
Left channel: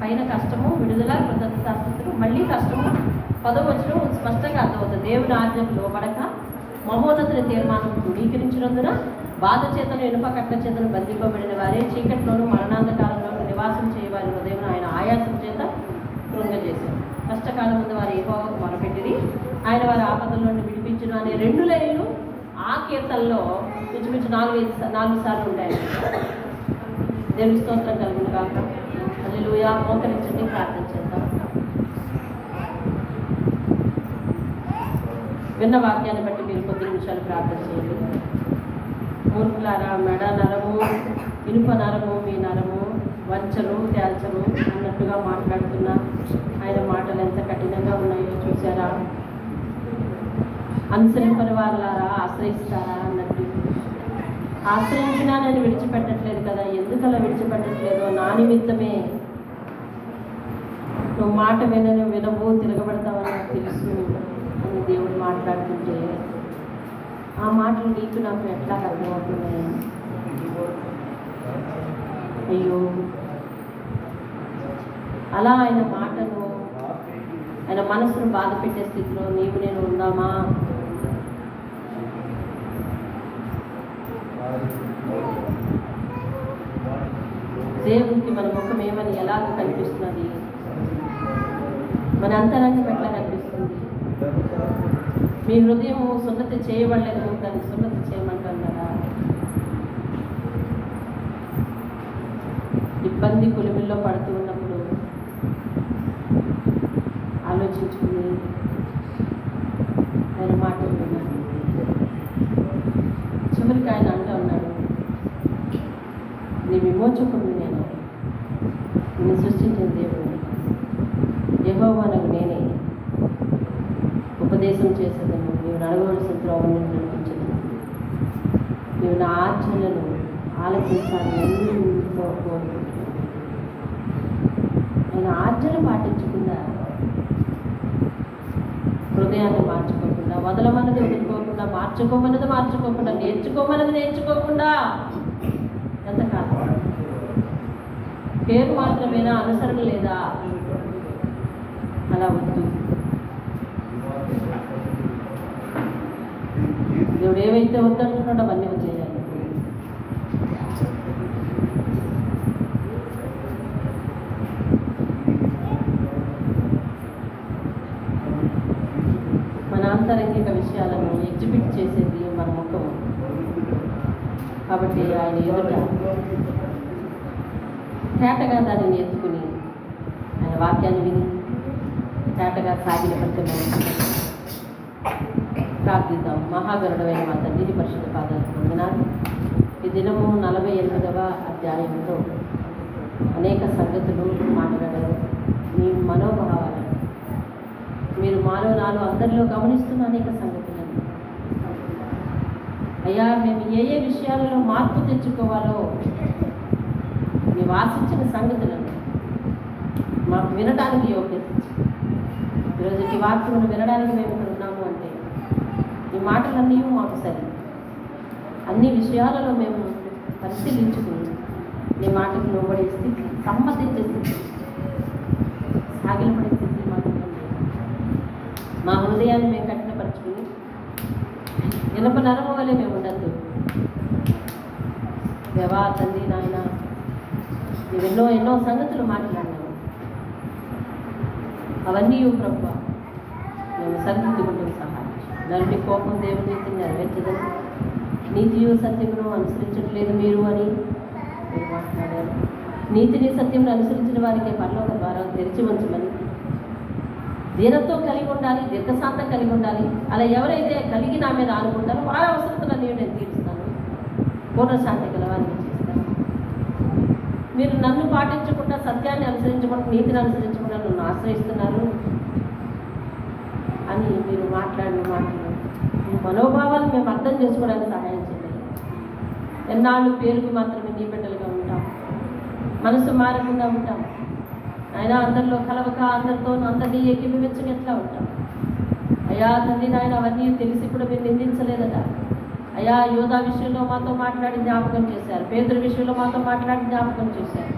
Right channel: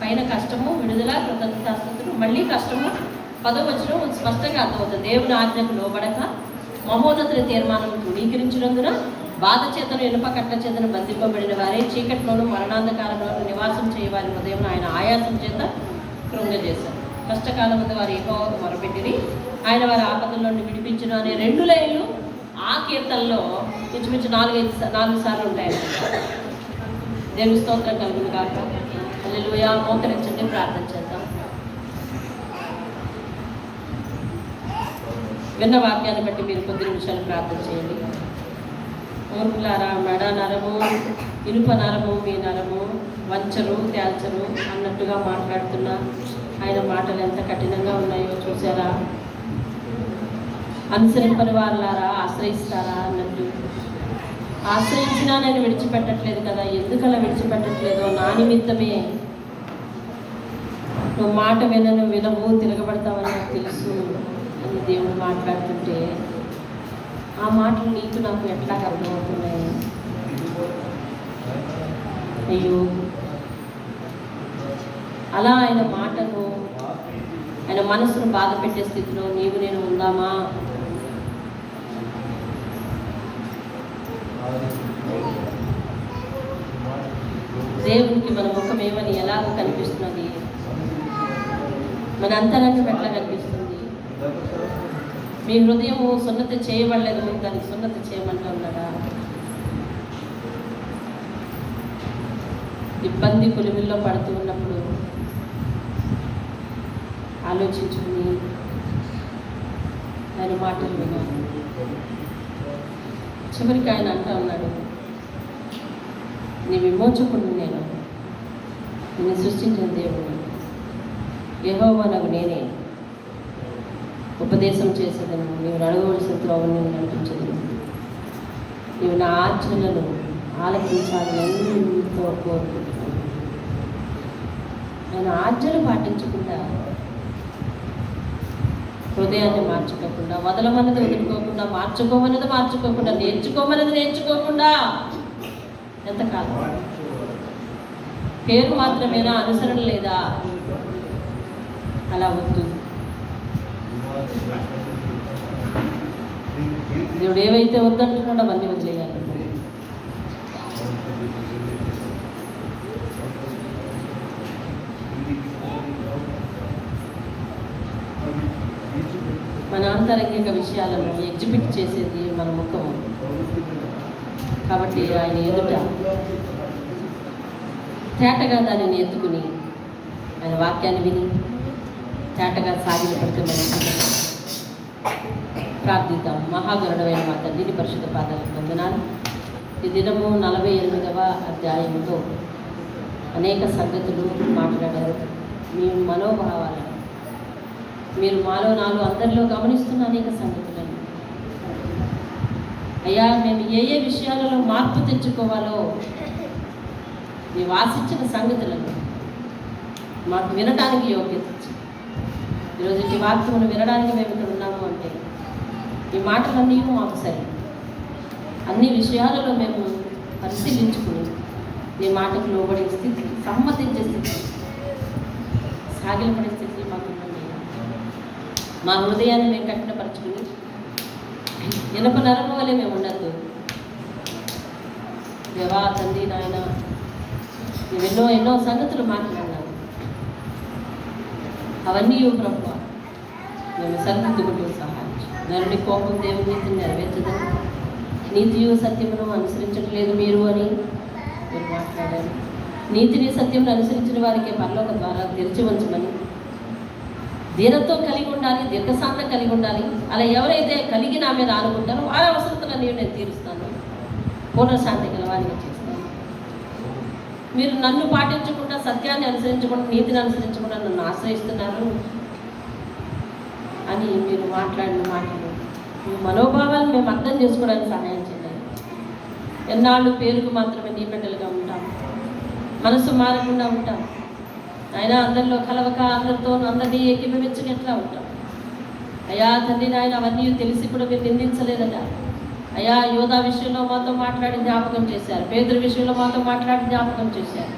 పైన కష్టము, విడుదల, కృతజ్ఞతాస్తుతులు, మళ్ళీ కష్టము. 10వ వచనం స్పష్టంగా అర్థమవుతుంది. దేవుని ఆజ్ఞకు లోబడక మహోన్నతుని తీర్మానం ధృవీకరించినందున బాధ చేతను ఇనుప కట్ల చేతను బంధింపబడిన వారే చీకట్లోను మరణాంధకారంలోను నివాసం చేయవారి ఉదయం ఆయన ఆయాసం చేత కృంగజేశారు. కష్టకాలం మీద వారు యెహోవాకు మొరపెట్టిరి, ఆయన వారి ఆపదల నుండి విడిపించును అనే 2 లైన్లు ఆ కీర్తనలో ఇంచుమించు 4 సార్లు ఉంటాయి. దేవుని స్తోత్రం కలుగును కాక. హల్లెలూయా. మోకరించండి, ప్రార్థన చేద్దాం. విన్న వాక్యాన్ని బట్టి మీరు కొద్ది నిమిషాలు ప్రార్థన చేయండి. మూర్ఖులారా, నరము, ఇనుప నరము, మీ నరము వంచరు తేల్చరు అన్నట్టుగా మాట్లాడుతున్నా ఆయన మాటలు ఎంత కఠినంగా ఉన్నాయో చూసారా? అనుసరింపని వారులారా, ఆశ్రయిస్తారా అన్నట్టు. ఆశ్రయించినా నేను విడిచిపెట్టట్లేదు కదా, ఎందుకలా విడిచిపెట్టట్లేదో నా నిమిత్తమే. నువ్వు మాట వినవు, తిరగబడతావని నాకు తెలుసు అని దేవుడు మాట్లాడుతుంటే ఆ మాటలు నీకు నాకు ఎట్లా అర్థమవుతున్నాయి? అయ్యో, అలా ఆయన మాటను, ఆయన మనసును బాధ పెట్టే స్థితిలో నీవు నేను ఉందామా? దేవునికి మన ముఖం ఏమని ఎలాగో కనిపిస్తున్నది? మన అంతరంగం ఎట్లా కనిపిస్తుంది? మీ హృదయము సున్నతి చేయబడలేదు కానీ సున్నతి చేయమంటున్నారా? ఇబ్బంది కులిమిల్లో పడుతూ ఉన్నప్పుడు ఆలోచించుకుని ఆయన మాటలు విన్నాను. చివరికి ఆయన అంటూ ఉన్నాడు, నీ విమోచకుడు నేను, నిన్ను సృష్టించిన దేవుడు యెహోవా నాకు నేనే, ఉపదేశం చేసేదను, నీవు నడవలసిన త్రోవను నేను నడిపించదు, నీవు నా ఆచరణను ఆలకించాలని ఎంతో కోరుకుంటున్నాను. ఆయన ఆచరణ పాటించకుండా, హృదయాన్ని మార్చుకోకుండా, వదలమన్నది వదులుకోకుండా, మార్చుకోమన్నది నేర్చుకోకుండా ఎంతకాలం? పేరు మాత్రమేనా, అనుసరణ లేదా? అలా వద్దు. దేవుడు ఏవైతే వద్దంటున్నాడో అవన్నీ వచ్చేయాలి. మన ఆంతరంగిక విషయాలను ఎగ్జిబిట్ చేసేది మన ముఖం. కాబట్టి ఆయన ఎదుట తేటగా దానిని ఎత్తుకుని ఆయన వాక్యాన్ని విని తేటగా సాగిన పడుతున్న ప్రార్థిద్దాం. మహాగరుడమైన మా తండ్రిని పరిశుద్ధ పాదాలకు వందనాలు. ఈ దినము 48వ అధ్యాయంలో అనేక సంగతులు మాట్లాడారు. మీ మనోభావాలను మీరు మాలో నాలో అందరిలో గమనిస్తున్న అనేక సంగతులను అయ్యా, మేము ఏ విషయాలలో మార్పు తెచ్చుకోవాలో మేము ఆశించిన సంగతులను మాకు వినడానికి యోగ్యత ఇచ్చి, ఈరోజు ఈ వాక్యమును వినడానికి మేము ఇక్కడ ఉన్నాము అంటే ఈ మాటలన్నీ మాకు సరి. అన్ని విషయాలలో మేము పరిశీలించుకుని ఈ మాటకు లోబడే స్థితి, సమ్మతించే స్థితి, సాగిలపడే స్థితి మాకు ఉన్నాయి. మా హృదయాన్ని మేము కఠినపరుచుకుని ఇనప నరము వలె మేము ఉండద్దు. దేవా తండ్రి నాయన, ఎన్నో సంగతులు మాట్లాడినాము. అవన్నీ ప్రభువా మేము సరిదిద్దుకుంటూ సహాయం. నరుడి కోపం దేవుని నీతిని నెరవేర్చదని, నీతియు సత్యమును అనుసరించట్లేదు మీరు అని మీరు మాట్లాడారు. నీతిని సత్యమును అనుసరించిన వారికి పరలోక ద్వారా తెరిచి ఉంచమని, దీనతో కలిగి ఉండాలి, దీర్ఘశాంతం కలిగి ఉండాలి. అలా ఎవరైతే కలిగి నా మీద ఆనుకుంటారో వారి అవసరతలన్నీ నేను తీరుస్తాను, పూర్ణశాంతి గలవారిని చేస్తాను. మీరు నన్ను పాటించకుండా, సత్యాన్ని అనుసరించకుండా, నీతిని అనుసరించకుండా నన్ను ఆశ్రయిస్తున్నారు అని మీరు మాట్లాడిన మాటలు, మీ మనోభావాలను మేము అర్థం చేసుకోవడానికి సహాయం చేయాలి. ఎన్నాళ్ళు పేరుకు మాత్రమే నీ బిడ్డలుగా ఉంటాం, మనసు మారకుండా ఉంటాం. అయినా అందరిలో కలవక, అందరితో అందరినీ ఏకీభవించని ఎట్లా ఉంటాం? అయ్యా తండ్రి నాయన, అవన్నీ తెలిసి కూడా మీరు నిందించలేదట. అయ్యా, యోధా విషయంలో మాతో మాట్లాడి జ్ఞాపకం చేశారు, పేదల విషయంలో మాతో మాట్లాడి జ్ఞాపకం చేశారు.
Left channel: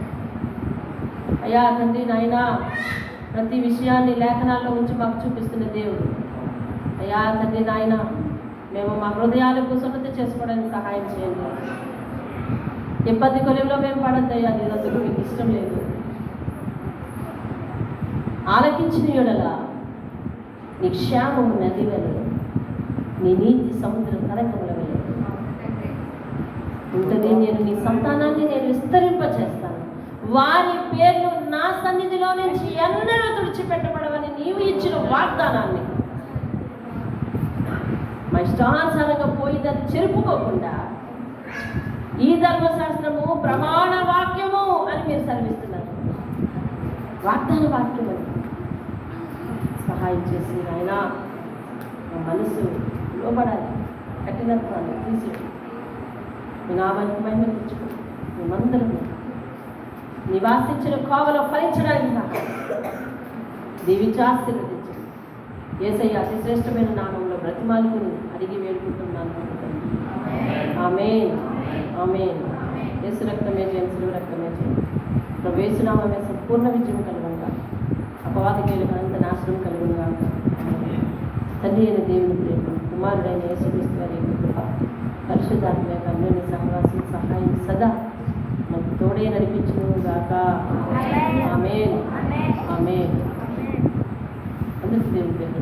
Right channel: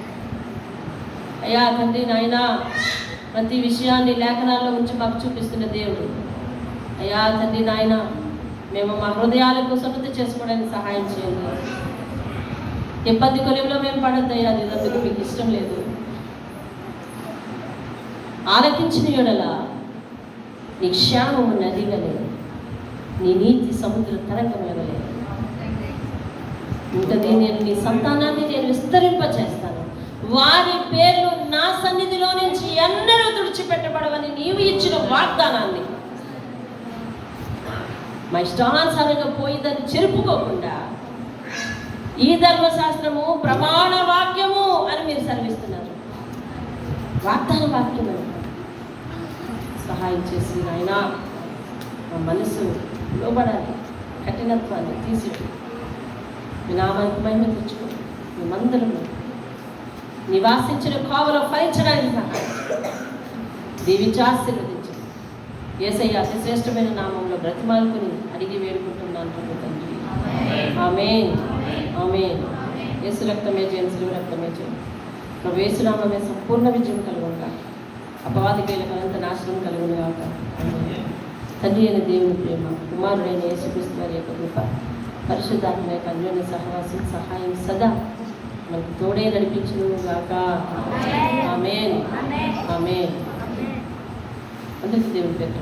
అయ్యా తండ్రి నాయన, ప్రతి విషయాన్ని లేఖనాల్లో ఉంచి మాకు చూపిస్తున్న దేవుడు. అయ్యా తండ్రి నాయన, మేము మా హృదయాలకు సున్నతి చేసుకోవడానికి సహాయం చేయండి. ఇబ్బంది కొలిమిలో మేము పడద్దయ్యా, అందుకు మీకు ఇష్టం లేదు. ఆలకించిన యెడల నీ క్షేమము నది వలె, నీ నీతి సముద్ర తరంగముల వలె ఉంటుంది. నేను నీ సంతానాన్ని నేను విస్తరింపచేస్తాను, వారి పేర్లు నా సన్నిధిలో నుంచి ఎన్నడూ తుడిచిపెట్టబడవని నీవు ఇచ్చిన వాగ్దానాన్ని మా ఇష్టానుసారంగా పోయిందని చెరుపుకోకుండా, ఈ ధర్మశాస్త్రము ప్రమాణ వాక్యము అని మీరు సెలవిస్తున్నారు. వాగ్దాన వాక్యం అని సహాయం చేసి ఆయన మా మనసు లోబడాలి, కఠినత్వాన్ని తీసి మీ నామానికి మహిమ తెచ్చుకుని మేమందరము నివాసించిన కోవలో ఫలించడానికి సహాయం దీవించి ఆశీర్వదించి యేసయ్య అతి శ్రేష్టమైన నామంలో బ్రతిమాలుకుని అడిగి వేడుకుంటున్నాను తండ్రి. ఆమేన్, ఆమేన్. యేసు రక్తమే జయం, శిలువ రక్తమే జయం. ప్రభు యేసు నామమే సంపూర్ణ విజయం కలుగునుగా, అపవాది కేలుగా నాశనం కలుగునుగా. తండ్రి అయిన దేవుని ప్రేమ, కుమారుడైన యేసుక్రీస్తు వారి యొక్క కృప, పరిశుద్ధాత్మ యొక్క అన్యోన్య సహవాసం సహాయం సదా మనకు తోడే నడిపించును గాక. ఆమేన్, ఆమేన్. అందరికీ దేవుని పేరు.